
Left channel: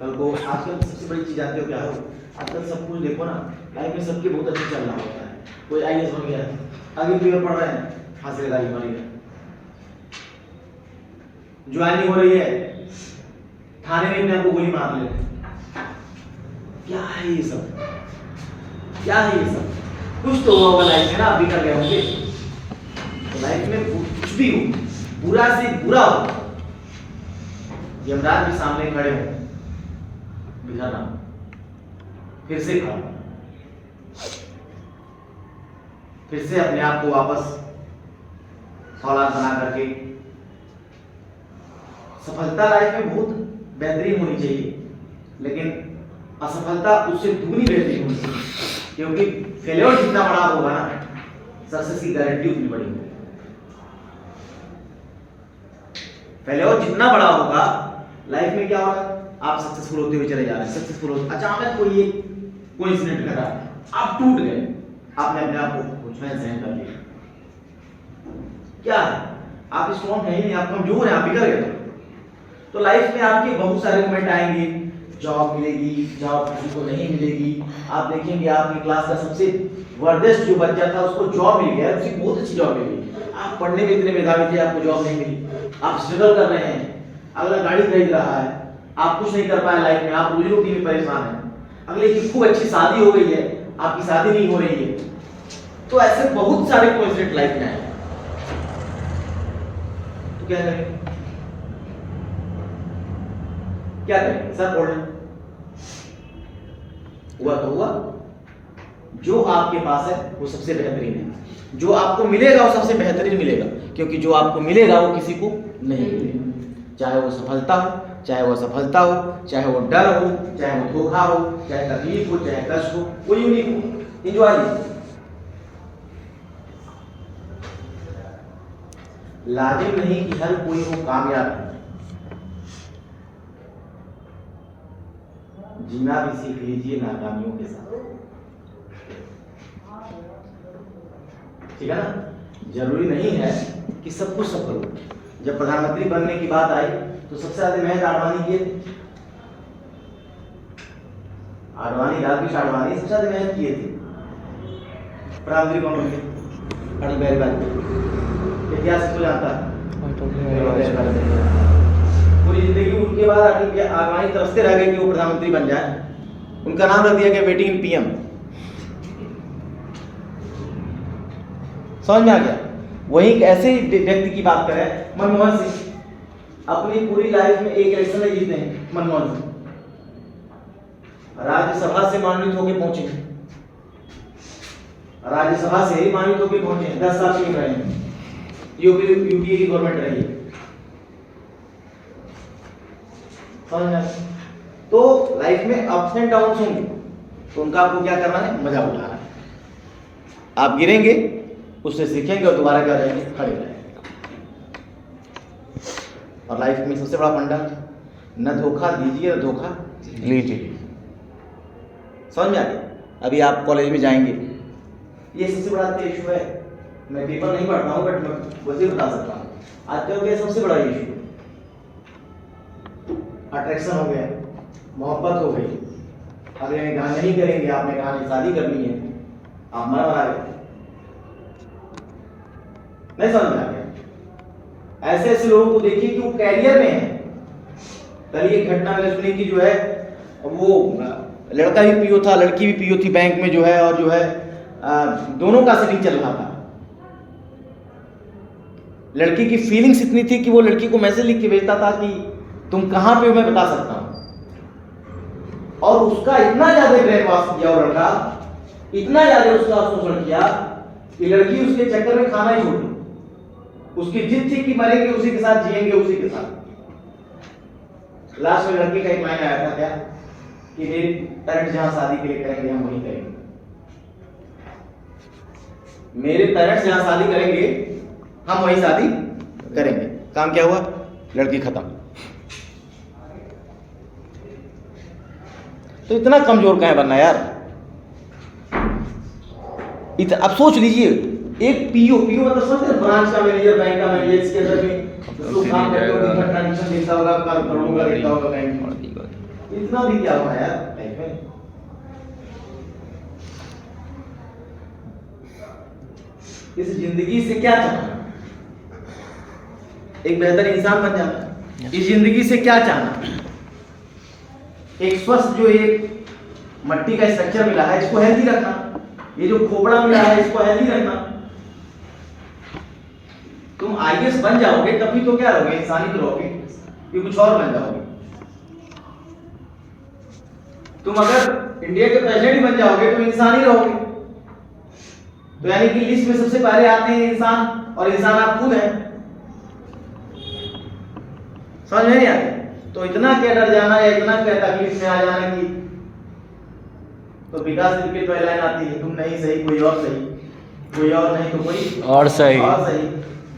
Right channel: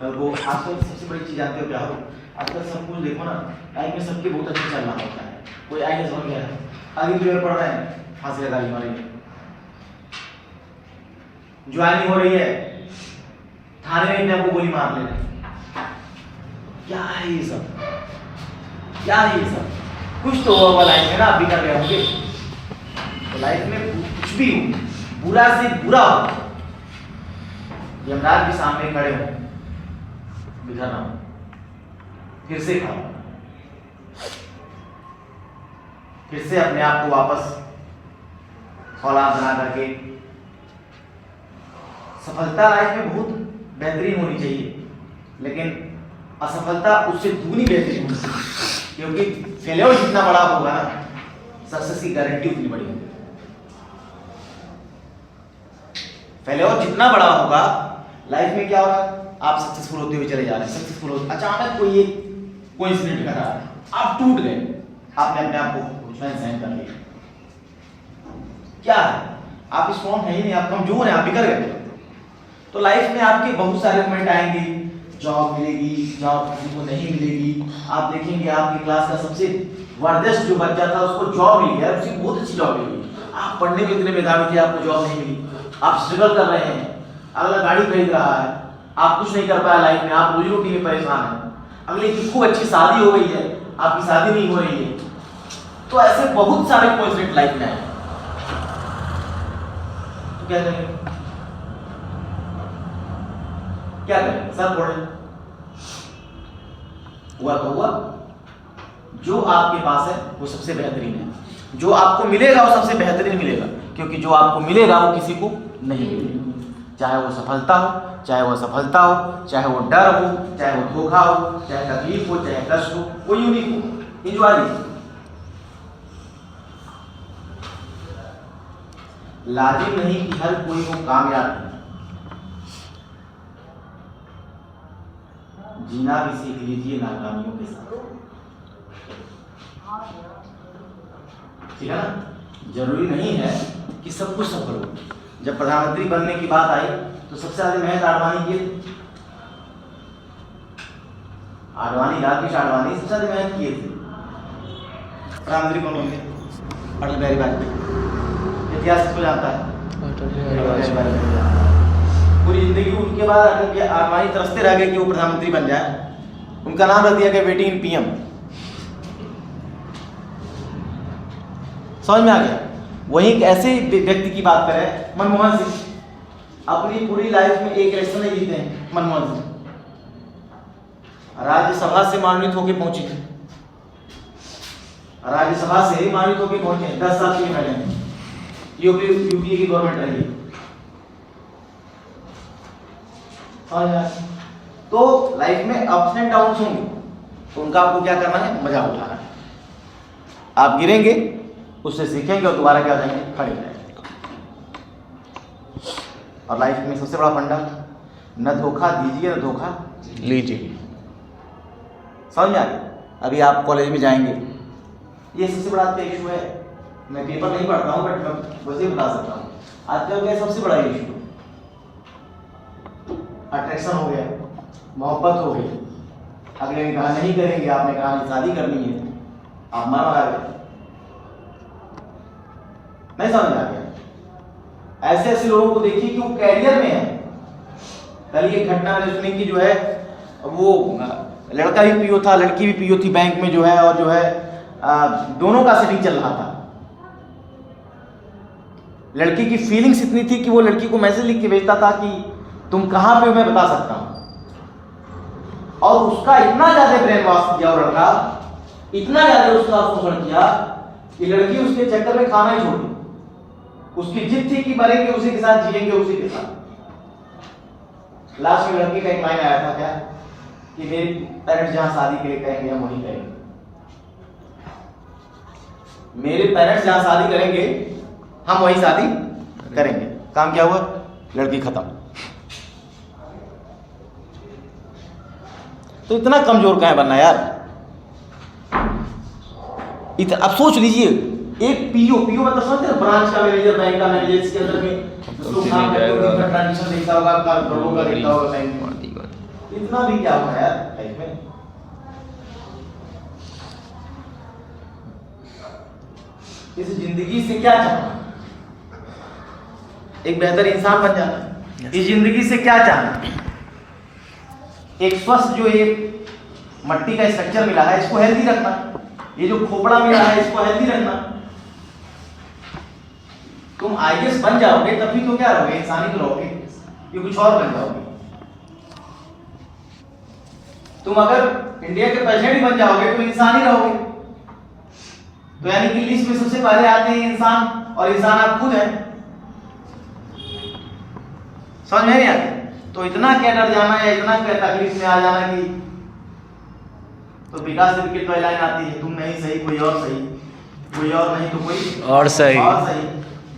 कल को आजकल सबसे बड़ी चीज जानते हो क्या हो, आजकल सब कुछ देखो ना, लाइफ में सबके बहुत अच्छा चल रहा होता है। कोई आईएएस बन गया, आगे पेपर पढ़ रहे हैं, फांसी लगा ली मारी, ज्वाइनिंग हो रही है, थाने में इतना को गोली मार ले। क्या है ये सब, क्या है ये सब? कुछ तो होगा लाइफ में ना, अभी कर गए होंगे। लाइफ में कुछ भी हो, बुरा से बुरा हो, यमराज भी सामने खड़े हो, बिखरना, फिर से खाओ, फिर से अपने आप को वापस फौलाद बना करके। सफलता लाइफ में बहुत बेहतरीन होनी चाहिए, लेकिन असफलता उससे दुगनी बेहतरीन होनी चाहिए, क्योंकि फेलियर जितना बड़ा होगा ना, सक्सेस की गारंटी उतनी बड़ी होगी। पहले और जितना बड़ा होगा लाइफ में क्या होगा, आप सक्सेसफुल होते हुए चले जा रहे हैं, सक्सेसफुल होते, अचानक कोई एक कोइंसिडेंट घटा, आप टूट गए, आपने अपने आप को सहन कर लिया, क्या है, आप स्ट्रॉन्ग है ही नहीं, आप कमजोर हैं, आप बिगड़ गए। तो लाइफ में आपके बहुत सारे मोमेंट आएंगे, जॉब मिलेगी, जॉब किसी को नहीं मिलेगी, आप देखेंगे आपकी क्लास का सबसे वर्दस्त जो बच्चा था उसको जॉब मिल गया, उसकी बहुत अच्छी जॉब मिल गई, आप पढ़ने में इतने मेधावी थे, आपको जॉब नहीं मिली, आप स्ट्रगल कर रहे हैं, अगला गाड़ी खरीद रहा है, आप कुछ नहीं कर पाया लाइफ में, आप रोजी रोटी में परेशान हैं, अगले की खूब अच्छी शादी हो गई है, आपकी शादी नहीं हो रही है। तो ऐसे बहुत सारे कोइंसिडेंट लाइफ में आए, तो क्या करेंगे, क्या करेंगे, सब बोल रहे हुआ तो हुआ, जो आपके पास है वो सबसे बेहतरीन है, जो आपको मिलेगा वो सबसे बेहतरीन मिलेगा, क्योंकि जो आपको मिलेगा वो किसी को नहीं मिलेगा, चाहे वो सफलता हो, चाहे वो असफलता हो, चाहे वो डर हो, चाहे वो धोखा हो, चाहे तकलीफ हो, चाहे कष्ट हो, कोई यूनिक हो, एंजॉय लीजिए। लाजिम नहीं कि हर कोई हो कामयाब, जीना भी सीख लीजिए नाकामियों के साथ, ठीक है ना। जरूरी नहीं है कि सब कुछ सफल हो। जब प्रधानमंत्री बनने की बात आई तो सबसे ज्यादा मेहनत आडवाणी किए थे, आडवाणी, राकेश आडवाणी सबसे ज्यादा मेहनत किए थे। प्रधानमंत्री कौन होंगे? अटल बिहारी वाजपेयी, इतिहास इसको जानता है, पूरी जिंदगी उनके बाद अटल बिहारी आडवाणी तरसते रह गए कि वो प्रधानमंत्री बन जाए, उनका नाम रख दिया गया वेटिंग पीएम। समझ में आ गया। वही एक ऐसे ही व्यक्ति की बात करें, मनमोहन सिंह, अपनी पूरी लाइफ में एक इलेक्शन नहीं जीते हैं मनमोहन सिंह, राज्यसभा से मनोनीत होकर पहुंचे, राज्यसभा से ही मनोनीत होकर पहुंचे, 10 साल के लिए रहे, यूपीए की गवर्नमेंट रही। तो लाइफ में अप्स एंड डाउन्स होंगे, तो उनका आपको क्या करना है, मजा उठाना है। आप गिरेंगे, उससे सीखेंगे और दोबारा क्या करेंगे, खड़े रहेंगे। और लाइफ में सबसे बड़ा फंडा, न धोखा दीजिए न धोखा लीजिए। समझ में आ गया। अभी आप कॉलेज में जाएंगे, ये सबसे बड़ा इशू है, मैं पेपर नहीं पढ़ता हूँ बट मैं वैसे बता सकता हूँ। आज का क्या सबसे बड़ा इशू, अट्रैक्शन हो गया, मोहब्बत हो गई, अगले ने कहा नहीं करेंगे, आपने कहा शादी करनी है, आप मर आ गए, नहीं समझ में आ गया। ऐसे ऐसे लोगों को देखिए कि वो कैरियर में है। कल एक घटना मैंने सुनी कि जो है वो लड़का भी पीओ था, लड़की भी पीओ थी बैंक में जो है, और जो है दोनों का सेटिंग चल रहा था। लड़की की फीलिंग्स इतनी थी कि वो लड़की को मैसेज लिख के भेजता था कि तुम कहां पे हो मैं बता सकता हूं, और उसका इतना ज्यादा ब्रेन वॉश किया वो लड़का, इतना ज्यादा उसका शोषण किया कि लड़की उसके चक्कर में खाना ही छोड़ दी। उसकी जिद थी कि मरेंगे उसी के साथ, जिएंगे उसी के साथ। लास्ट में लड़की का एक लाइन आया था क्या, कि मेरे पेरेंट्स जहां शादी के लिए करेंगे हम वहीं करेंगे, मेरे पेरेंट्स जहां शादी करेंगे हम वहीं शादी करेंगे। काम क्या हुआ, लड़की खत्म। तो इतना कमजोर कहाँ बनना यार। अब सोच लीजिए, एक पीओ मतलब समझते हैं, ब्रांच का मैनेजर, बैंक का मैनेजर, इसके अंदर भी तो काम करके ट्रांजैक्शन देखता होगा, करोड़ों का देखता होगा बैंक में, इतना भी क्या होगा यार लाइफ में। इस जिंदगी से क्या चाहना, एक बेहतर इंसान बन जाना। इस जिंदगी से क्या चाहना, एक स्वस्थ जो एक मट्टी का स्ट्रक्चर मिला है इसको हेल्दी रखना, ये जो खोपड़ा मिला है इसको हेल्दी रखना। तुम आईएएस बन जाओगे तभी तो क्या रहोगे, इंसानी तो रहोगे, ये कुछ और बन जाओगे। तुम अगर इंडिया के प्रेसिडेंट ही बन जाओगे तो इंसान ही रहोगे। तो यानी कि लिस्ट में सबसे पहले आते हैं इंसान, और इंसान आप खुद हैं। समझ में नहीं आता? तो इतना क्या डर जाना या इतना क्या तकलीफ में आ जाना कि, तो विकास की तो लाइन आती है, तुम नहीं सही कोई और सही, कोई और नहीं तो कोई और सही। और सही।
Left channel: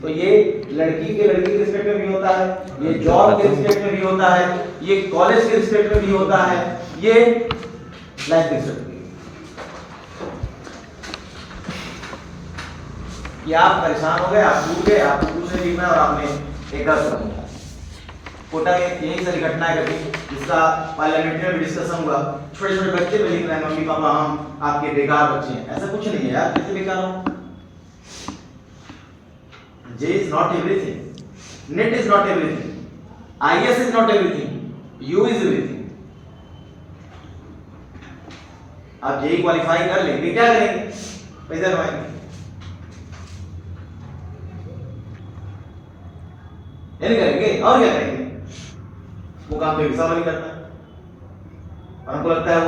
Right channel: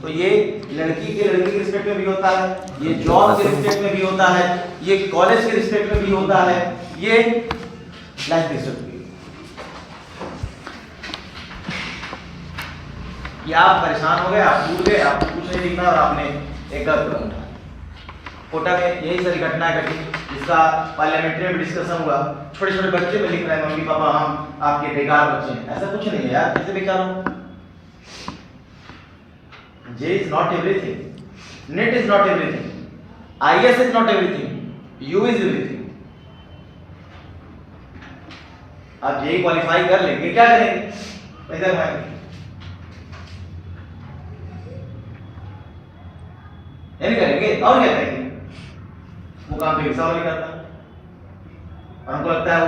तो तो ये लड़की के रिस्पेक्ट में भी होता है, ये जॉब के रिस्पेक्ट में भी होता है, ये कॉलेज के रिस्पेक्ट में भी होता है, ये लाइफ रिस्पेक्ट भी। कि आप परेशान हो गए, आप भूल गए, आपको कुछ नहीं लिखना और आपने एक गलत कदम उठाया। कोटा में यही सारी घटनाएं घटी, जिसका पार्लियामेंट्री में डिस्कशन हुआ। छोटे छोटे बच्चे पे लिख रहे हैं, मम्मी पापा हम आपके बेकार बच्चे हैं। ऐसा कुछ नहीं है यार, कैसे बेकार हो? J is not everything, NET is not everything, IS is not everything, U is everything. आप JEE क्वालिफाई कर लेंगे, क्या करेंगे? पैसा कमाएंगे, ये नहीं करेंगे और क्या करेंगे? वो काम तो हिसाब नहीं करता। हमको लगता है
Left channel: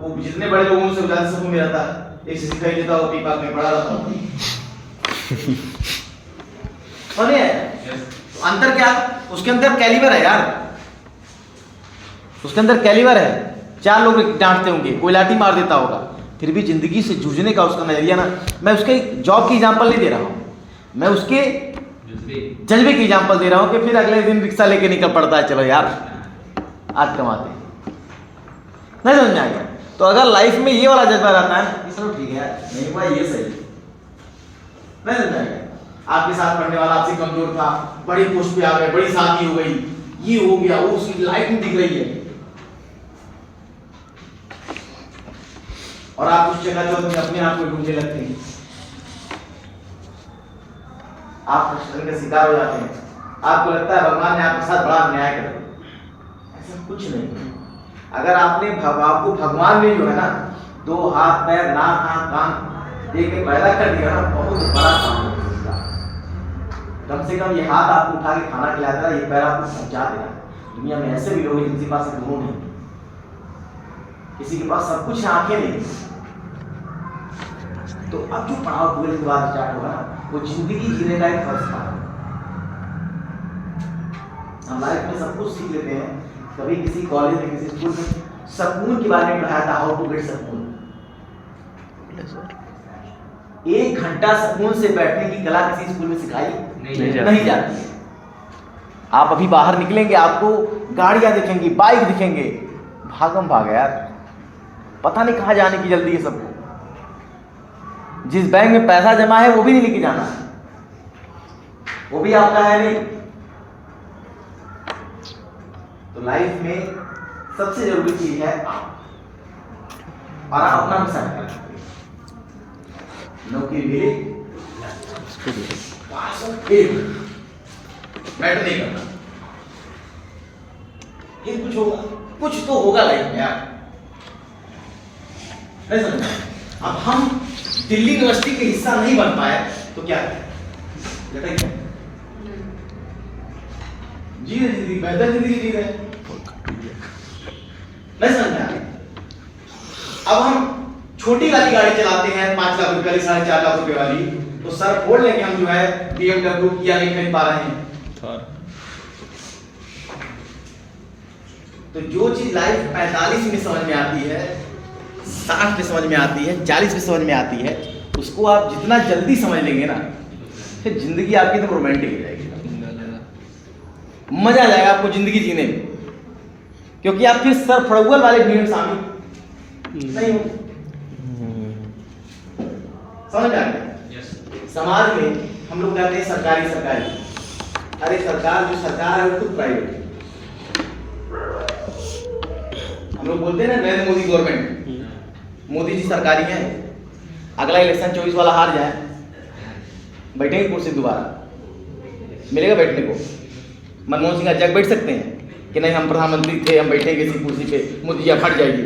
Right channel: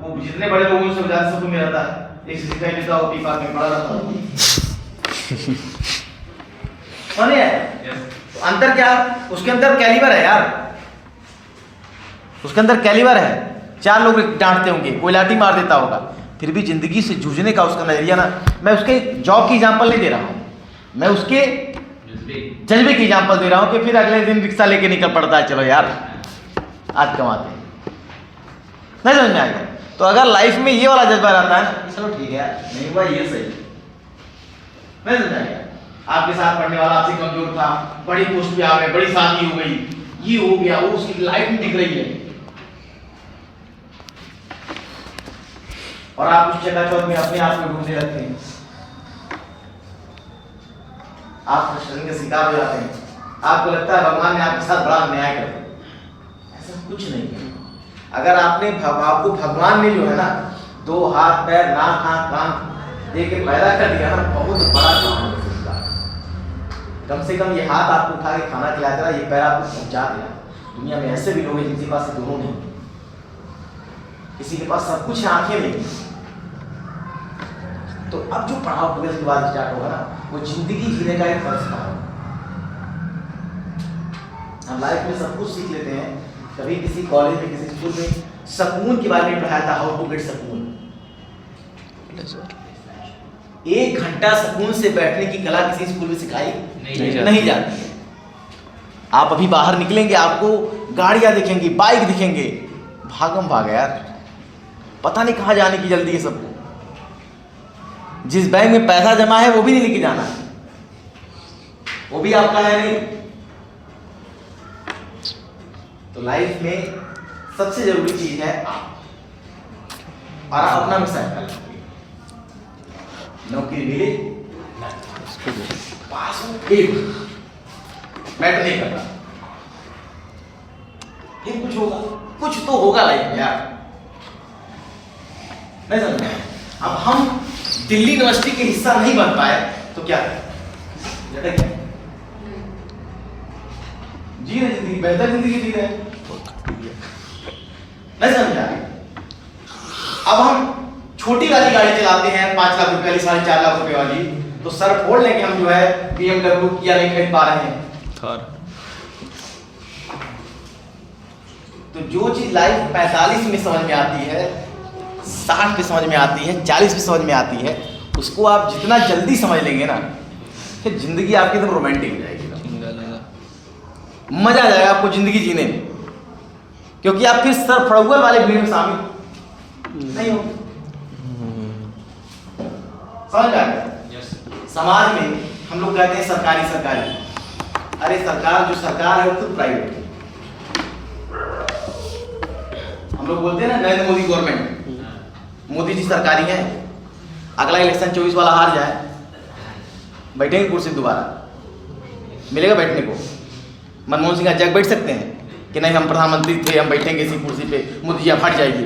वो जितने बड़े लोगों से ज्यादा सुकून में रहता है। एक से कहीं लेता वो पीपाक में पड़ा रहता है। तो अंतर क्या? उसके अंदर कैलिबर है यार, उसके अंदर कैलिबर है। 4 लोग डांटते होंगे, कोई लाठी मार देता होगा, फिर भी जिंदगी से जूझने का उसका नजरिया ना। मैं उसके जॉब की एग्जांपल नहीं दे रहा हूँ, मैं उसके जज्बे की एग्जांपल दे रहा हूँ कि फिर अगले दिन रिक्शा लेके निकल पड़ता है, चलो यार आज कमाते हैं। नहीं समझ में आ गया? तो अगर लाइफ में ये वाला जज्बा रहता है, चलो ठीक है यार नहीं हुआ ये सही, नहीं समझ में आ गया? आपके साथ पढ़ने वाला आपसे कमजोर था, बड़ी पोस्ट पे आ गए, बड़ी शादी हो गई, ये हो गया, वो उसकी लाइफ में दिख रही है, और आप उस जगह चौक में अपने आप को ढूंढने लगते हैं, आप फ्रस्ट्रेशन के शिकार हो जाते हैं। आपको लगता है भगवान ने आपके साथ बड़ा अन्याय कर दिया। ऐसा कुछ नहीं है। अगर आपने आपको भगवान ने जो है ना 2 हाथ पैर नाक आंख कान दे के पैदा कर दिया ना, बहुत बड़ा काम है। कम से कम ये हाथ आपको उठा के खाना खिला देगा, ये पैर आपको पहुंचा देगा। दुनिया में ऐसे भी लोग हैं जिनके पास दोनों नहीं, किसी के पास सब कुछ है, आंखें नहीं। तो अब जो पढ़ाव 12th के बाद स्टार्ट होगा ना, वो जिंदगी जीने का एक फर्स्ट पार्ट। हम लाइफ में सब कुछ सीख लेते हैं, कभी किसी कॉलेज में किसी स्कूल में सुकून के बारे में पढ़ाया था, हाउ टू गेट सुकून। 1 घंटा सुकून से बैठने की कला किसी स्कूल में सिखाई नहीं जाती है। आप अभी बाहर निकलेंगे, आपको गाड़ियां दिखेंगी, बाइक दिखेंगे, भागम भाग यार, पता नहीं कहाँ जाने की जल्दी है सबको। जिस बैंक में पैसा जमा है वो भी नहीं लेके जाना, वो भी आपका है नहीं। तो लाइफ में सबसे जरूरी चीज है और अपना मिसाल कर नौकरी मिले पास मैटर नहीं करना, ये कुछ होगा, कुछ तो होगा लाइफ में यार, नहीं समझ में? अब हम दिल्ली यूनिवर्सिटी के हिस्सा नहीं बन पाए तो क्या लटक गए? जी रहे जिंदगी, बेहतर जिंदगी जी रहे, नहीं समझ रहा? अब हम छोटी वाली गाड़ी चलाते हैं 5 लाख रुपए वाली, 4.5 लाख रुपए वाली, तो सर फोड़ लेंगे हम जो है BMW किया नहीं खरीद पा रहे हैं। तो जो चीज लाइफ 45 में समझ में आती है, 60 में समझ में आती है, 40 में समझ में आती है, उसको आप जितना जल्दी समझ लेंगे ना, फिर जिंदगी आपकी एकदम रोमांटिक हो जाएगी, मजा आ जाएगा आपको जिंदगी जीने में, क्योंकि आप फिर सर फड़ुआ वाले भीड़ में शामिल नहीं हो। समझ आ गया? समाज में हम लोग कहते हैं सरकारी सरकारी, अरे सरकार जो सरकार है वो खुद प्राइवेट है। हम लोग बोलते हैं ना नरेंद्र मोदी गवर्नमेंट, मोदी जी सरकारी है, अगला इलेक्शन 24 वाला हार जाए, बैठेंगे कुर्सी दोबारा मिलेगा बैठने को? मनमोहन सिंह जग बैठ सकते हैं कि नहीं हम प्रधानमंत्री थे, हम बैठेंगे इसी कुर्सी पे, मोदी जी हट जाएगी।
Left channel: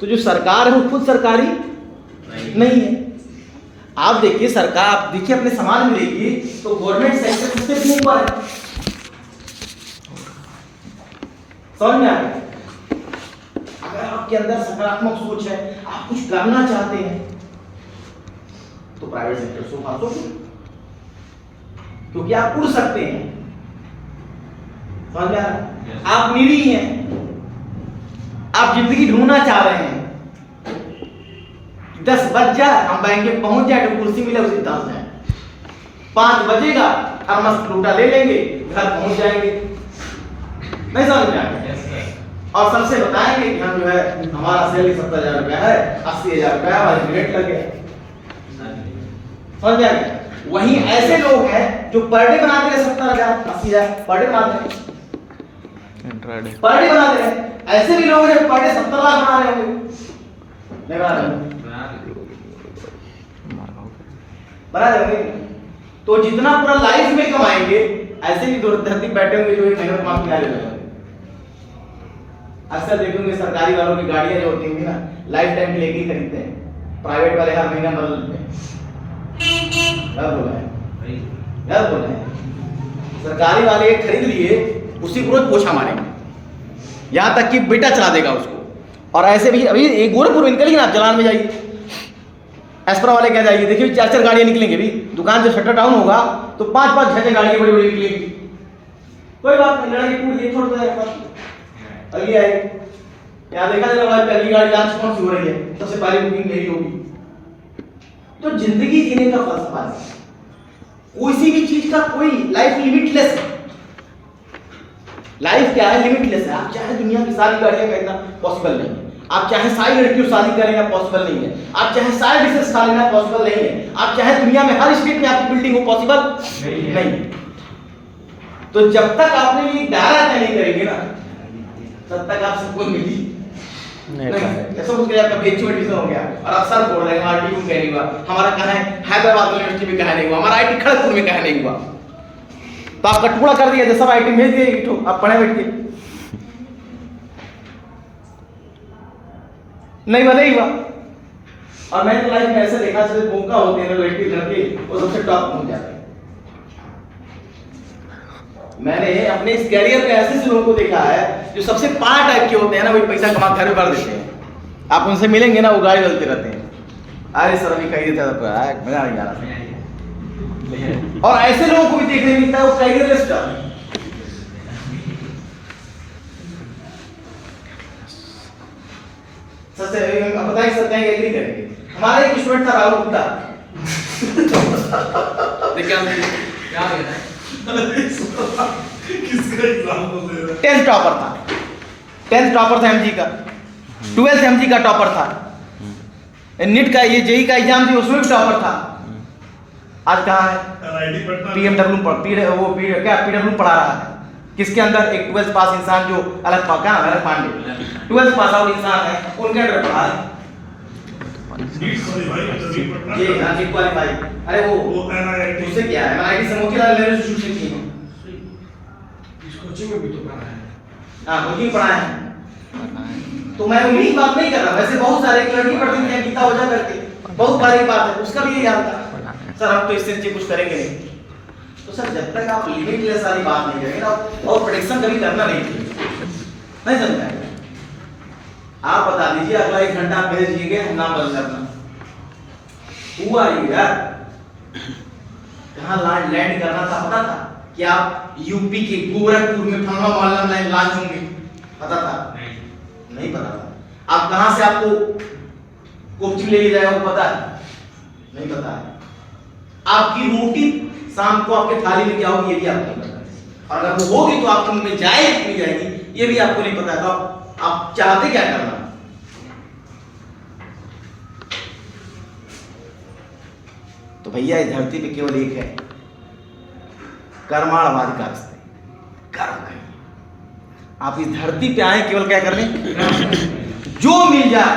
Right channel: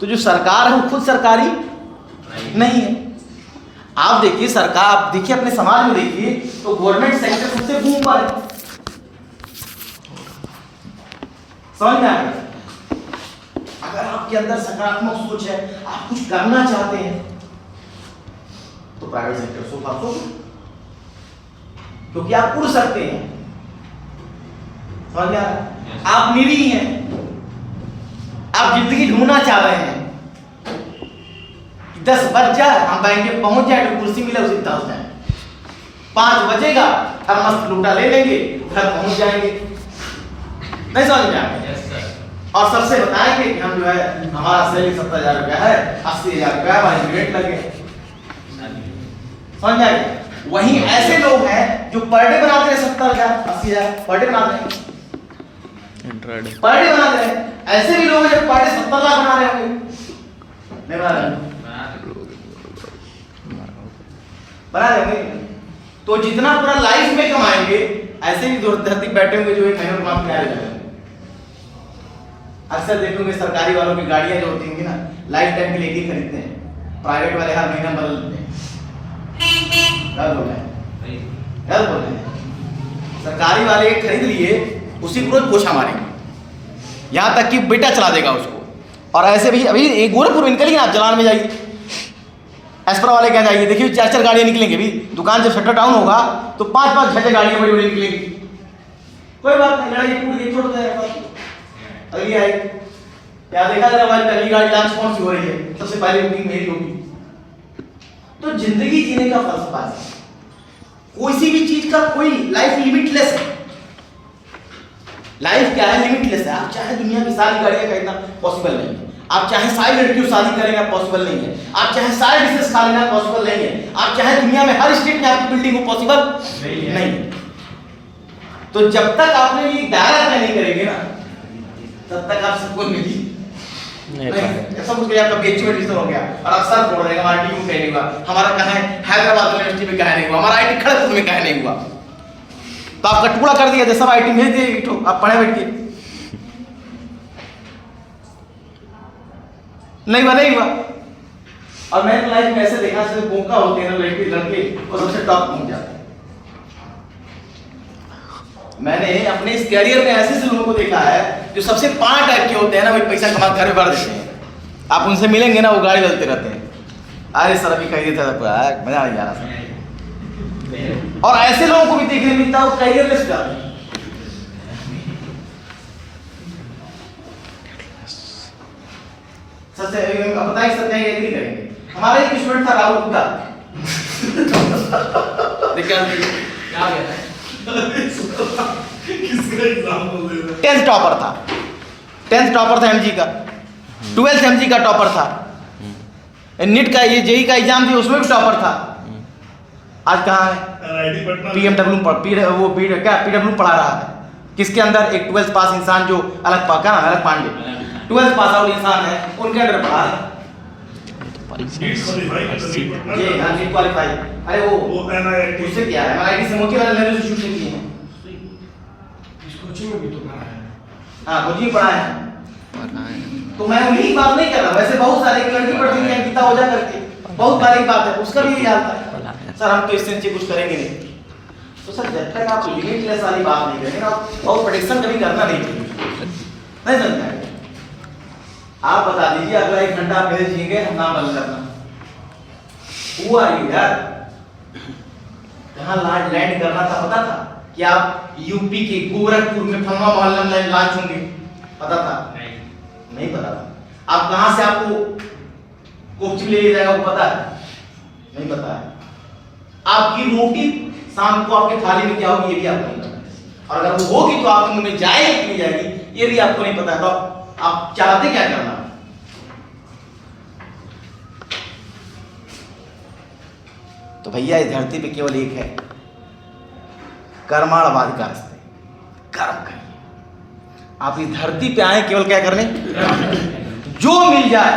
तो जो सरकार है वो खुद सरकारी नहीं है। आप देखिए सरकार, आप देखिए अपने समाज में देखिए तो गवर्नमेंट सेक्टर सबसे बूम पर है। समझ में आ गया? अगर आपके अंदर सकारात्मक सोच है, आप कुछ करना चाहते हैं, तो प्राइवेट सेक्टर सो खासो, क्योंकि आप उड़ सकते हैं। समझ में आ रहा? आप निरीह हैं, आप जिंदगी ढूंढना चाह रहे हैं, 10 बज जाए हम बैंक में पहुंच जाए तो कुर्सी मिले उसी 10 जाए, 5 बजेगा और मस्त लूटा ले लेंगे, घर पहुंच जाएंगे। नहीं समझ में आया? Yes sir. और सबसे बताएंगे कि हम जो है हमारा सैलरी 70,000 रुपया है, 80,000 रुपया हमारे रेट लगे। समझ में आया? वहीं ऐसे लोग हैं जो पर डे बनाते हैं 70,000 80,000 पर डे बनाते हैं, इंट्राडे पर डे बनाते हैं। ऐसे भी लोग हैं जो पर डे 70 लाख बना रहे होंगे, नहीं बना रहे होंगे? बना देंगे। तो जितना पूरा लाइफ में कमाएंगे, ऐसे भी धरती बैठे होंगे जो एक महीने में काम कर रहे। अक्सर देखोगे सरकारी वालों की गाड़ियां जो होती होंगी ना, लाइफ टाइम के लिए ही खरीदते हैं, प्राइवेट वाले हर महीना बदल देते हैं। डर बोल रहे हैं, डर बोल रहे हैं। सरकारी वाले एक खरीद लिए, उसी को रोज पोछा मारेंगे, यहाँ तक कि बेटा चला देगा उसको। और ऐसे भी अभी एक गोरखपुर निकलिए ना, चलान में जाइए, एस्प्रा वाले क्या जाइए, देखिए 4-4 गाड़ियाँ निकलेंगे। भी दुकान जब शटर डाउन होगा तो 5-5 6 गाड़ियाँ बड़ी बड़ी निकलेंगी। कोई बात नहीं, लड़ाई टूट गई, छोड़ देगा। अगली आएगी, क्या देखा जरा भाई, पहली गाड़ी लॉन्च कौन सी हो रही है, सबसे पहले बुकिंग मेरी होगी। तो जिंदगी जीने का फलसफा है, कोई भी चीज का कोई लाइफ लिमिटलेस है। लाइफ क्या है? लिमिटलेस है। आप चाहे दुनिया की सारी गाड़ियां खरीदना पॉसिबल नहीं है, आप चाहे सारी लड़कियों शादी करेंगे पॉसिबल नहीं है, आप चाहे सारे बिजनेस खा लेना पॉसिबल नहीं है, आप चाहे दुनिया में हर स्टेट में आपकी बिल्डिंग हो पॉसिबल नहीं है। तो जब तक आपने ये दायरा तय नहीं करेंगे ना, तब तक आप सबको मिली नहीं पाए। ऐसा कुछ आपका बीएचयू एडमिशन हो गया और अक्सर बोल रहे हैं हमारा टीयू कहीं नहीं हुआ, हमारा कहाँ है हैदराबाद यूनिवर्सिटी में कहीं नहीं हुआ, हमारा आईटी खड़गपुर में कहीं नहीं हुआ। तो आपका टुकड़ा कर दिया, सब आईटी भेज दिए, आप पढ़े बैठ के नहीं हुआ, नहीं हुआ। और मैंने लाइफ में ऐसे देखा जैसे मौका होते हैं ना, लड़के और सबसे टॉप पहुंच जाते हैं। मैंने अपने इस कैरियर में ऐसे लोगों को देखा है जो सबसे 5 टाइप के होते हैं ना, वही पैसा कमा घर में भर देते हैं। आप उनसे मिलेंगे ना, वो गाड़ी बदलते रहते हैं। अरे सर अभी कही था मजा नहीं आ रहा। और ऐसे लोगों को भी देखने मिलता है वो कैरियरलेस जाते हैं। बताइए सर, कहीं एग्री करेंगे? हमारा एक स्टूडेंट था राहुल गुप्ता, क्या कहना है? किसका एग्जाम्पल दे रहा है? 10th टॉपर था, 10th टॉपर था एमजी का, 12th एमजी का टॉपर था, नीट का ये जेई का एग्जाम थी उसमें भी टॉपर था। आज कहाँ है? NIT पटना पीएमडब्ल्यू पीडब्ल्यू पढ़ा रहा है। किसके अंदर? एक 12th पास इंसान जो अलग पांडे 12th पास आउट इंसान है, उनके अंदर पढ़ा है। ये नीट क्वालीफाई। अरे वो NIT उससे क्या है? NIT से मोतीलाल नेहरू इंस्टीट्यूट की है। इस कोचिंग में भी तो पढ़ा है। हाँ कोचिंग पढ़ा है। तो मैं उन्हीं बात नहीं कर रहा, वैसे बहुत सारे एक लड़की पढ़ती है गीता ओझा करके, बहुत बड़ी बात है, उसका भी यही हाल था। सर हम तो इससे कुछ करेंगे नहीं। तो सर जब तक आप लिमिटलेस वाली बात नहीं करेंगे ना, और प्रेडिक्शन कभी करना नहीं चाहिए। नहीं समझा? आप बता दीजिए अगला 1 घंटा आप भेज दीजिए, हम नाम बदल करना हुआ यार। जहाँ लैंड करना था पता था कि आप यूपी के गोरखपुर में फलना मोहल्ला में लॉन्च होंगे, पता था? नहीं पता था। आप कहां से आपको कोचिंग ले जाएगा वो पता है? नहीं पता है। आपकी रोटी शाम को आपके थाली में क्या होगी ये भी आपको नहीं पता, और अगर वो होगी तो आपके मुंह में जाएगी कि नहीं जाएगी ये भी आपको नहीं पता। तो आप चाहते क्या करना? तो भैया इस धरती पे केवल एक है, कर्माधिकारस्ते, कर्म करें। आप इस धरती पे आए केवल क्या करने? जो मिल जाए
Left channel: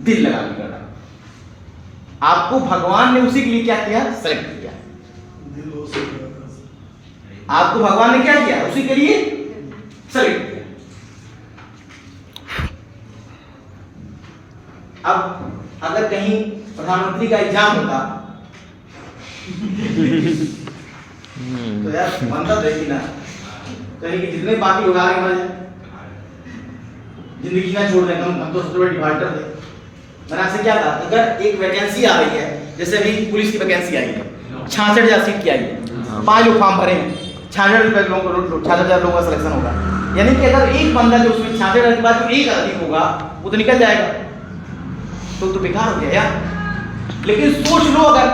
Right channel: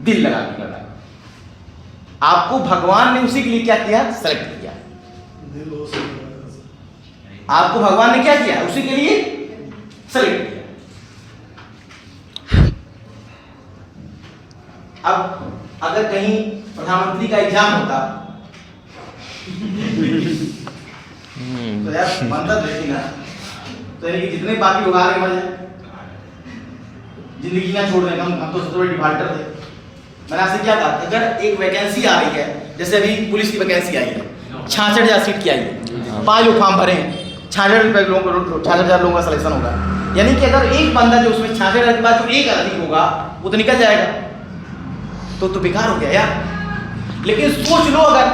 दिल लगा के करना। आपको भगवान ने उसी के लिए क्या किया? सेलेक्ट किया। आपको भगवान ने क्या किया? उसी के लिए सेलेक्ट किया। अब अगर कहीं प्रधानमंत्री का एग्जाम होता तो यार बनता देखी ना, तो ये जितने बाकी लोग आ रहे हैं जिंदगी ना छोड़ दें, हम तो सबसे बड़े डिफाल्टर थे। मैंने आपसे क्या कहा, अगर एक वैकेंसी आ रही है, जैसे अभी पुलिस की वैकेंसी आई है, 66,000 सीट की आई है, 5 लोग फॉर्म भरे हैं, 66,000 लोगों का सिलेक्शन होगा। यानी कि अगर एक बंदा जो उसमें 66,000 के बाद जो एक अधिक होगा वो तो निकल जाएगा, तो बेकार हो गया यार। लेकिन सोच लो अगर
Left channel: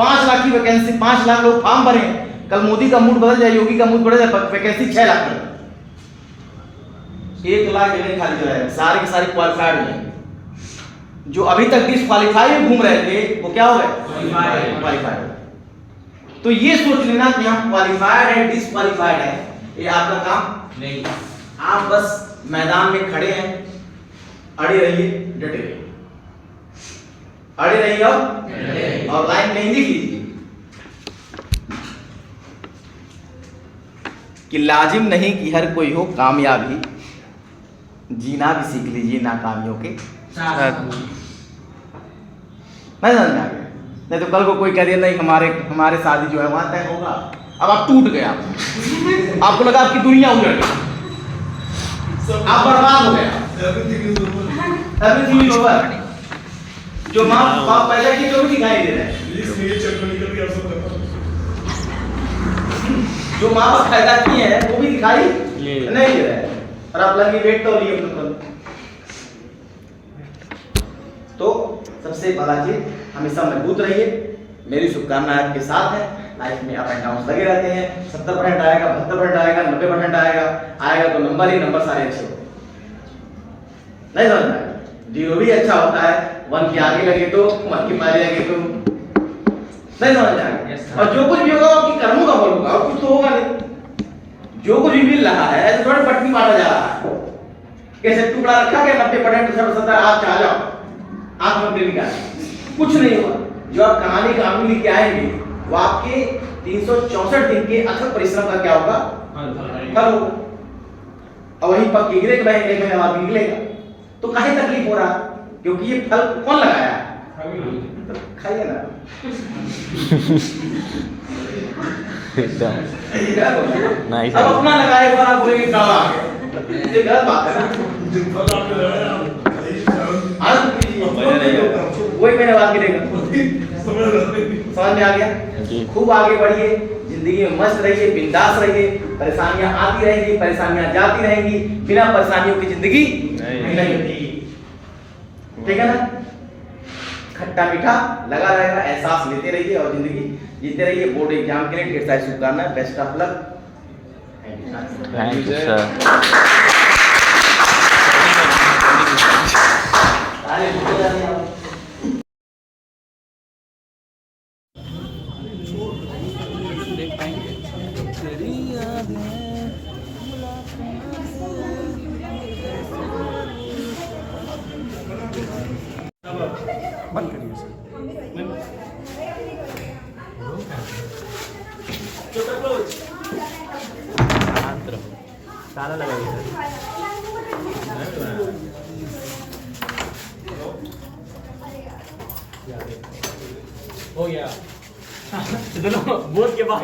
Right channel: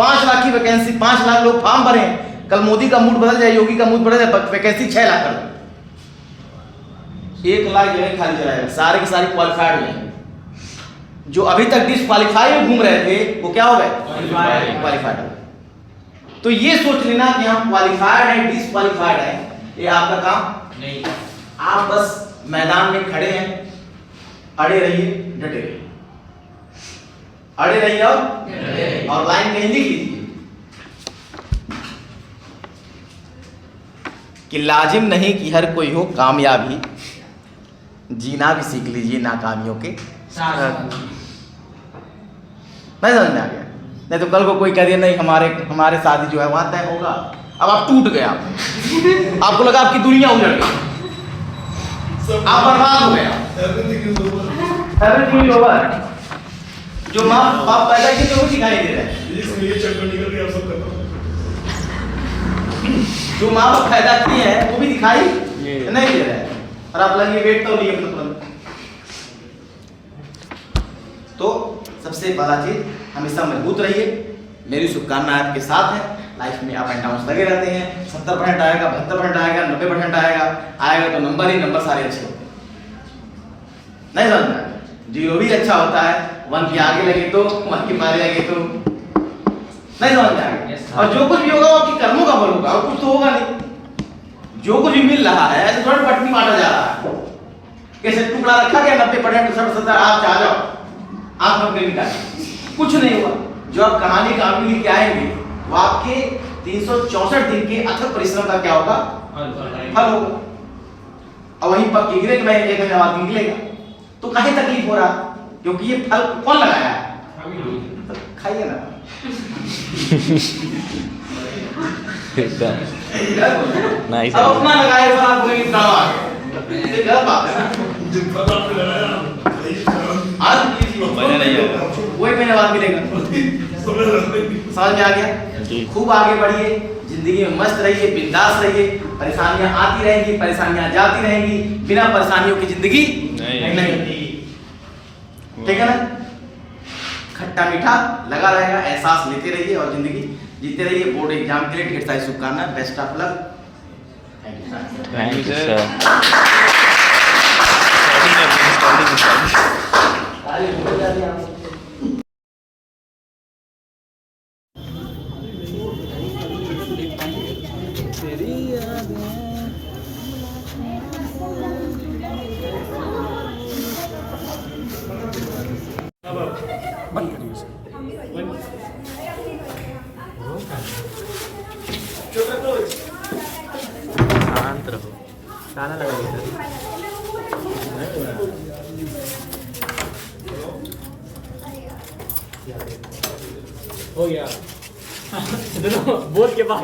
5 लाख की वैकेंसी, 5 लाख लोग फॉर्म भरे हैं। कल मोदी का मूड बदल जाए, योगी का मूड बदल जाए, वैकेंसी 6 लाख कर 1 लाख जगह खाली चला है, सारी की सारी क्वालिफाइड है। जो अभी तक डिसक्वालीफाई में घूम रहे थे वो क्या हो गए? क्वालिफाइड। तो ये सोच लेना कि हम क्वालिफाइड है, डिसक्वालीफाइड है, ये आपका काम नहीं है। आप बस मैदान में खड़े हैं, अड़े रहिए, डटे रहिए, अड़े रहिए और लाइन कहीं लिख लीजिए कि लाजिम नहीं कि हर कोई हो कामयाबी, जीना भी सीख लीजिए नाकामियों के साथ। नहीं समझ में आ गया? नहीं तो कल को कोई कह दिया नहीं हमारे शादी जो है वहां तय होगा, अब आप टूट गए, आपको लगा आपकी दुनिया उजड़ गई, आप बर्बाद हो गया, एवरीथिंग इज ओवर। जो माँ बाप पैदा की जो भी दिखाई दे रहा है, जो माँ बाप पैदा की है वो भी दिखाई नहीं दे रहा है, और आप लगे वेट तो लिए तो सबसे बड़ा चीज हमेशा मजबूत रहिए। मेरी शुभकामनाएं आपके साथ है। लाइफ में अप एंड डाउन लगे रहते हैं, 70% आएगा, 72% आएगा, 90% आएगा तो नंबर ही नंबर सारे अच्छे होते हैं। नहीं समझ में? 0 भी अच्छा होता है, 1 के आगे लगे तो 1 के पहले लगे तो नहीं समझ में आएगा। और जो कुछ भी होगा आपकी कर्मों का फल होगा, और कुछ तो होगा नहीं। जो कुछ भी मिल रहा है ऐसे थोड़ा पटनी बांटा जा रहा है, कैसे टुकड़ा रखा गया 90% 70 आप आ जाओ, आप हम निकाल, कुछ नहीं हुआ। जो आप कहानी काम लेके आएंगे वो आपके 364 दिन के अथक परिश्रम का क्या होगा? फल होगा। और वहीं पक के गिरेगा, एक महीने बाद निकलेगा, तो काहे तकलीफ हो रहा? क्योंकि ये फल कौन लगाया है? तो खाइए ना। एकदम नाइस है। अपना लगाए पर आप कोई काम आ गया, ये गलत बात है ना। वही मैंने बात गिरेगा, समझ में आ गया? खूब आगे बढ़िए, जिंदगी में मस्त रहिए, बिंदास रहिए। परेशानियां आती रहेंगी, परेशानियां जाती रहेंगी, बिना परेशानियों की जिंदगी नहीं। ठीक है ना? खट्टा मीठा लगा रहेगा, एहसास लेते रहिए और जिंदगी जीते रहिए। बोर्ड एग्जाम के लिए ढेर सारी शुभकामनाएं, best of luck. Thank you sir. बंद करिए सर। शांत रहो, ताला लगाइए सर। हो गया बोर्ड के बाद